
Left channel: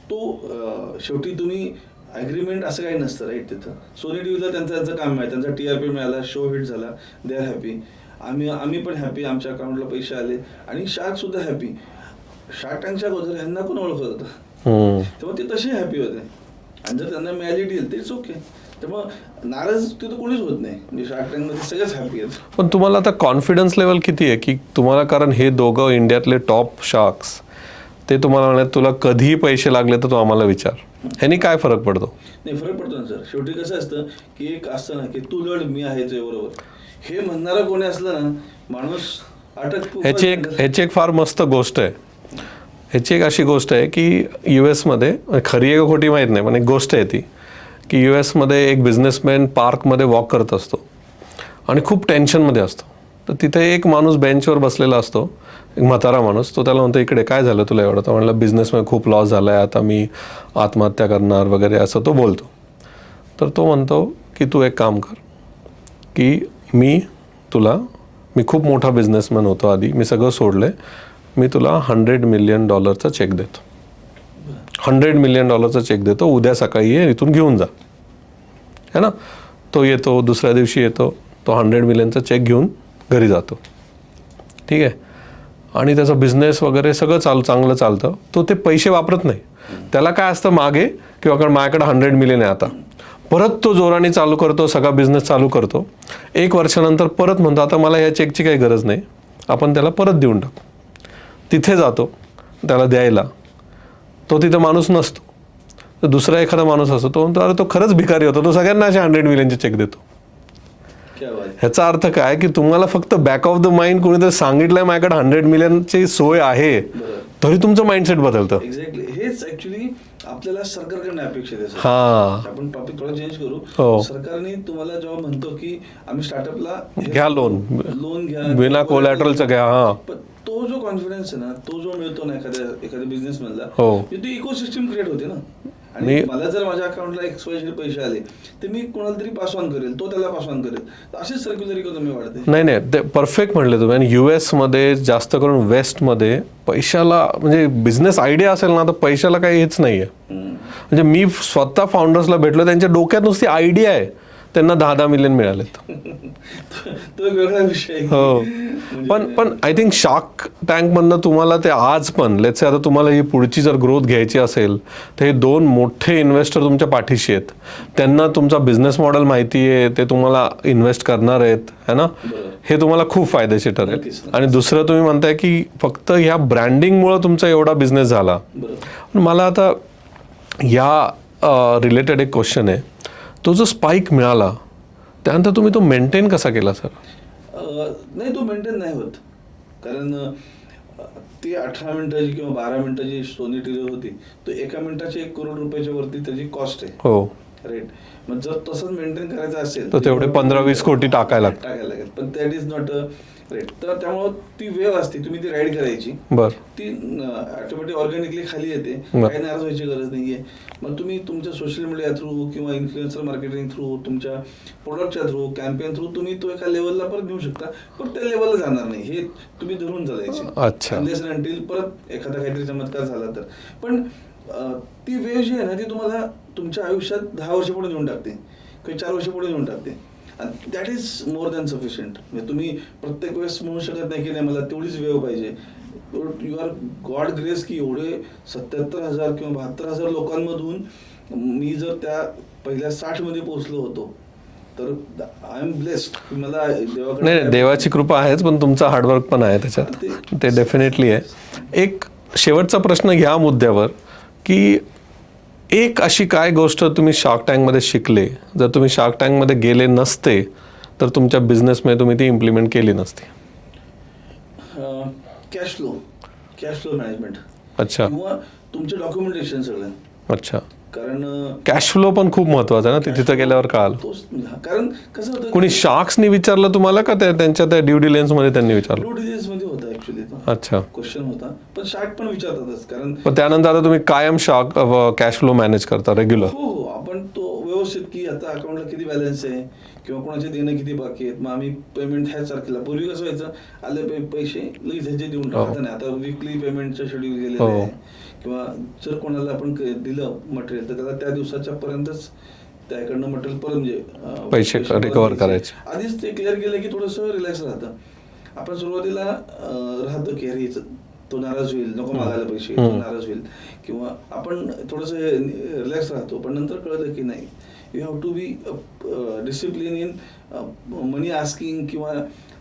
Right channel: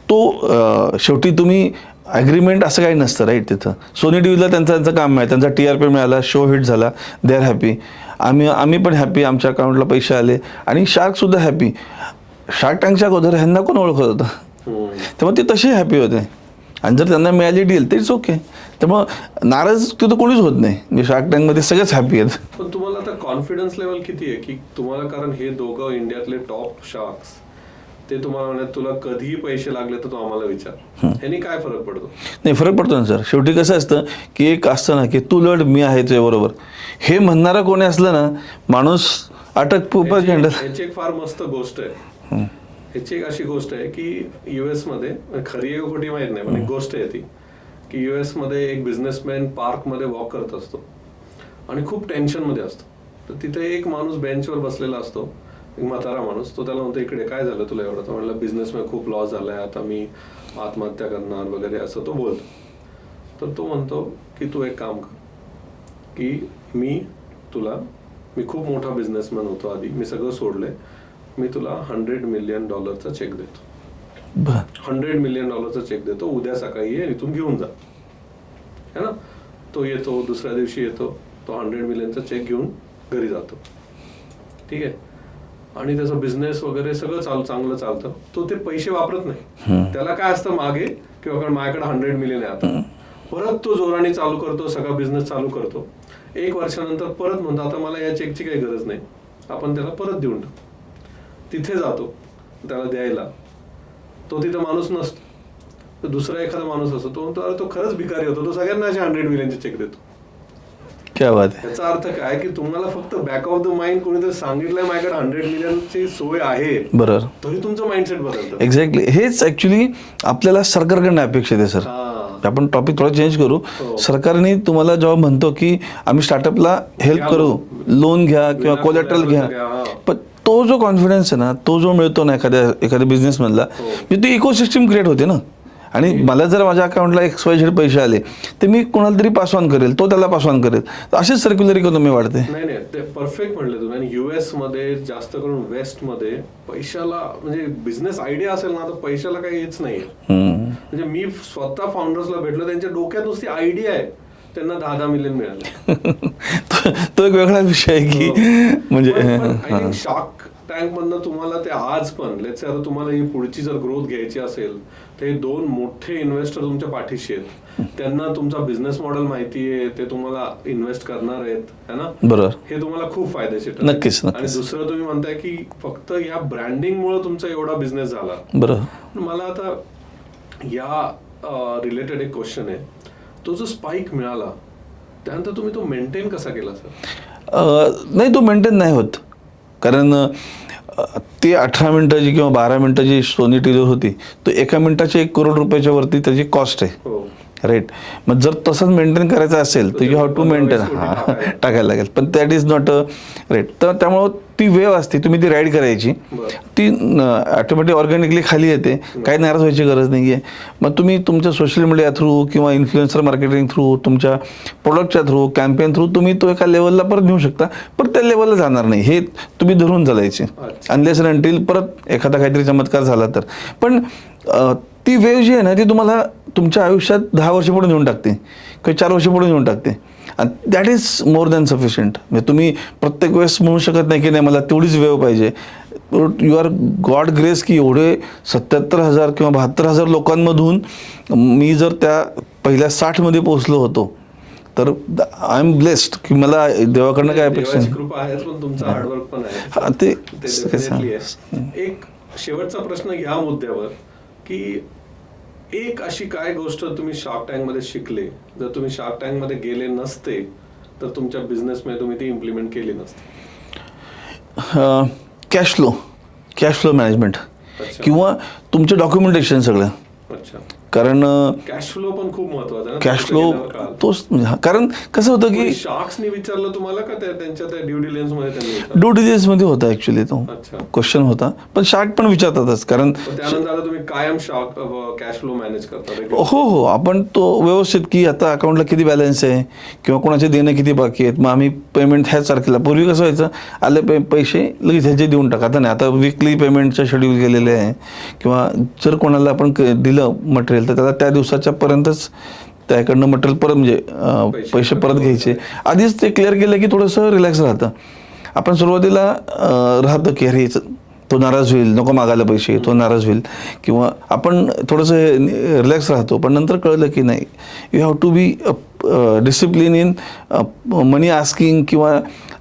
तो शेवटी तुम्ही ॲग्रीमेंट असं काही नसतं राईट. तिथं सोनी टीव्हीला त्यांचं काम आहे, त्यांचा TRP मिळाला, शो हिट झाला, दे आर हॅपी. आम्ही पण हॅपी, आमच्या अकाउंटला पैसे आले. आणि शार्कसुद्धा हॅपी. शार्क टँकच्या अगोदर ह्यांना कोण ओळखत होतं, तेव्हा ते तसे हॅपी होते. आणि जर त्यांना मिळाली डील तर इट्स ओके. त्यामुळं नाराज तिथं कोणीच होत नाही. म्हणजे शार्क टँकमध्ये सगळेच हॅपी आहेत. पण तुम्हाला आता कॉन्फिडन्स लेवल किती आहे की तुम्हाला, कारण हे दोघं इंडियातले टॉप शार्क्स, ते तुम्हाला म्हणत तुला कधीही पैसे लागले तर तू आम्हाला विचार, ह्यानी काय फरक पडतो? नाही, फरक पडतो ना सर. शेवटी कसं असतं की एक असतं ना की तू लढ मी आहे तुझ्याबरोबर, हे म्हणणारं कोणी असलं ना माणूस ह्याची एक फार मस्त गोष्ट आहे. ह्याची एक अशी गोष्ट आहे की US मध्ये, खरी आहे का खोटी माहीत नाही, पण एक गोष्ट आहे ती की US मध्ये एक बिझनेसमॅन पार्कमध्ये वॉक करत असतो आणि खूप टेन्शनमध्ये असतो. तर तिथे एक माणूस बेंचवर बसलेला असतो, एक म्हातारा माणूस. तो त्याला म्हणतो, इकडे काय झालं तुला एवढं? तर म्हणलं, बिझनेसमध्ये खूप लॉस झाला आहे, आता मी आत्महत्या करणार वगैरे असं तो बोलतो. तर तो म्हणतो की तू एक काम कर की मी खूप मोठा बिझनेसमॅन होतो आधी, मी सगळं सोडलं, मी तुला $100 मिलियन चेक देतो. $100 मिलियन चेक देतो, उद्या सकाळी ये, इथून घेऊन जा, है ना. तो येतो, दुसऱ्या दिवशी येतो, तो $100 मिलियनचा चेक घेऊन घरी जातो. ठीक आहे. आणि त्याचा बिझनेस वगैरे सगळं चांगलं चालतं. तो ते पैसे वापरत नाही. त्याला काय असतं मागे, किंवा कारण माझ्याकडे $100 मिलियन आहे आता. परत तो जोराने चालू करतो, सगळा बिझनेस चालू करतो. 1 वर्षानंतर परत म्हणतो, आता मला या चेकची काही गरज नाही, आपण त्याला परत देऊन टाकू. तिथे जातो त्याला द्यायला, तो तिथं माणूस नसतो. तर दुसरा एखादा माणूस असतो, तो म्हणतो, अरे तो खरंच भिकारी होता, तो सगळ्यांना असे $100 मिलियनचे चेक देतो. क्या बात. ह्याचा अर्थ काय की तुम्हाला फक्त बॅक ऑफ द माइंड कोणीतरी सांगितलंय माझ्याकडे $100 मिलियनची सोय आहे, बरोबर, तरी तुमचं माइंडसेट बदलतं. एक्झॅक्टली. हेच ऍक्च्युली आपल्याला सरकारकडनं अपेक्षित आहे सर. हा, आपण टॉपिक थोडा चेंज करू. सरकारने तुम्हाला जेव्हा म्हणतो की आम्ही स्टार्टअपला हेल्प करू, लोन घ्या किंवा collateral घ्या, पण तो जो कॉन्फिडन्स आहे ना, तो जो मिळतो ना एखाद्या बिझनेस मधला, ती इकोसिस्टम क्रिएट होते ना. आणि मला जर माझ्या अकाउंटला XYZ पैसे आले तर मी कोणाला तरी पास ऑन करेल, तो त्याला पास ऑन करेल. अशीच सर्क्युलर इकॉनॉमी वाढते. नाही, ते परफेक्ट म्हणले तुम्ही. आणि US मध्ये जास्त करून वेस्टमध्ये पैशाला, म्हणजे बिझनेस आयडिया असेल ना, तर पैशाला काही हेच नाहीये. म्हणजे मी स्वतः फाउंडर्सला भेटलो, त्यांच्या डोक्यात नुसती आयडिया आहे, त्यांना 10-10 मिलियन मिळाले. तो एक वेगळा विषय आहे की म्हणजे पण आय थिंक शार्क टँक मधनं तुम्हाला ते आज पण, लेट्स से आता तुम्हाला ही पुढची जर ग्रोथ घ्यायची असेल तर हे 2 मोठे इन्व्हेस्टर तुमच्या पाठीशी आहेत. त्यांना तुमचा बिझनेस मॉडेल माहिती आहे, ते तुम्हाला इन्व्हेस्ट करणार आहेत, है ना. बरोबर. हे तुम्हाला खूप फायदेशीर ठरेल. नक्कीच. आणि दुसरं तुम्ही म्हणताय की फक्त ह्या ब्रँडिंगमुळे तुमचा एवढा बिझनेस झाला. बरोबर. मला आता या रिलेटेड एक क्वेश्चन आहे. तो जो स्पाइक मिळाला त्यानंतर तुम्ही तो मेंटेन कसा केला सर? नाही, तो मेंटेन नाही होत. कारण ती 18 मिनिटाची किंवा 12 मिनिटाची सोनी टीव्ही होती, तो 1 मिनिटाच्या $1 करोड वरती त्याची कॉस्ट आहे. हो, राईट. मग जर तसंच मेंटेन करायचं असेल तर 15-20 कोटी टाकायला लागेल. पण दॅट इज नॉट राईट. तर त्यामुळं ती वेव असते, तुम्ही ती राईड करायची, ती ऑटोमॅटिक ऑर्गॅनिकली खाली येते. काही नाराज व्हायची गरज नाहीये. मग तुम्ही तुमच्या सोशल मीडिया थ्रू किंवा इन्फ्लुएन्सर मार्केटिंग थ्रू, तुमच्या प्रोडक्टच्या थ्रू, कॅम्पेन थ्रू तुम्ही तो एका लेवलला परत नेऊ शकता. पण त्या लेवलला जाणार नाही, हे तुम्ही धरून चालायचे. अनलेस अँड अंटिल परत एखादा काहीतरी चमत्कार झाला तर. पण ती वेव जी आहे ना, ती तुम्हाला तुमच्या आयुष्यात 10 वर्ष पुढे नेऊन टाकते किंवा 4 वर्ष पुढे नेऊन टाकते. आणि that is more than sufficient. म्हणजे तुम्ही प्रत्येक वेळेस म्हणू शकत नाही की नाही मला तेवढीच वेव पाहिजे. यू आर गॉड ग्रेस की एवढे 77,000 किंवा 72,000 लोकांमधून मी जर त्या पहिल्या 60 मध्ये पोहोचलो होतो, तर आय एम ब्लेस्ड की मला देवाकडे देवाची कृपा आहेच, पण तुमचा हार्डवर्क पण आहे त्याच्यात. ते डेफिनेटली आहे. एक शेवटचा प्रश्न ह्या मुद्द्यावर की एक अशी काय गोष्ट तुम्ही शार्क टँकमध्ये शिकले, जर तुम्ही शार्क टँकमध्ये गेले नसते तर तुमच्या बिझनेसमध्ये तुम्ही ती इम्प्लिमेंट केली नसती? Cash flow management. अच्छा. किंवा तुमचं डॉक्युमेंटेशन सगळं. अच्छा. कारण कॅश फ्लो पण खूप महत्वाचा आहे ना, कॅश फ्लो गेल्यावर काल तोच. कारण कसं होतं की शार्क्सनी विचारलं तुम्हाला का त्यांच्या त्या ड्यू डिलिजन्स मध्ये त्यांनी विचारलं? ड्यू डिलिजन्स मध्ये होता ऍक्च्युली तो. अच्छा. क्वेश्चन होता, पण शार्क पण विचारतातच. कारण त्यानंतर आता तुम्ही कायम शार्क कॅश फ्लो मॅनेज करता रेग्युलर? हो, आपण तो व्यवस्थित की आता अकाउंटला किती बॅलन्स आहे किंवा कोणाचे देणं किती बाकी आहेत, मग आम्ही पेमेंट ह्याच तारखेला. पूर्वी कसं व्हायचं, आले पैसे लगेच ह्याचे देऊन टाका. आता नाही, आता वीकली पेमेंटचं शेड्यूल केलेलं आहे. किंवा जर कोणाला आपण दिलं मटेरियल तर त्याला त्या दिवसाच्या पर्यंतच त्याकडनं मटेरियल परत म्हणजे पैसे परत घ्यायचे. आधीच ते क्लिअर केलं की थोडंसं रिलॅक्स राहतं. आपण सुरुवातीला राहतं की अरे तो नाराज होईल, नको मागायला पैसे, तो नाराज होईल, किंवा आपण थोडंसं रिलॅक्स राहतो. पण नंतर कळलं की नाही, you have to be discipline in money asking किंवा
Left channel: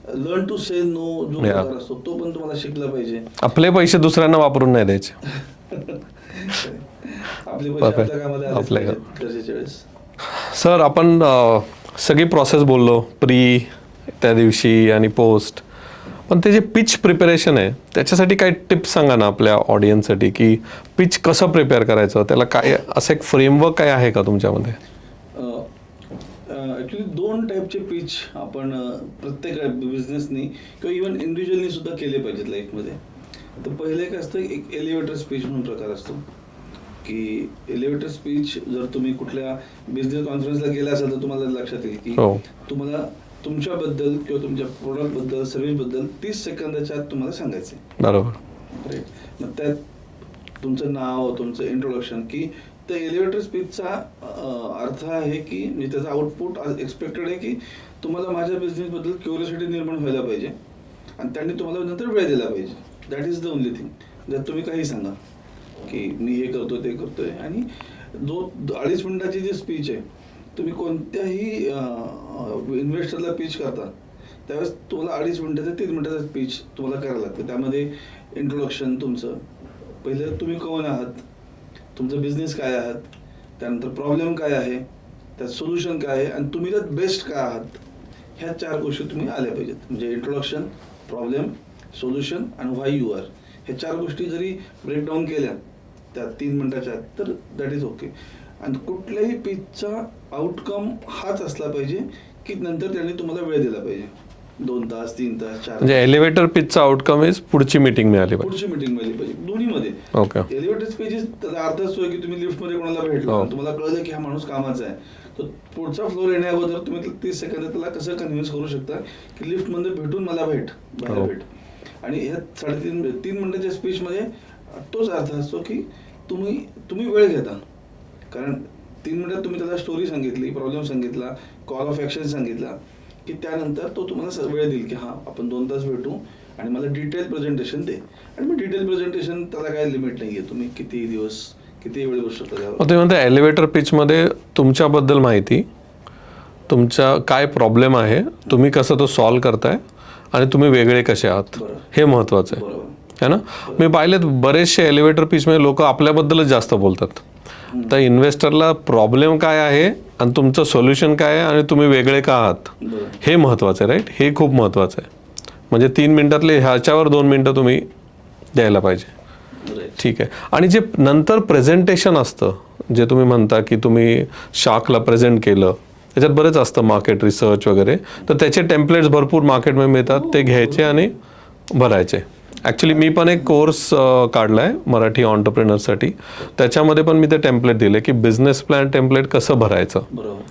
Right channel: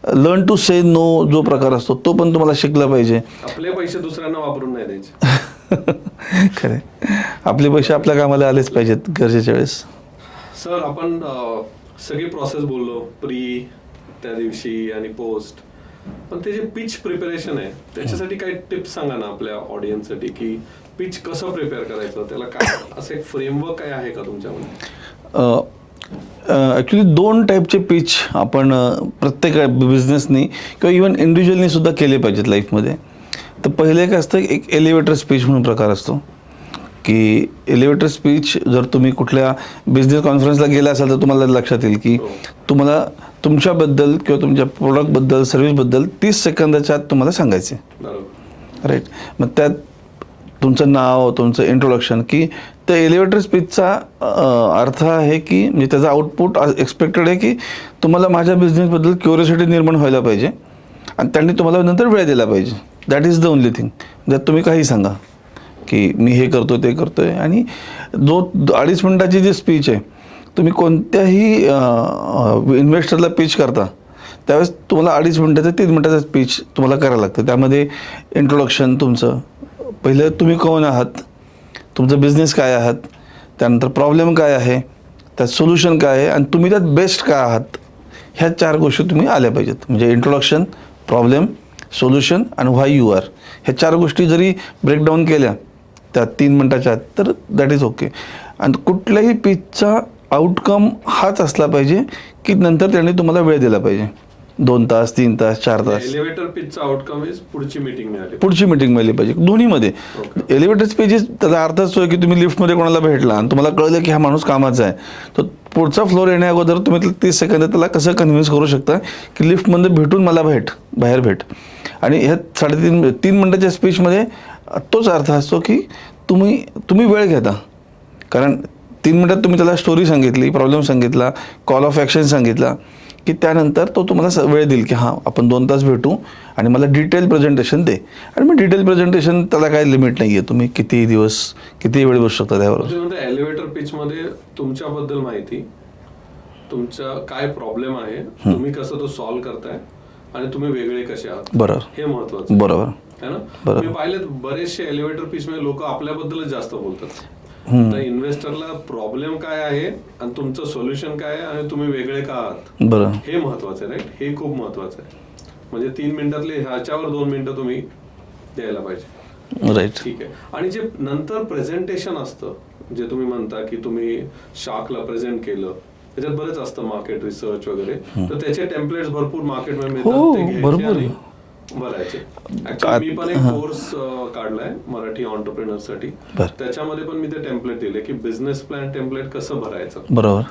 लर्न टू से नो जो प्रकार असतो तो पण तुम्हाला शिकला पाहिजे. आपले पैसे दुसऱ्यांना वापरून नाही द्यायचे. खरे, आपले पैसे आपल्या कामाला आलेच पाहिजेत गरजेच्या वेळेस. सर, आपण सगळी प्रोसेस बोललो, प्री, त्या दिवशी आणि पोस्ट, पण ते जे पिच प्रिपरेशन आहे त्याच्यासाठी काही टिप्स सांगा ना आपल्या ऑडियन्ससाठी, की पिच कसं प्रिपेअर करायचं, त्याला काय असं एक फ्रेमवर्क काय आहे का तुमच्यामध्ये? ॲक्च्युली 2 टाईपचे पिच आपण प्रत्येक बिझनेसनी किंवा इवन इंडिव्हिज्युअलनी सुद्धा केले पाहिजेत लाईफमध्ये. तर पहिले काय असतं, एक एलिव्हेटर स्पीच म्हणून प्रकार असतो, की एलिव्हेटर स्पीच जर तुम्ही कुठल्या बिझनेस कॉन्फरन्सला गेला असाल तर तुम्हाला लक्षात येईल की तुम्हाला तुमच्याबद्दल किंवा तुमच्या प्रोडक्टबद्दल, सर्व्हिसबद्दल 30 सेकंदाच्या आत तुम्हाला सांगायचे. बरोबर, राईट. मग त्यात तुमचं नाव, तुमचं इंट्रोडक्शन, की त्या एलिव्हेटर स्पीचचा अर्थ आहे की म्हणजे त्याचा आउटपुट एक्सपेक्टेड आहे की तुम्हाला माझ्या बिझनेसबद्दल क्युरिओसिटी निर्माण व्हायला पाहिजे आणि त्यांनी तुम्हाला नंतर वेळ दिला पाहिजे. That is the only thing. जर तुम्ही काही सांगा की मी हे करतो, ते करतोय, आणि जो 2.5 मिनिटाची जी स्पीच आहे, तुम्ही कोणत्याही इन्व्हेस्टरला पिच करता त्यावेळेस तुम्हाला 2.5 मिनिटाचं 3 मिनिटाचं स्पीच तुम्हाला करायला लागतं. त्यामध्ये इंट्रोडक्शन तुमचं, पहिलं तुम्ही कोण आहात, तुमचं बिझनेस काय आहात, त्यानंतर प्रॉब्लेम काय आहे, त्यात सोल्युशन काय आहे, आणि तुम्ही त्यात बेस्ट काय आहात, ह्या 4 गोष्टी तुम्ही आल्या पाहिजेत. म्हणजे इंट्रोडक्शन, प्रॉब्लेम, सोल्युशन आणि व्हाय यू आर, ह्या 4 गोष्टी जरी ब्रेकडाऊन केल्या त्या 3 मिनिटाच्या आत तर दॅट इज ओके. आणि कुठल्याही पिचचा आउटकम हाच असला पाहिजे की नंतर त्यांनी तुम्हाला वेळ दिला पाहिजे, 2 तास, 3 तास, 4 तास. एलिव्हेटर पिचचा आउटकम इज पुढची मीटिंग मिळाली, पुढची मीटिंग मिळाली पाहिजे दोन्हीमध्ये. एलिव्हेटर स्पीचेस त्याचा अर्थ असतो की तुम्ही लिफ्टमध्ये कोणाला भेटला आणि तुम्हाला कळलं की हा माणूस कामाचा आहे, तर पुढचा फ्लोर येण्या अगोदर तुम्ही 30 सेकंद त्याला कसं कन्व्हिन्स करू शकता की लिफ्टमध्ये भेटून मला बाहेर भेट. आणि ह्या 3.5 मिनिटाच्या स्पीचमध्ये तोच अर्थ असतो की तुम्ही वेळ घेता, कारण 3 मिनिटात तुम्ही त्याला स्टोरी सांगितली, प्रॉब्लेम सांगितला, कॉल ऑफ ॲक्शन सांगितला, की त्यानंतर तो तुम्हाला वेळ देईल की हां आपण 2 तास भेटू आणि मला डिटेल प्रेझेंटेशन दे. आणि मग डिटेल प्रेझेंटेशन त्याला काही लिमिट नाही आहे, तुम्ही किती दिवस किती वेळ बसू शकता त्यावर. तुम्ही म्हणता एलिव्हेटर पिचमध्ये तुमच्याबद्दल माहिती, तुमचा काय प्रॉब्लेम आहे, तुम्ही कसं तो सॉल्व्ह करताय आणि तुम्ही वेगळे कसे आहात, बरोबर, हे महत्वाचं. बरोबर है ना. मी पाहिलेत बरेचसे एलिव्हेटर पिचमध्ये लोक आपल्याबद्दलच जास्त बोलतात. तर इन्व्हेस्टरला प्रॉब्लेम काय आहे आणि तुमचं सोल्युशन काय आहे आणि तुम्ही वेगळे का आहात, बरोबर, हे महत्वाचं आहे. राईट, हे खूप महत्वाचं आहे. म्हणजे 3 मिनिटातले ह्याच्यावर 2 मिनिटं तुम्ही द्यायला पाहिजे. राईट, ठीक आहे. आणि जे नंतर प्रेझेंटेशन असतं, जे तुम्ही म्हणता की तुम्ही शाखला प्रेझेंट केलं, त्याच्यात बरेच असतं मार्केट रिसर्च वगैरे, तर त्याचे टेम्पलेट्स भरपूर मार्केटमध्ये मिळतात, ते घ्यायचे आणि भरायचे. ऍक्च्युली मी पण एक कोर्स काढलाय मराठी ऑन्टरप्रेनरसाठी, त्याच्यामध्ये पण मी ते टेम्पलेट दिले की बिझनेस प्लॅन टेम्पलेट कसं भरायचं. बरोबर.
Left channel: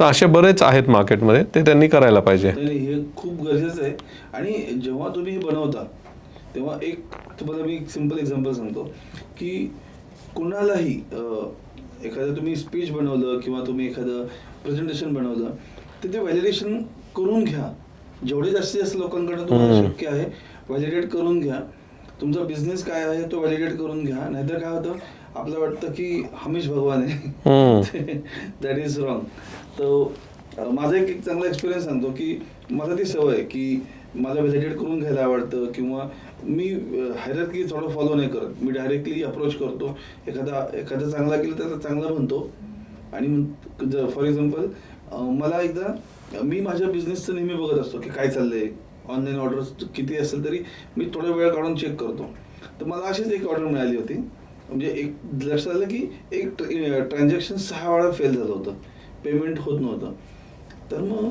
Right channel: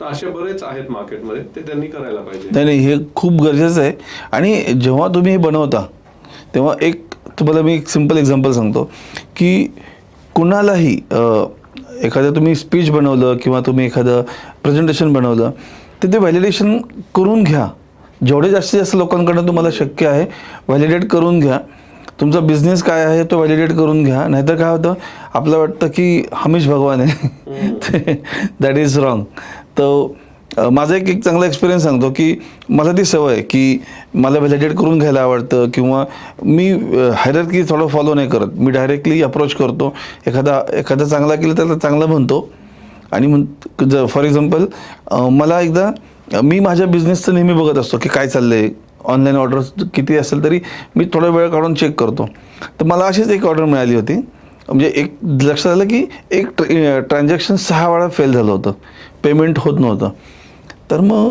तर असे बरेच आहेत मार्केटमध्ये, ते त्यांनी करायला पाहिजे. नाही, हे खूप गरजेचं आहे. आणि जेव्हा तुम्ही हे बनवता तेव्हा तुम्हाला मी एक सिम्पल एक्झाम्पल सांगतो की कुणालाही एखादं तुम्ही स्पीच बनवलं किंवा तुम्ही एखादं प्रेझेंटेशन बनवलं तर ते व्हॅलिडेशन करून घ्या. जेवढे जास्तीत जास्त लोकांकडनं तुम्हाला शक्य आहे व्हॅलिडेट करून घ्या. तुमचा बिझनेस काय आहे तो व्हॅलिडेट करून घ्या. नाहीतर काय होतं, आपलं वाटतं की हमीश भगवान आहे, दॅट इज रॉंग. तर माझा एक चांगला एक्सपिरियन्स सांगतो की मला ती सवय आहे की मला व्हॅलिडेट करून घ्यायला आवडतं, किंवा मी हायरार्की थोडं फॉलो नाही करत. मी डायरेक्टली अप्रोच करतो. एखादा चांगला केलं तर चांगलं म्हणतो. आणि फॉर एक्झाम्पल मला एकदा मी माझ्या बिझनेसचं नेहमी बघत असतो की काय चाललंय, ऑनलाईन ऑर्डर्स किती असेल तरी मी थोडा वेळ काढून चेक करतो. तर मला अशीच एक ऑर्डर मिळाली होती. म्हणजे एक लक्षात आलं की एक ट्रान्झॅक्शन 6 वेळा फेल झालं होतं, पेमेंट होत नव्हतं. तर मग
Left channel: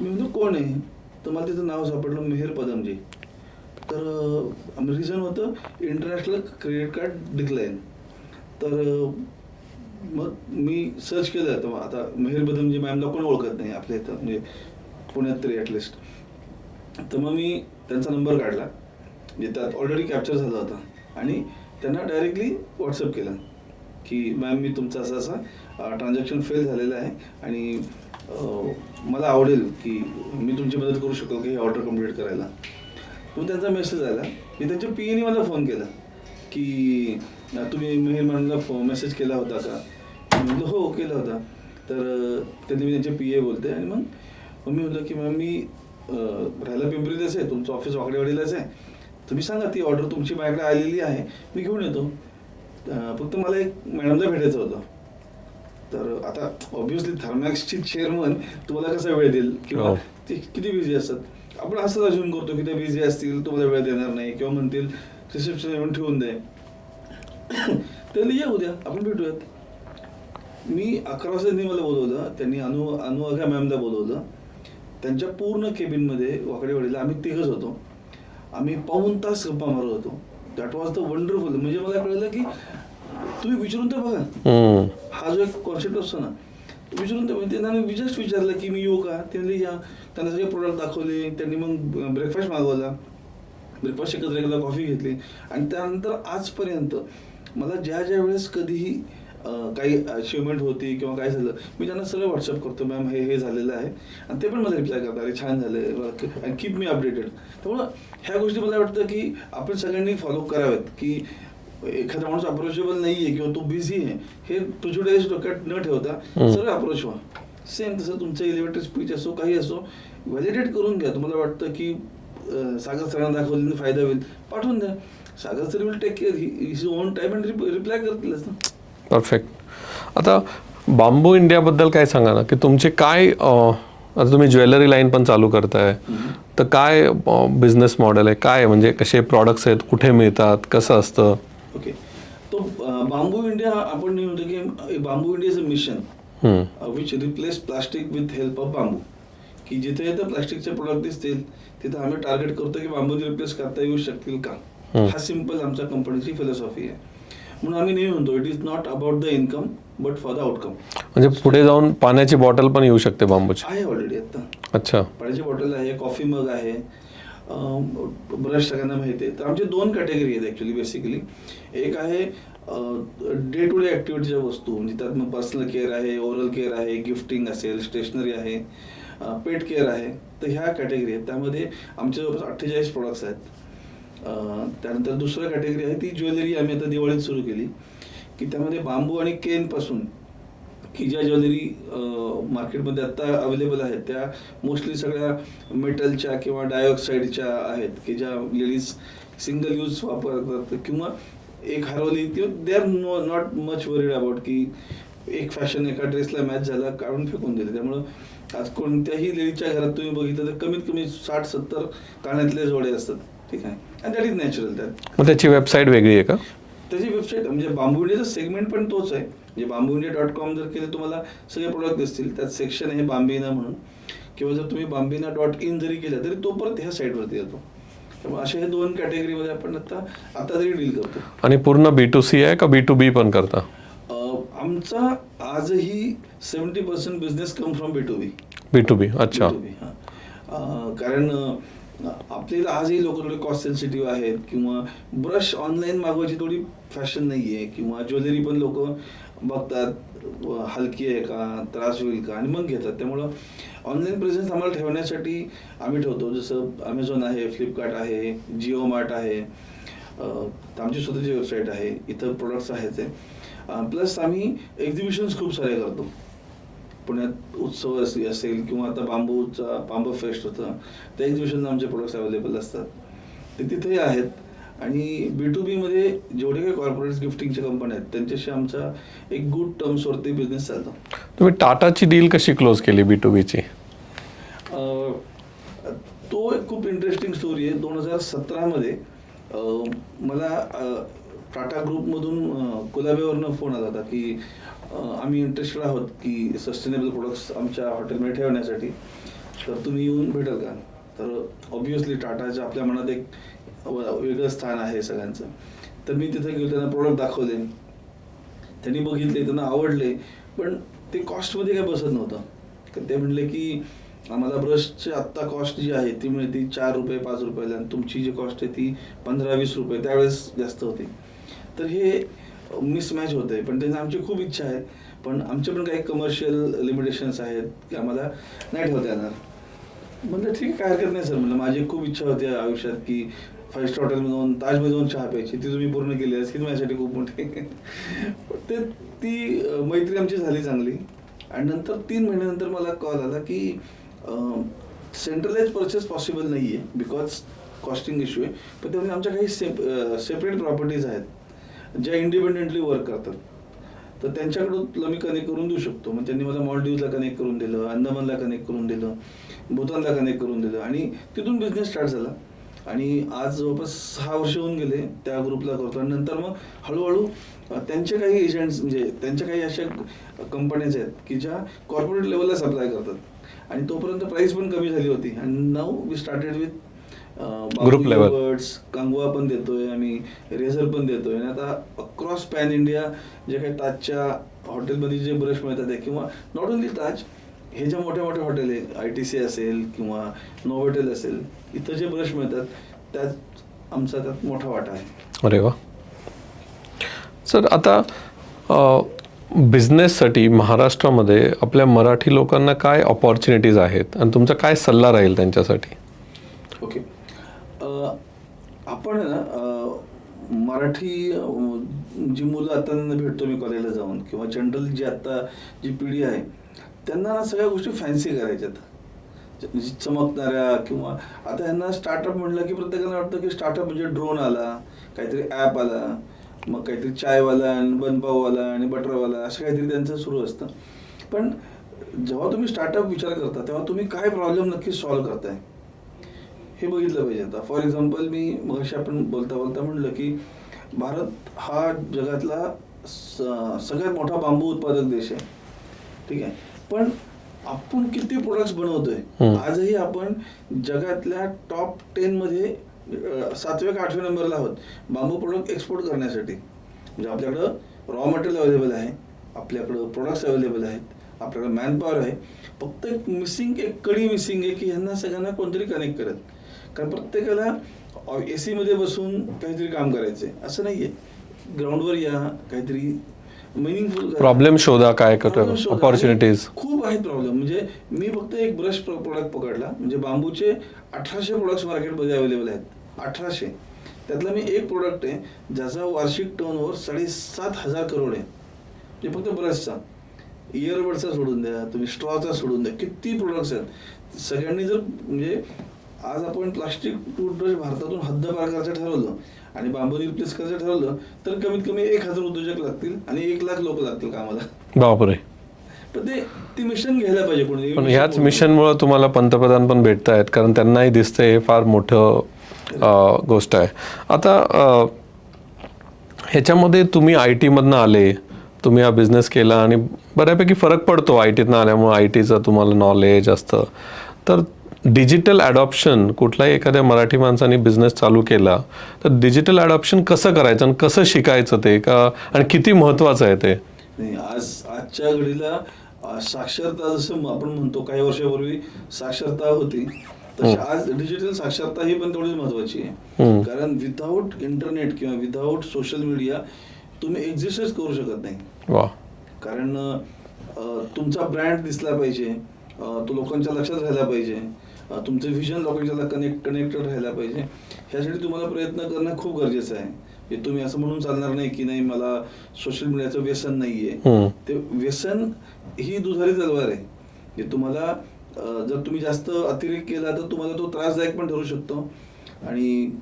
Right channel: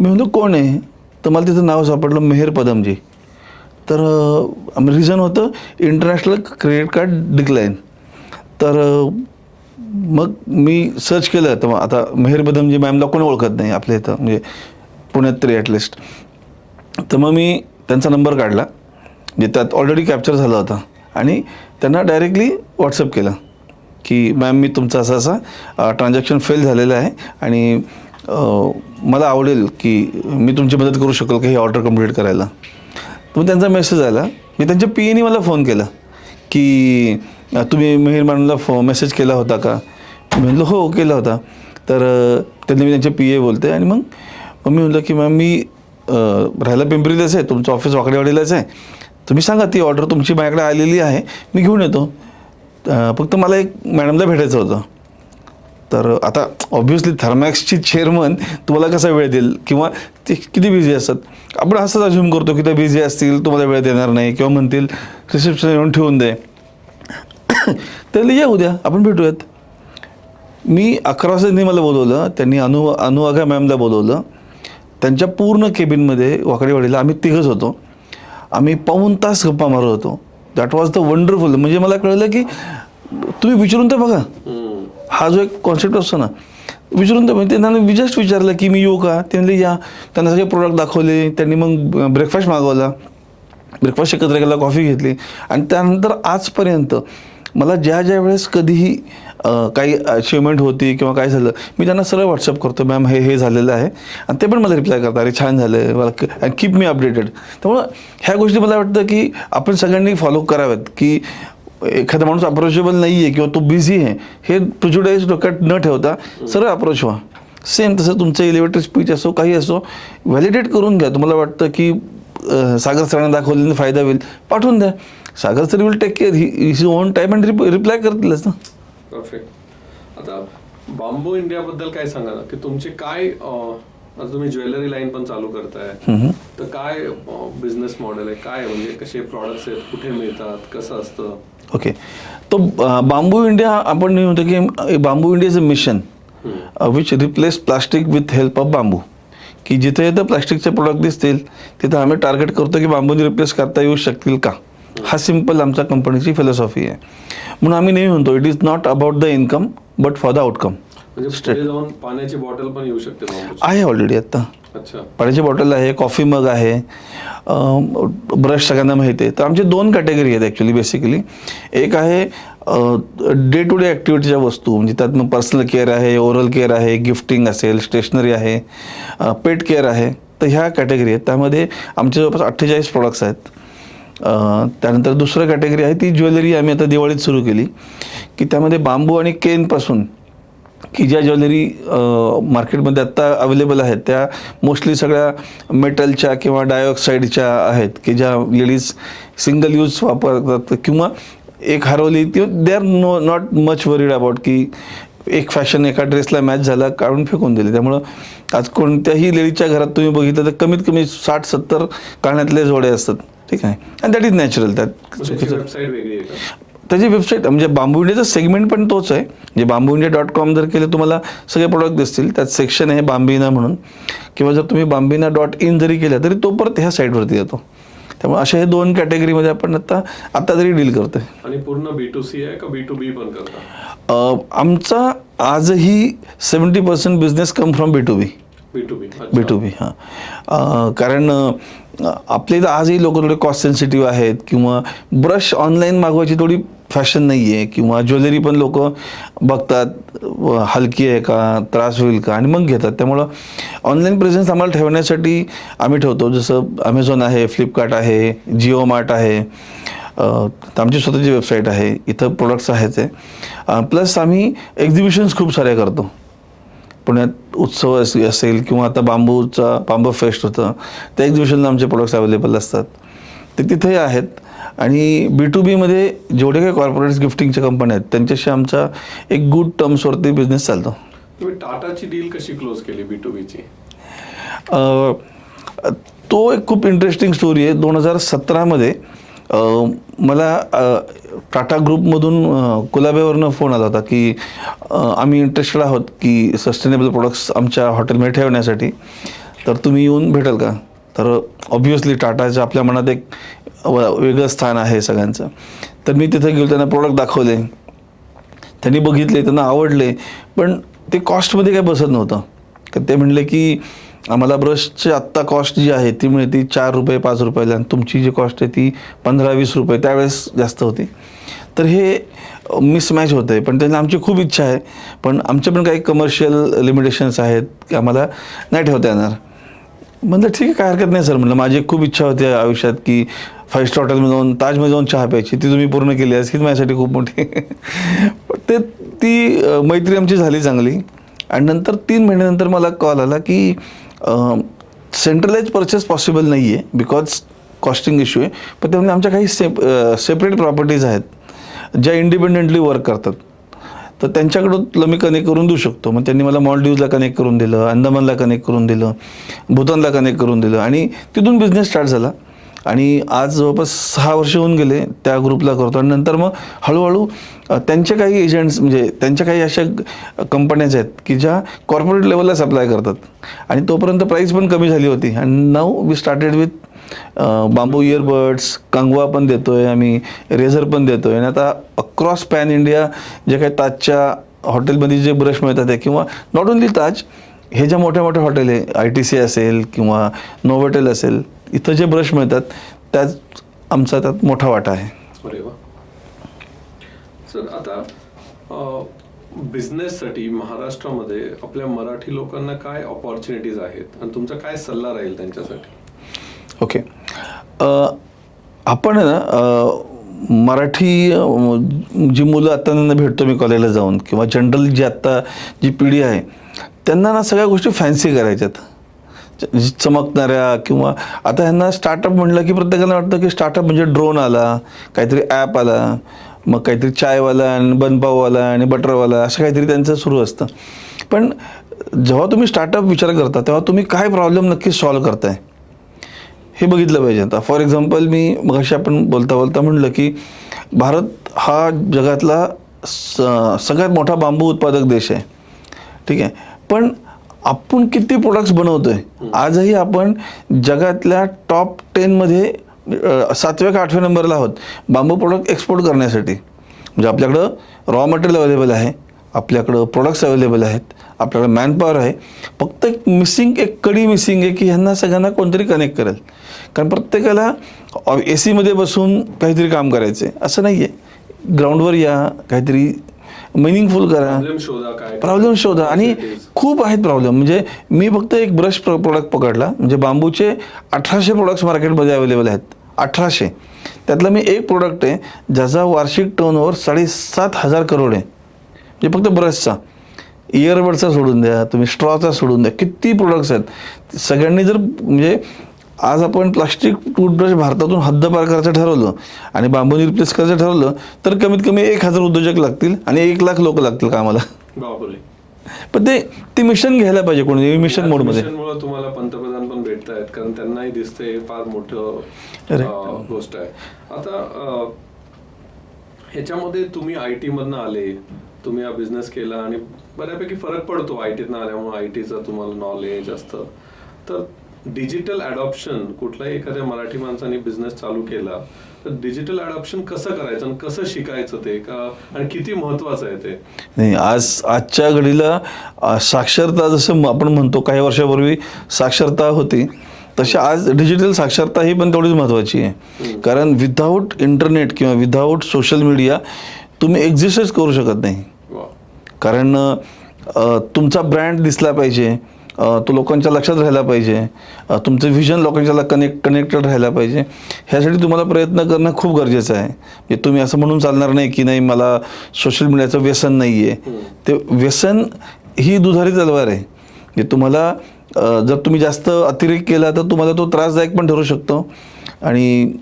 मी म्हणतो कोण आहे, तर मला तिचं नाव सापडलं, मेहर पदमजी. तर रिझन होतं इंटरनॅशनल क्रेडिट कार्ड डिक्लाइन. तर मग मी सर्च केलं, तर आता मेहर पदमजी मॅमला कोणी ओळखत नाही आपल्या इथं, म्हणजे पुण्यात तरी ॲटलिस्ट. तर मग मी त्यांचा नंबर काढला, जे त्यात ऑलरेडी कॅप्चर झाला होता, आणि त्यांना डायरेक्टली व्हॉट्सअप केलं की मॅम मी तुमचा असा ट्रान्झॅक्शन फेल झालेलं आहे आणि मला आवडेल की मी तुमची मदत करू शकेल की हे ऑर्डर कंप्लीट करायला. मग त्यांचा मेसेज आला मी त्यांच्या पीएनी मला फोन केला की तुम्ही मिहीर मॅडमला मेसेज केला होता का? मी म्हटलं हो केला होता. तर त्यांनी मी त्यांचे पी ए बोलते आणि मग मी म्हटलं की मॅम मी राहायला पिंपरीलाच आहे, तुमचं ऑफिस वाकडेवाडीलाच आहे, तुम्ही सांगा ती ऑर्डर तुमची माझ्याकडे आलेली आहे, मी घेऊन येतो. फक्त मला एक मॅडमला भेटायचं होतं. तर आता ऑब्व्हियसली थर्मॅक्सची चेअरमन तुम्हाला कसा वेळ देईल किंवा ते किती बिझी असतात. आपण असंच अज्युम करतो की ते बिझी असतील, तुम्हाला वेळ देणार नाही किंवा म्हणतील रिसेप्शन येऊन ठेवून दे. त्याला या उद्या आपण भेटूयात. मी 11 वाजता त्यांनी मला बोलवलं, त्यांनी अनुवाघा मॅमला बोलवलं. त्यांच्या पूर्ण केबिनमध्ये वाकडेवाडीला आम्ही तिघंच होतो. आम्ही पाऊण तास गप्पा मारत होतो. That was the wonderful. म्हणजे मला कळलं की तुम्ही विचारून तर बघा, हा जो एक कॉन्सेप्ट असतो ना, विचारून तर म्हणजे त्यांना मी जस्ट विचारलं की मी येऊ का? ते म्हणले या. त्यांना सगळे प्रोडक्ट दाखवले. त्यांनी मग ब्रेकफास्ट मागवला, ब्रेकफास्ट एकत्र केला, कॉफी घेतली आणि त्यानंतर आजपर्यंत मला ज्या वेळेस कधीही काही अचिव्हमेंट होती किंवा काय झालं, मी त्यांना सरळ व्हॉट्सअप करतो, मॅम हे झालेलं आहे, आणि ते पण मला रिप्लाय करतात, अरे छान झालं मला, कीप मी अपडेटेड. त्यामुळं ह्या गोष्टी मला वाटतं की आपण सगळ्यांनी फॉलो कराव्यात की एखादा माणूस अप्रोचेबल नाही आहे किंवा तो बिझी आहे हे प्रिज्युडाइज डोक्यात न ठेवता सरळ अप्रोच व्हा. सेम तसं तुमचं एलिव्हेटर स्पीच असो काही असो, व्हॅलिडेट करून घ्या. तुम्हाला वाटतं की सागर सरांना दाखवलेला फायदा होईल, पाठवून द्या. Sagar sir will take care, he own time and reply करतीलच ना. परफेक्ट. आता बांबू इंडियाबद्दल काय सांगा ना, की तुमचे काय आता तुम्ही ज्वेलरी लाईन पण चालू करताय, तर काय बिझनेस मॉडेल आहे, काय म्हणजे कसे प्रॉडक्ट्स आहेत, कुठे मिळतात, कसं असतं? ओके, तो बांबू इंडिया आपण नाही होतं की Bamboo India is a mission which replace plastic with help of bamboo. की जिथे जिथे प्लास्टिकचे प्रोडक्ट दिसतील तिथं आम्ही टार्गेट करतो की बांबूने रिप्लेस करता येऊ शकतील का. हा सिम्पल आमच्या कंपनीची फिलॉसॉफी आहे. म्हणून आम्ही नाही म्हणतो it is not about the income but for the outcome. म्हणजे पुढे जाऊन पाण्याची बॉटल पण येऊ शकते बांबूची? आहे ऑलरेडी आता. अच्छा. पाण्याची बॉटल आहे, कॉफी मग आहे, ब्रश सगळ्यांना माहिती आहे. तर आमची 2 कॅटेगरी आहेत ॲक्च्युली बेसिकली. एक आहे डे टू डे ॲक्टिव्हिटीच्या वस्तू, म्हणजे त्यात मग पर्सनल केअर आहे, ओरल केअर आहे, गिफ्टिंग असेल, स्टेशनरी आहे, पेट केअर आहे. तर ह्या कॅटेगरी आहेत. त्यामध्ये आमचे जवळपास 48 प्रोडक्ट्स आहेत. त्यानंतर दुसरं कॅटेगरी आहे ती ज्वेलरी. आम्ही आता दिवाळीत सुरू केली की त्यामध्ये बांबू आणि केनपासून की ज्या ज्वेलरी मार्केटमध्ये आत्ता अवेलेबल आहेत त्या मोस्टली सगळ्या मेटलच्या किंवा डायऑक्साईडच्या आहेत की ज्या लेडीज सिंगल यूज वापरतात किंवा एक हरवली ती they are not much worried about की एक फॅशन एका ड्रेसला मॅच झाला काढून फेकून दिली. त्यामुळं आज कोणत्याही लेडीजच्या घरात तुम्ही बघितलं तर कमीत कमी 60-70 कानातले जोडे असतात. ठीक आहे, आणि दॅट इज नॅचरल. त्याची वेबसाईट वेगळी आहे का? त्याची वेबसाईट म्हणजे बांबू इंडियाचा सेगमेंट पण तोच आहे. म्हणजे बांबूइंडिया.com जर केलं तुम्हाला सगळे प्रोडक्ट दिसतील. त्यात सेक्शन आहे बांबिना म्हणून, किंवा जर तुम्ही बांबिना.in जरी केलं तरी तो परत ह्या साईटवरती येतो. त्यामुळे अशा हे 2 कॅटेगरीमध्ये आपण आता तरी डील करतो. आणि पूर्ण B2C आहे का B2B पण करता? आमचा आजही 70% business come from B2B. B2B. हां. कारण आपल्या इथं आजही लोक थोडे कॉस्ट सेन्सिटिव्ह आहेत किंवा ब्रश ऑनलाईन मागवायची थोडी फॅशन नाही आहे किंवा ज्वेलरी पण लोक बघतात हलकी आहे का, त्रास होईल का, आणि मग घेतात. त्यामुळं ऑनलाईन प्रेझेन्स आम्हाला ठेवण्यासाठी आम्ही ठेवतो. जसं अमेझॉन आहे, फ्लिपकार्ट आहे, जिओ मार्ट आहे, आमची स्वतःची वेबसाईट आहे, इथं प्रोडक्ट्स आहेत. प्लस आम्ही एक्झिबिशन्स खूप साऱ्या करतो. पुण्यात उत्सव असेल किंवा आता बांबू फेस्ट होतं, त्या एक्झिबिशनला आमचे प्रोडक्ट्स अवेलेबल असतात, ते तिथेही आहेत. आणि B2Bमध्ये जेवढे काही कॉर्पोरेट्स गिफ्टिंगच्या कंपन्या आहेत त्यांच्याशी आमचा एक गुड टर्म्सवरती बिझनेस चालतो. तुम्ही टाटाची डील कशी क्लोज केली B2Bची? तो एक खूप इंटरेस्टिंग स्टोरी आहे. 2017मध्ये मला टाटा ग्रुपमधून कुलाब्यावरनं फोन आला होता की आम्ही इंटरेस्टेड आहोत की सस्टेनेबल प्रोडक्ट्स आमच्या हॉटेलमध्ये ठेवण्यासाठी, तर तुम्ही येऊन भेटाल का? तर ऑब्व्हियसली टाटाचं आपल्या मनात एक वेगळं स्थान आहे सगळ्यांचं. तर मी तिथे गेलो, त्यांना प्रोडक्ट दाखवले, त्यांनी बघितले, त्यांना आवडले, पण ते कॉस्टमध्ये काय बसत नव्हतं. तर ते म्हणले की आम्हाला ब्रशची आत्ता कॉस्ट जी आहे ती मिळते ₹4-5 आणि तुमची जी कॉस्ट आहे ती ₹15-20 त्यावेळेस जास्त होती. तर हे मिसमॅच होतं आहे. पण त्यांना आमची खूप इच्छा आहे, पण आमचे पण काही कमर्शियल लिमिटेशन्स आहेत की आम्हाला नाही ठेवता येणार. म्हणलं ठीक आहे, काय हरकत नाही सर. म्हणलं माझी खूप इच्छा होती आयुष्यात की 5 स्टार हॉटेलमध्ये जाऊन ताजमध्ये जाऊन चहा प्यायची, ती तुम्ही पूर्ण केली हीच माझ्यासाठी खूप मोठी पण ती मैत्री आमची झाली चांगली. आणि नंतर 3 महिन्यानंतर मला कॉल आला की सेंट्रलाइज परचेस पॉसिबल नाही आहे बिकॉज कॉस्टिंग इश्यू आहे. पण त्यामुळे आमच्या काही सेपरेट प्रॉपर्टीज आहेत ज्या इंडिपेंडेंटली वर्क करतात, तर त्यांच्याकडून तुला मी कनेक्ट करून देऊ शकतो. मग त्यांनी मला मॉलडीव्जला कनेक्ट करून दिलं, अंदमानला कनेक्ट करून दिलं, भूतानला कनेक्ट करून दिलं आणि तिथून बिझनेस स्टार्ट झाला. आणि आज जवळपास 6 वर्ष होऊन गेले त्या ग्रुपला करतो. आणि नंतर मग हळूहळू त्यांचे काही एजंट्स म्हणजे त्यांच्या काही अशा कंपन्याज आहेत की ज्या कॉर्पोरेट लेवलला सप्लाय करतात आणि तोपर्यंत प्राईस पण कमी झाली होती. आणि now we started with bamboo earbuds, कंगवा पण देतोय आम्ही, रेझर पण देतोय. आणि आता अक्रॉस पॅन इंडिया जे काही ताजच्या हॉटेलमध्ये जे ब्रश मिळतात आहे किंवा नॉट ओन्ली ताज, हे ज्या मोठ्या मोठ्या हॉटेल आहे ITC असेल किंवा नोव्होटेल असेल, इथं जे ब्रश मिळतात त्यात आमचा त्यात मोठा वाटा आहे. अरे वा. सर आता बिझनेससाठी महाराष्ट्रामध्ये आपल्या मराठी लोकांना काय ऑपॉर्च्युनिटीज आहेत आणि तुमचा काय सल्ला राहील त्यांच्यासाठी? ओके, आपण ना मराठी जी मुलं आता त्यांना भेटतो मी कॉलेजला जाऊन किंवा जनरल जी आत्ता जी पिढी आहे त्यांना ना सगळ्या गोष्टी फॅन्सी करायच्यात, चमकणाऱ्या. किंवा आता ह्यांना स्टार्टअप म्हटलं की प्रत्येकाला वाटतं की स्टार्टअप म्हणजे ड्रोन आला, काहीतरी ॲप आला, मग काहीतरी चायवाला आणि बनपाववाला आणि बटरवाला असं काहीतरी त्यांचं सुरू असतं. पण जेव्हा तुम्ही स्टार्टअप विचार करता तेव्हा तुम्ही काय प्रॉब्लेम नक्की सॉल्व्ह करताय हे बघितलं पाहिजे. आता फॉर एक्झाम्पल मी मगाशी आपण बोलता बोलता म्हणलं की भारत हा जगातला सगळ्यात मोठा बांबू उत्पादक देश आहे, ठीक आहे. पण आपण किती प्रोडक्ट्स बनवतोय? आजही आपण जगातल्या टॉप 10 मध्ये 7व्या का 8व्या नंबरला आहोत बांबू प्रोडक्ट एक्सपोर्ट करण्यासाठी. म्हणजे आपल्याकडं रॉ मटेरियल अवेलेबल आहे, आपल्याकडं प्रोडक्ट्स अवेलेबल आहेत, आपल्याकडे मॅनपॉवर आहे. फक्त एक कडी मिसिंग आहे की ह्यांना सगळ्यांना कोणतरी कनेक्ट करेल. कारण प्रत्येकाला AC मध्ये बसून काहीतरी काम करायचं आहे असं नाही आहे. ग्राउंडवर या, काहीतरी मिनिंगफुल करा, प्रॉब्लेम शोधा, काय प्रॉब्लेम शोधा. आणि खूप आहेत प्रॉब्लेम. म्हणजे मी फक्त एक ब्रश प्रोडक्ट पकडला, म्हणजे बांबूचे 1800 प्रोडक्ट्स मार्केटमध्ये अवेलेबल आहेत, 1800. त्यातला मी एक प्रोडक्ट आहे ज्याचा वार्षिक टर्नओव्हर 7,500 करोड आहे, म्हणजे फक्त ब्रशचा. इयरबडचा सोडून द्या, तुम्ही स्ट्रॉचा सोडून द्या, किती प्रोडक्ट्स आहेत. सगळ्यांनी जर म्हणजे आज आपण प्लास्टिक टूथब्रश भारतातून हद्दपार करायचं ठरवलं आणि बांबूने रिप्लेस करायचं ठरवलं तर कमीत कमी 1000 उद्योजक लागतील आणि 1,00,000 लोक लागतील कामाला. बापरे. पण ते मिशन घ्यायला पाहिजे कोणी. मिशनमुळे तुम्हाला पंतप्रधान पण भेटत आहेत कारण त्यांनाही दिसतंय हे फार मोठं गोष्ट आहे. आता ह्याच्यामध्ये तुम्ही IT मधनं आले, तुम्ही हा बिझनेस केला आणि बऱ्यापैकी फरक पडतो ITतनं आल्यामुळे. ITचं तुम्हाला नॉलेज असतं. तर डिजिटल ॲडॉप्शन कुठलाही एखाद्या मराठी माणसाने बिझनेस चालू केला तर डिजिटल ॲडॉप्शन कसं करायचं आणि कसं शिकायचं ते का आणि किती महत्त्वाचं आहे ते? नाही, आजच्या घडीला साक्षरता जसं आपण म्हणतो काही वर्षापूर्वी साक्षरता होती तशी आज डिजिटल साक्षरता ही पण तेवढीच महत्त्वाची आहे. कारण विदाऊट इंटरनेट किंवा विदाऊट सोशल मीडिया तुम्ही एक्झिस्टच करू शकत नाही. वा. कारण तुमचा ब्रँड दिसला पाहिजे, तो लोकांच्या लक्षात राहायला पाहिजे, तुमचं व्हिजन लोकांच्या कनेक्टेड राहायला पाहिजे. ह्यासाठी तुम्हाला प्रयत्न करणं खूप गरजेचं आहे. म्हणजे तुम्ही असं म्हणून चालणार नाही की नाही मला सोशल मीडियाचं व्यसन नाही आहे. ते व्यसन ही दुधारी तलवार आहे. म्हणजे तुम्हाला जर तुम्ही जास्त अतिरेक केला तर तुम्हाला तो त्रासदायक पण ठरू शकतो. आणि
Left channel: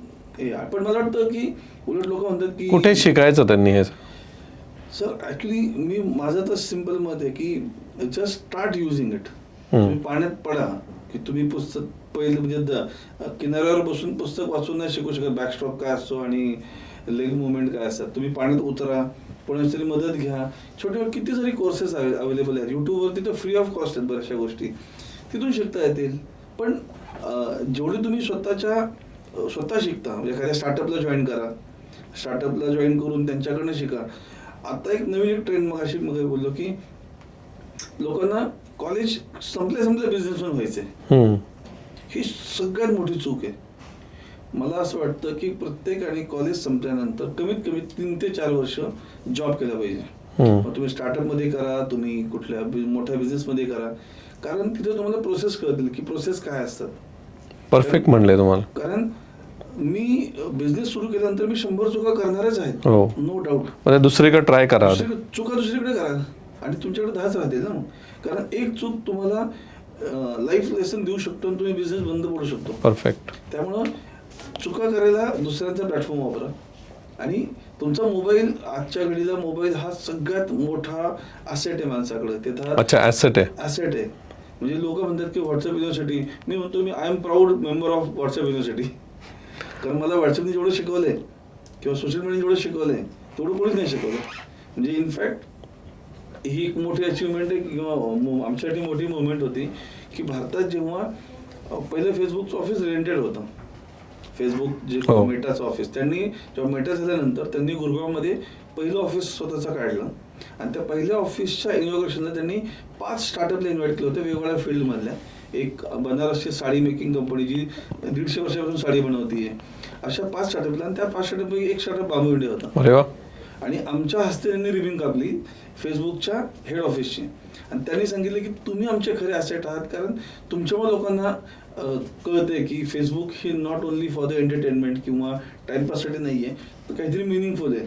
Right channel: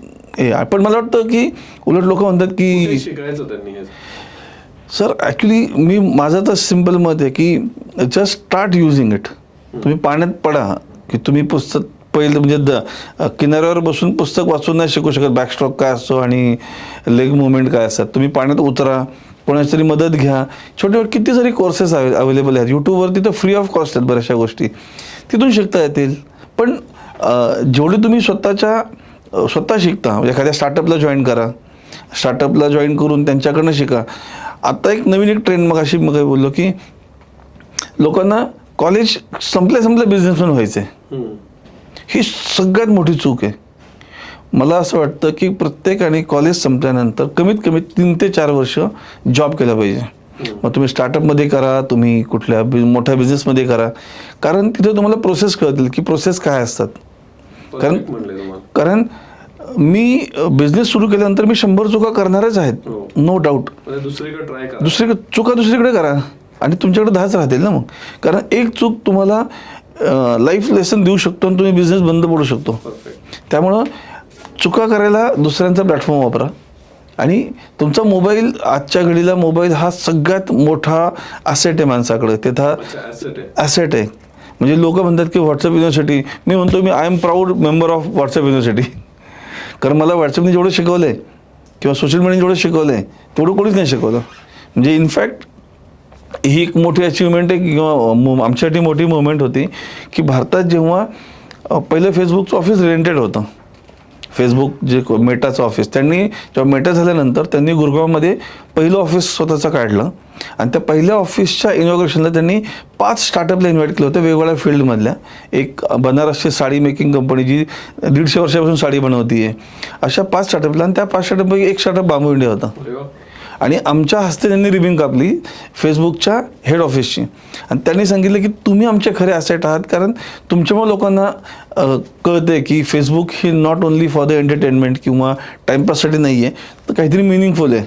पण मला वाटतं की उलट लोक म्हणतात की कुठे शिकायचं त्यांनी हे? सर ॲक्च्युली माझं तर सिम्पल मत आहे की जस्ट स्टार्ट युजिंग इट. तुम्ही पाण्यात पडा की तुम्ही पुस्तक पहिलं म्हणजे किनाऱ्यावर बसून पुस्तक वाचून नाही शिकू शकत बॅकस्ट्रोक काय असतो आणि लेग मुवमेंट काय असतात. तुम्ही पाण्यात उतरा, कोणाची तरी मदत घ्या. छोटे किती सारी कोर्सेस अवेलेबल आहेत यूट्यूबवरती, तर फ्री ऑफ कॉस्ट आहेत बऱ्याचशा गोष्टी, तिथून शिकता येतील. पण जेवढे तुम्ही स्वतः शिकता म्हणजे एखाद्या स्टार्टअपला जॉईन करा, स्टार्टअपला जॉईन करून त्यांच्याकडनं शिका. आता एक नवीन एक ट्रेंड मग बोललो की लोकांना कॉलेज संपल्या बिझनेसमॅन व्हायचं आहे. ही सगळ्यात मोठी चूक आहे. मला असं वाटतं की प्रत्येकाने कॉलेज संपल्यानंतर कमीत कमी 3 ते 4 वर्ष जॉब केला पाहिजे. मग तुम्ही स्टार्टअपमध्ये करा, तुम्ही कुठल्या मोठ्या बिझनेसमध्ये करा, कारण तिथे तुम्हाला प्रोसेस कळतील की प्रोसेस काय असतात. परफेक्ट म्हणले तुम्हाला. कारण मी बिझनेस सुरू केल्यानंतर मी 100 चुका करणारच आहेत, हो. No doubt. म्हणजे दुसरीकडे ट्राय करा. चुका दुसरीकडे करा आणि तुमच्याकडे 10च राहतील ना मग. कारण एक चूक तुम्हाला लाईफ लेसन देऊ शकतो आणि तुम्ही बिझनेस बंद पडू शकतो. परफेक्ट. त्यामुळं चुका करायला दुसऱ्यांचा प्लॅटफॉर्म वापरा. आणि तुमचा मोबाईल, आजच्या घडीला मोबाईल हा सगळ्यात मोठा ॲसेट आहे माणसाकडे. अच्छा, ॲसेट आहे. ॲसेट आहे. म्हणजे लोक म्हणतात की व्हॉट्सअप युनिव्हर्सिटी, मी म्हणतो मी I am proud member of WhatsApp university. कारण मला व्हॉट्सअपने जेवढं शिकवलं आहे किंवा सोशल मीडियाने जेवढं शिकवलं आहे तेवढं कोणीच नाही शिकवलं. म्हणजे इनफॅक्ट ही एक मोठी अचिव्हमेंट आहे किंवा आमच्यासाठी मोठी मुवमेंट होती की भारतात जेव्हा पहिलं फेसबुकचं ऑफिस रेंटेड होतं, फेसबुक जे मेटाचं ऑफिस, त्यांनी जेव्हा मेटा झाल्यानंतर त्यांनी गुरगावमध्ये पहिलं ऑफिस स्वतःचं काढलं आणि त्या पहिल्या ऑफिसच्या इनॉग्रेशनला त्यांनी 5 स्टार्टअपला इन्व्हाइट केलं होतं वेगवेगळ्या फील्डमधल्या. एक बनारसची साडी मेकिंग कंपनी जी 150 वर्षापासून साडी बनवती आहे, अशा 5 स्टार्टअपला. आणि त्या 5 स्टार्टअपपैकी एक स्टार्टअप बांबू इंडिया होता. अरे वा. आणि आमच्या हस्ते त्यांनी रिबिन कापली फेसबुकच्या हेड ऑफिसची आणि त्यांनी सांगितलं की तुम्ही आमचे खरे ॲसेट आहात, कारण तुमच्यामुळे लोकांना कळते की Facebook he not only for the entertainment किंवा टाईमपाससाठी नाही आहे, तर काहीतरी मिनिंगफुल आहे.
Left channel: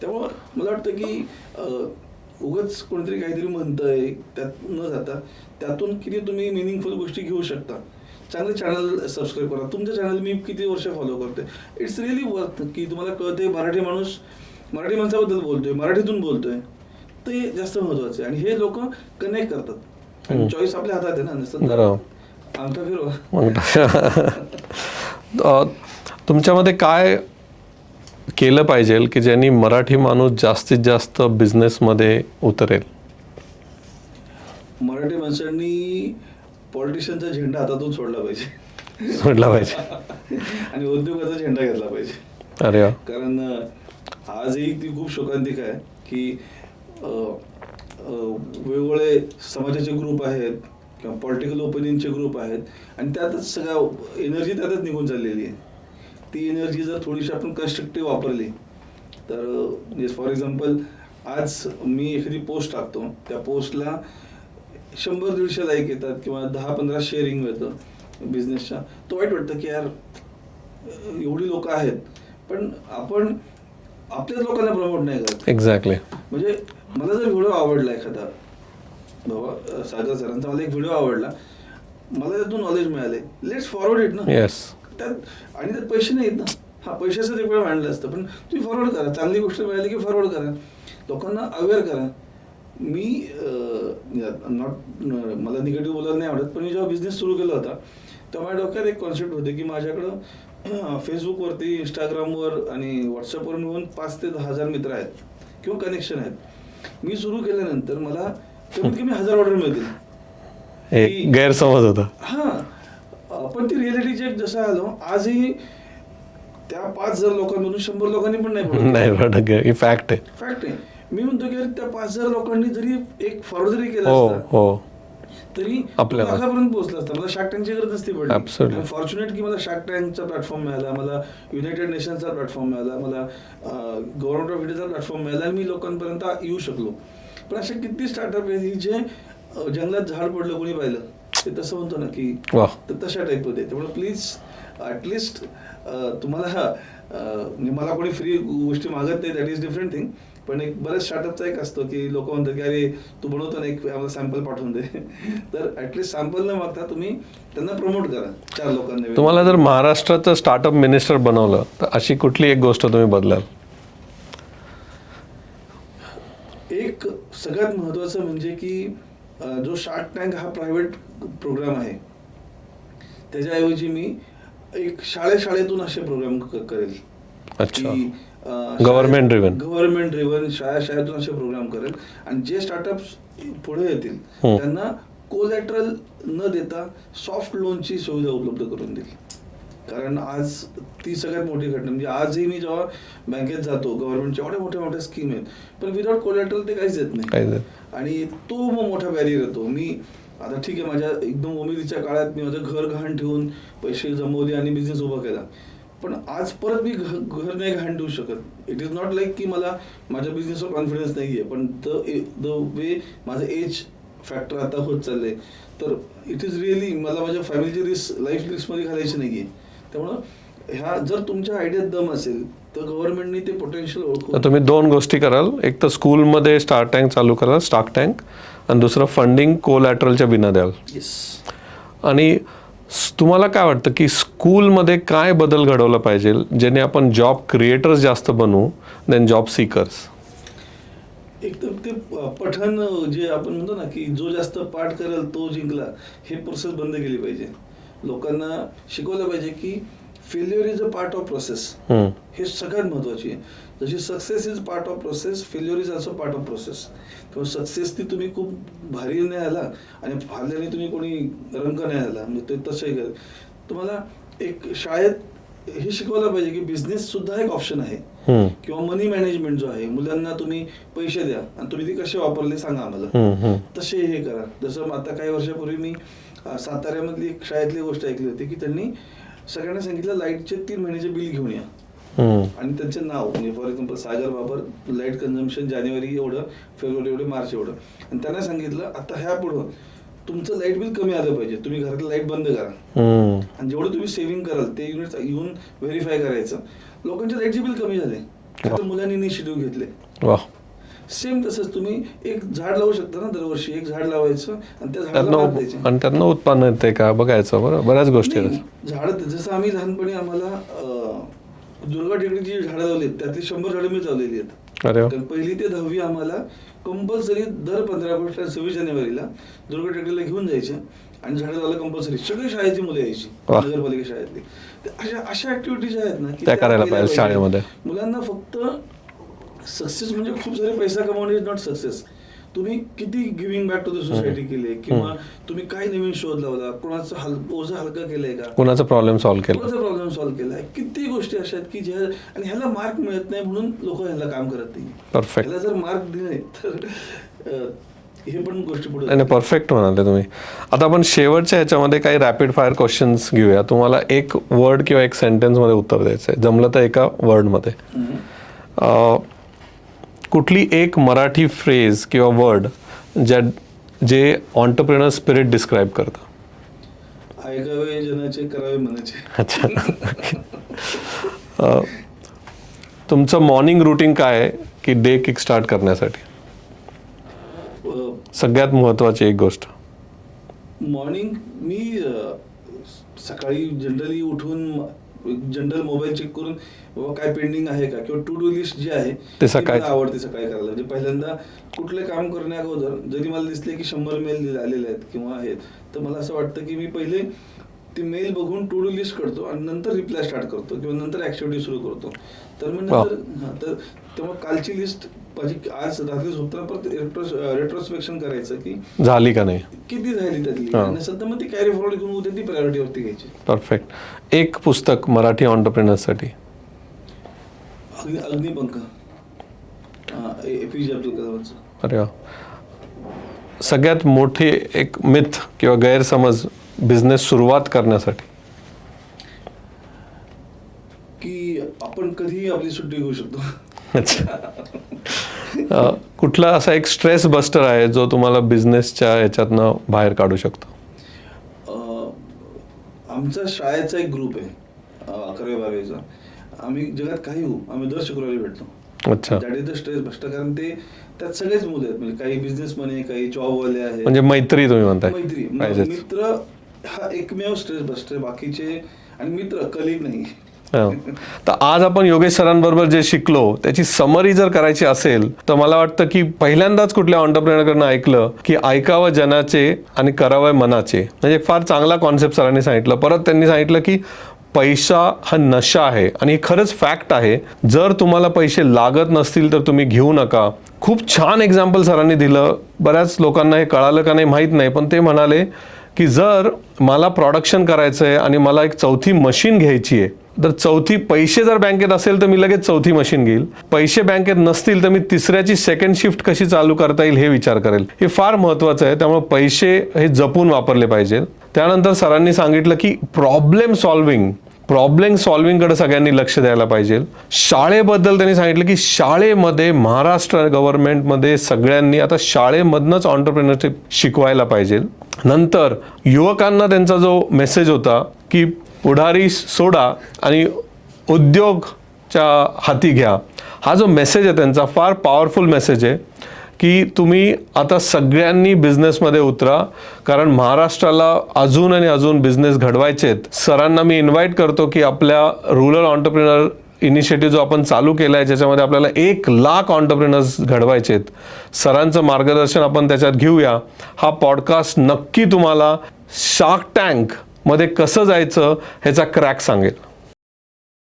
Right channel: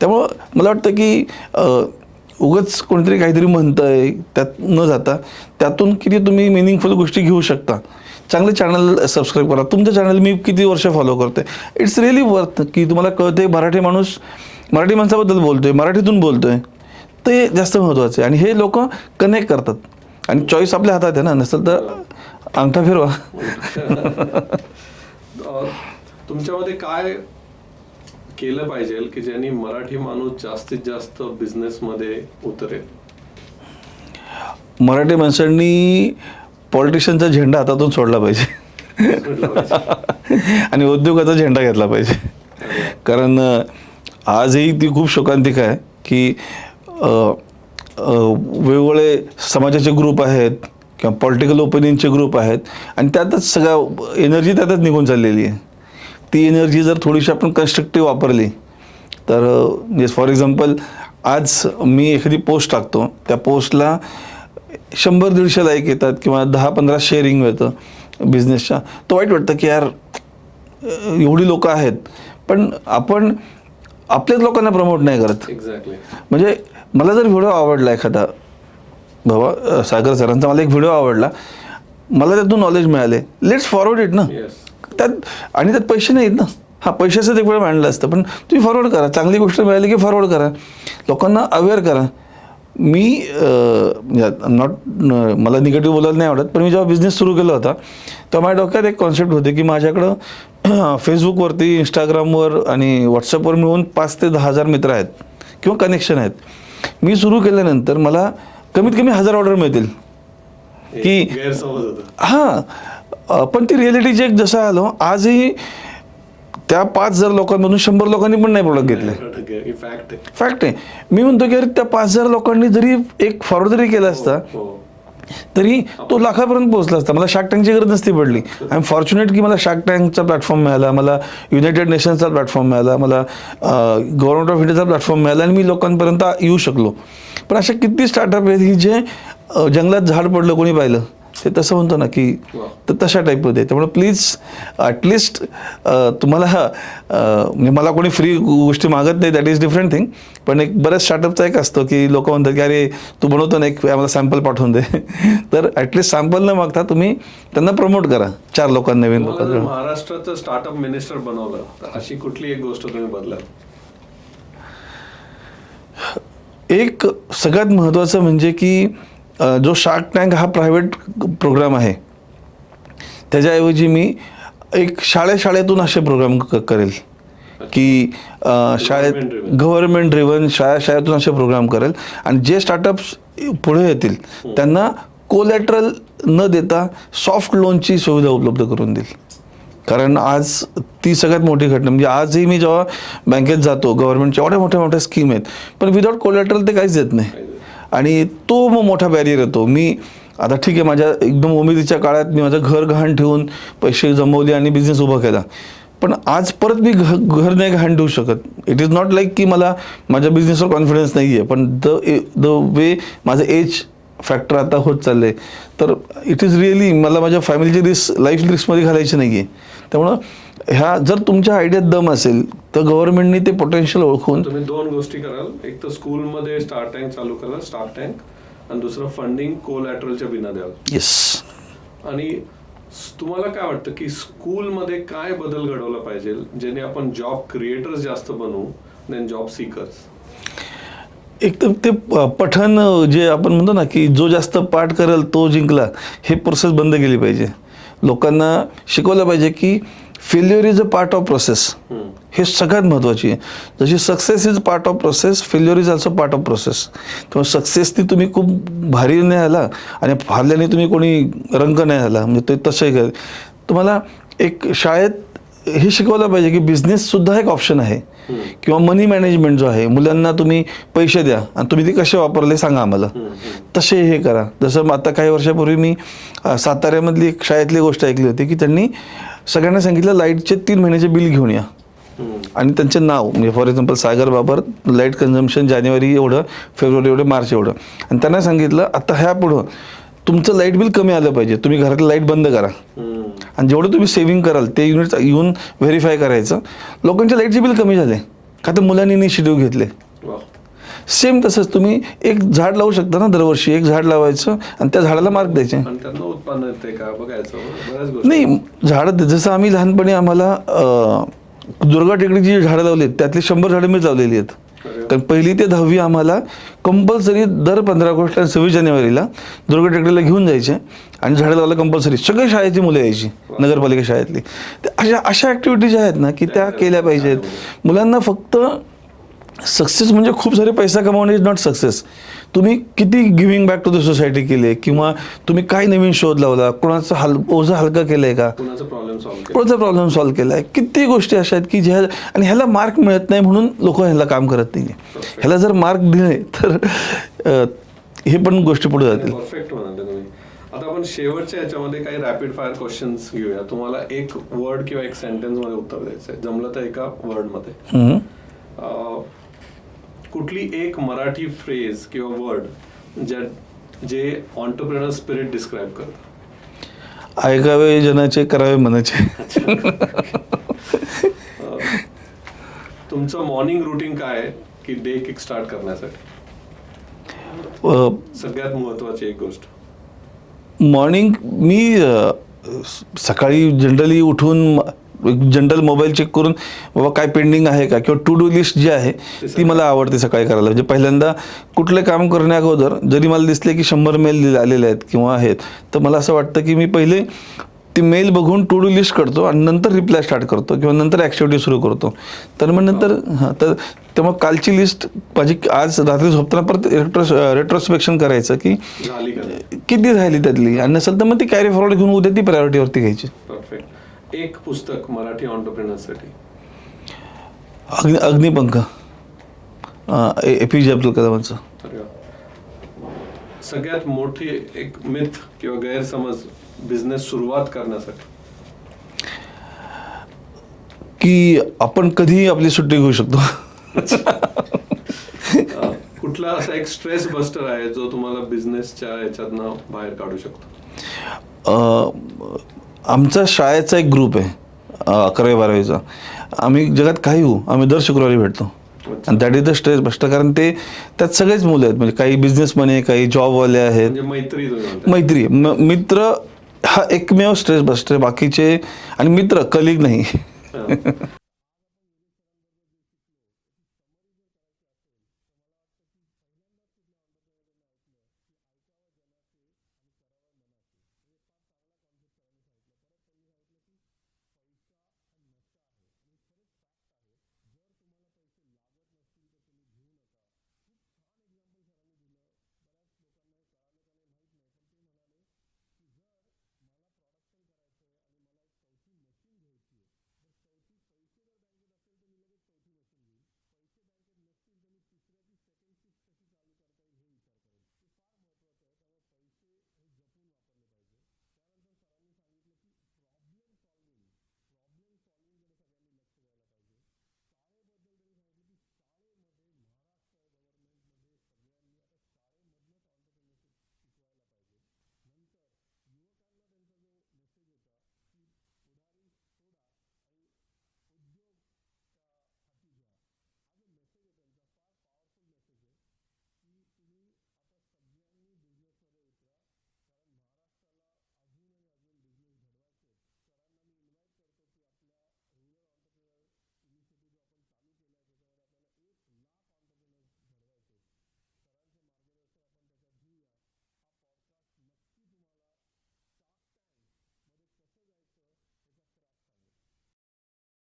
त्यामुळं मला वाटतं की उगाच कोणीतरी काहीतरी म्हणतं आहे त्यात न जाता त्यातून किती तुम्ही मिनिंगफुल गोष्टी घेऊ शकता. चांगले चॅनल सबस्क्राईब करा. तुमचं चॅनल मी किती वर्ष फॉलो करते, इट्स रिअली वर्थ की तुम्हाला कळते मराठी माणूस मराठी माणसाबद्दल बोलतोय, मराठीतून बोलतोय, ते जास्त महत्त्वाचं आहे. आणि हे लोक कनेक्ट करतात आणि चॉईस आपल्या हातात आहे ना, नसेल तर अंगठा फिरवा. तुमच्यामध्ये काय केलं पाहिजे की ज्यांनी मराठी माणूस जास्तीत जास्त बिझनेसमध्ये उतरेल? मराठी माणसांनी पॉलिटिशियनचा झेंडा हातातून सोडला पाहिजे. सोडला पाहिजे आणि उद्योगाचा झेंडा घेतला पाहिजे. अरे कारण आजही ती खूप शोकांतिक आहे की वेगवेगळे समाजाचे ग्रुप आहेत किंवा पॉलिटिकल ओपिनियनचे ग्रुप आहेत आणि त्यातच सगळं एनर्जी त्यातच निघून चाललेली आहे. ती एनर्जी जर थोडीशी आपण कन्स्ट्रक्टिव्ह वापरली तर म्हणजे फॉर एक्झाम्पल आज मी एखादी पोस्ट टाकतो, त्या पोस्टला 100-150 लाईक येतात किंवा 10-15 शेअरिंग मिळतं बिझनेसच्या, तर वाईट वाटतं की यार एवढी लोकं आहेत पण आपण आपल्याच लोकांना प्रमोट नाही करत. एक्झॅक्टली. म्हणजे मला जर व्हिडिओ आवडला एखादा, बाबा सागर सरांचा मला एक व्हिडिओ आवडला, मला त्यातून नॉलेज मिळाले, लेट्स फॉरवर्ड इट ना. येस. त्यात आणि त्यात पैसे नाहीत ना. हा पैशाचं एक वेळ मांडलं असतं, पण तुम्ही फॉरवर्ड करा. चांगली गोष्ट मिळाली की फॉरवर्ड करा, लोकांना अवेअर करा. मी नॉट मला निगेटिव्ह बोलायला नाही आवडत, पण मी जेव्हा बिझनेस सुरू केला होता तेव्हा माझ्या डोक्यात एक कॉन्सेप्ट होते की माझ्याकडं फेसबुकवरती, इंस्टाग्रामवर आणि व्हॉट्सअपवर मिळून 5 ते 10 हजार मित्र आहेत किंवा कनेक्शन आहेत. मी सुरू केल्यानंतर मला कमीत कमी 1000 ऑर्डर मिळतील. की गैरसमज होता. हां, पण ती रिॲलिटी चेक जसं आलो, आजही त्या 5,000 लोकांमधून 100 लोकांनी पण नाही प्रोडक्ट केलं. फॅक्ट आहे. फॅक्ट आहे. मी म्हणतो की अरे त्या 5,000 लोकांनी जरी एक फॉरवर्ड जरी केला असता तरी तो लाखापर्यंत पोहोचला असता. मला शार्क टँकची गरज नसती पडली. आय एम फॉर्च्युनेट की मला शार्क टँकचा प्लॅटफॉर्म मिळाला, मला युनायटेड नेशन्सचा प्लॅटफॉर्म मिळाला, मला गव्हर्नमेंट ऑफ इंडियाचा प्लॅटफॉर्म मिळाला आणि मी लोकांपर्यंत येऊ शकलो. पण अशा किती स्टार्टअप आहेत की जे जंगलात झाड पडलं कोणी पाहिलं, ते तसं म्हणतो ना की तर तशा टाईपमध्ये. त्यामुळे प्लीज ॲटलिस्ट तुम्हाला म्हणजे मला कोणी फ्री गोष्टी मागत नाही, दॅट इज डिफरंट थिंग. पण एक बऱ्याच स्टार्टअपचा एक असतो की लोक म्हणतात की अरे तू बनवतो ना, एक आम्हाला सॅम्पल पाठवून दे. तर ॲटलिस्ट सॅम्पल न मागता तुम्ही त्यांना प्रमोट करा 4 लोकांना. तुम्हाला जर महाराष्ट्राचं स्टार्टअप मिनिस्टर बनवलं तर अशी कुठली एक गोष्ट तुम्ही बदलाल? एक सगळ्यात महत्त्वाचं म्हणजे की जो शार्क टँक हा प्रायव्हेट प्रोग्राम आहे, त्याच्याऐवजी मी एक शाळेतून असे प्रोग्राम करेल की गव्हर्नमेंट ड्रिव्हन शाळेतून असे प्रोग्राम करेल आणि जे स्टार्टअप्स पुढे येतील त्यांना कोलॅटरल न देता सॉफ्ट लोनची सुविधा उपलब्ध करून देईल. कारण आज ती सगळ्यात मोठी घटना. म्हणजे आजही मी जेव्हा बँकेत जातो, गव्हर्नमेंटच्या एवढ्या मोठ्या स्कीम आहेत, पण विदाउट कोलॅटरल ते काहीच देत नाही आणि तो मग मोठा बॅरियर येतो. मी आता ठीक आहे, माझ्या एकदम उमेदीच्या काळात मी माझं घर गहाण ठेवून पैसे जमवले आणि बिझनेस उभा केला, पण आज परत मी घर नाही गहाण ठेवू शकत. इट इज नॉट लाईक की मला माझ्या बिझनेसवर कॉन्फिडन्स नाही आहे, पण द वे माझं एज फॅक्टर आता होत चाललं आहे, तर इट इज रिअली मला माझ्या फॅमिलीची लाईफ रिस्कमध्ये घालायची नाही आहे. त्यामुळं ह्या जर तुमच्या आयडियात दम असेल तर गव्हर्नमेंटनी ते पोटेन्शियल ओळखून तुम्ही दोन गोष्टी कराल, एक तर स्कूलमध्ये स्टार्क टँक चालू कराल, स्टार्क टँक, आणि दुसरं फंडिंग कोलॅटरलच्या बिना द्याल. येस. आणि तुम्हाला काय वाटतं की स्कूलमध्ये काय बदल घडवला पाहिजे ज्याने आपण जॉब क्रिएटर्स जास्त बनवू देन जॉब सीकर्स? एक तर ते पठण जे आपण म्हणतो ना की जो जास्त पाठ करेल तो जिंकला, हे प्रोसेस बंद केली पाहिजे. लोकांना शिकवलं पाहिजे की failure is a part of process. हे सगळ्यात महत्त्वाची आहे. जशी success is part of process, failure is also part of process. त्यामुळे सक्सेसनी तुम्ही खूप भारी नाही आला आणि हारल्याने तुम्ही कोणी रंग नाही आला, म्हणजे ते तसं आहे. तुम्हाला एक शाळेत हे शिकवलं पाहिजे की बिझनेससुद्धा एक ऑप्शन आहे, किंवा मनी मॅनेजमेंट जो आहे, मुलांना तुम्ही पैसे द्या आणि तुम्ही ते कसे वापरले सांगा आम्हाला, तसे हे करा. जसं आता काही वर्षापूर्वी मी साताऱ्यामधली एक शाळेतली गोष्ट ऐकली होती की त्यांनी सगळ्यांना सांगितलं लाईटचे 3 महिन्याचे बिल घेऊन या, आणि त्यांचे नाव म्हणजे for example Sagar Babar, light consumption जानेवारी एवढं, फेब्रुवारी एवढं, मार्च एवढं, आणि त्यांना सांगितलं आता ह्या पुढं तुमचं लाईट बिल कमी आलं पाहिजे, तुम्ही घरातलं लाईट बंद करा, आणि जेवढं तुम्ही सेव्हिंग कराल ते युनिट येऊन व्हेरीफाय करायचं. लोकांचे लाईटचे बिल कमी झाले का तर मुलांनी इनिशिएटिव्ह घेतले. वा. सेम तसंच तुम्ही एक झाड लावू शकता ना, दरवर्षी एक झाड लावायचं आणि त्या झाडाला मार्क द्यायचे, आणि त्यांना उत्पन्न येते का बघायचं. बऱ्याच गोष्टी नाही झाडं, जसं आम्ही लहानपणी आम्हाला दुर्गा टेकडीची जी झाडं लावली त्यातली 100 झाडं मी लावलेली आहेत. कारण 1ली ते 10वी आम्हाला कंपल्सरी दर 15 ऑगस्ट आणि 26 जानेवारीला दुर्गा टेकडीला घेऊन जायचे आणि झाडं लावायला कंपल्सरी. सगळी शाळेची मुलं यायची, नगरपालिका शाळेतली. अशा ऍक्टिव्हिटीज आहेत ना की त्या केल्या पाहिजेत. मुलांना फक्त सक्सेस म्हणजे खूप सारे पैसा कमावणे इज नॉट सक्सेस. तुम्ही किती giving back to the society केले, किंवा तुम्ही काय नवीन शोध लावला, कोणाचा ओझं हलका केलंय का, कोणाचा प्रॉब्लेम सॉल्व्ह केलाय. किती गोष्टी अशा आहेत की ज्या, आणि ह्याला मार्क मिळत नाही म्हणून लोक ह्याला काम करत नाही. ह्याला जर मार्क दिले तर हे पण गोष्टी पुढे परफेक्ट होणार तुम्ही. आता आपण शेवटच्या ह्याच्यामध्ये काही रॅपिड फायर क्वेश्चन्स घेऊया. तुम्हाला एक वर्ड किंवा एक सेंटेन्स मध्ये उत्तर द्यायचंय, जमलं तर एका वर्ड मध्ये. कुठली एक मराठी फ्रेज किंवा वर्ड जे ऑन्टरप्रेनर स्पिरिट डिस्क्राईब करतं? ऐकावे जनाचे, करावे मनाचे. तुमचं मॉर्निंग रुटीन काय आहे की डे किक स्टार्ट करण्यासाठी? सगळ्यात महत्वाची एक गोष्ट. मॉर्निंग मी सकाळी जनरली उठून जनरल मोबाईल चेक करून बाबा काय पेंडिंग आहे का, किंवा टू डू लिस्ट जी आहे ती मला आवडते सकाळी करायला. म्हणजे पहिल्यांदा कुठले काम करण्या अगोदर जरी मला दिसले की 100 मेल आलेले आहेत किंवा आहेत, तर मला असं वाटतं की मी पहिले ती मेल बघून टू डू लिस्ट करतो आणि नंतर रिप्लाय स्टार्ट करतो किंवा नंतर ॲक्टिव्हिटी सुरू करतो. तर मग नंतर तर मग कालची लिस्ट माझी आज रात्री झोपताना परत रेट्रोस्पेक्शन करायचं की झाली का नाही, किती राहिली त्यातली, आणि नसेल तर मग ती कॅरी फॉरवर्ड घेऊन उद्या ती प्रायोरिटीवरती घ्यायची. परफेक्ट. एक पुस्तक मराठी ऑन्टरप्रेनर्ससाठी? अग्निपंख, APJ अब्दुल कलामांचं. अरे वा. सगळ्यात मोठी एक मिथ किंवा गैरसमज बिझनेस सुरुवात करण्यासाठी? की आपण कधीही आपली सुट्टी घेऊ शकतो. कुठला असा एक स्ट्रेस बस्टर आहे जो तुम्हाला बिझनेसच्या ह्याच्यातनं बाहेर काढू शकतो? आमचा शाळेचा एक ग्रुप आहे 11वी-12वीचा. आम्ही जगात काही होऊ, आम्ही दर शुक्रवारी भेटतो. That is the stress buster. कारण ते त्यात सगळेच मुलं आहेत, म्हणजे काही बिझनेसमॅन आहे, काही जॉबवाले आहेत. म्हणजे मैत्री तुम्ही म्हणता? मैत्री, मित्र हा एकमेव स्ट्रेस बस्टर. बाकीचे आणि मित्र, कलिग नाही. तर आज आपण योगेश सरांबरोबर जे शिकलो त्याची समरी जर करायची असेल तर मला वाटतं की पहिल्यांदाच कुठल्या ऑन्टरप्रेनरकडनं ऐकलं की ऐकावं जनाचे आणि करावं मनाचे. म्हणजे फार चांगला कॉन्सेप्ट सरांनी सांगितलं. परत त्यांनी सांगितलं की पैसा हा नशा आहे, आणि हे खरंच फॅक्ट आहे. जर तुम्हाला पैसे लागत नसतील तर तुम्ही घेऊ नका. खूप छान एक्झाम्पल सरांनी दिलं. बऱ्याच लोकांना हे कळालं का नाही माहीत नाही, पण ते म्हणाले की जर मला प्रोडक्शन करायचं आहे आणि मला एक 4थी मशीन घ्यायची आहे, तर 4थी पैसे जर बँकेत असेल तर मी लगेच 4थी मशीन घेईल. पैसे बँकेत नसतील तर मी 3ऱ्याची सेकंड शिफ्ट कशी चालू करता येईल हे विचार करेल. हे फार महत्त्वाचं आहे. त्यामुळे पैसे हे जपून वापरले पाहिजे. त्यानंतर सरांनी सांगितलं की प्रॉब्लेम सॉल्विंगकडे सगळ्यांनी लक्ष द्यायला पाहिजे. शाळेबद्दल त्यांनी सांगितलं की शाळेमध्ये महाराष्ट्र गव्हर्नमेंटमध्ये सगळ्यांनी आता शाळेमधनंच ऑन्टरप्रेनरशिप शिकवायला पाहिजे. नंतर युवकांना त्यांचा जो मेसेज होता की पुढारी सोडा आणि उद्योगच्या हाती घ्या. हा जो मेसेज आहे त्यांचा फार पॉवरफुल मेसेज आहे की तुम्ही आता सगळ्यांनी बिझनेसमध्ये उतरा, कारण महाराष्ट्राला अजून आणि अजून बिझनेस घडवायचे आहेत. सरांना मी इन्व्हाइट करतो की आपल्या रुरल ऑन्टरप्रिनर इनिशिएटिव्ह जो आपण चालू केला आहे, ज्याच्यामध्ये आपल्याला 1,00,000 ऑन्टरप्रिनर्स घडवायचे आहेत, सरांचं मार्गदर्शन आपण त्याच्यात घेऊया. हा पॉडकास्ट नक्की तुम्हाला शार्क टँकमध्ये कसं जायचं ह्याचा क्रॅक सांगेल.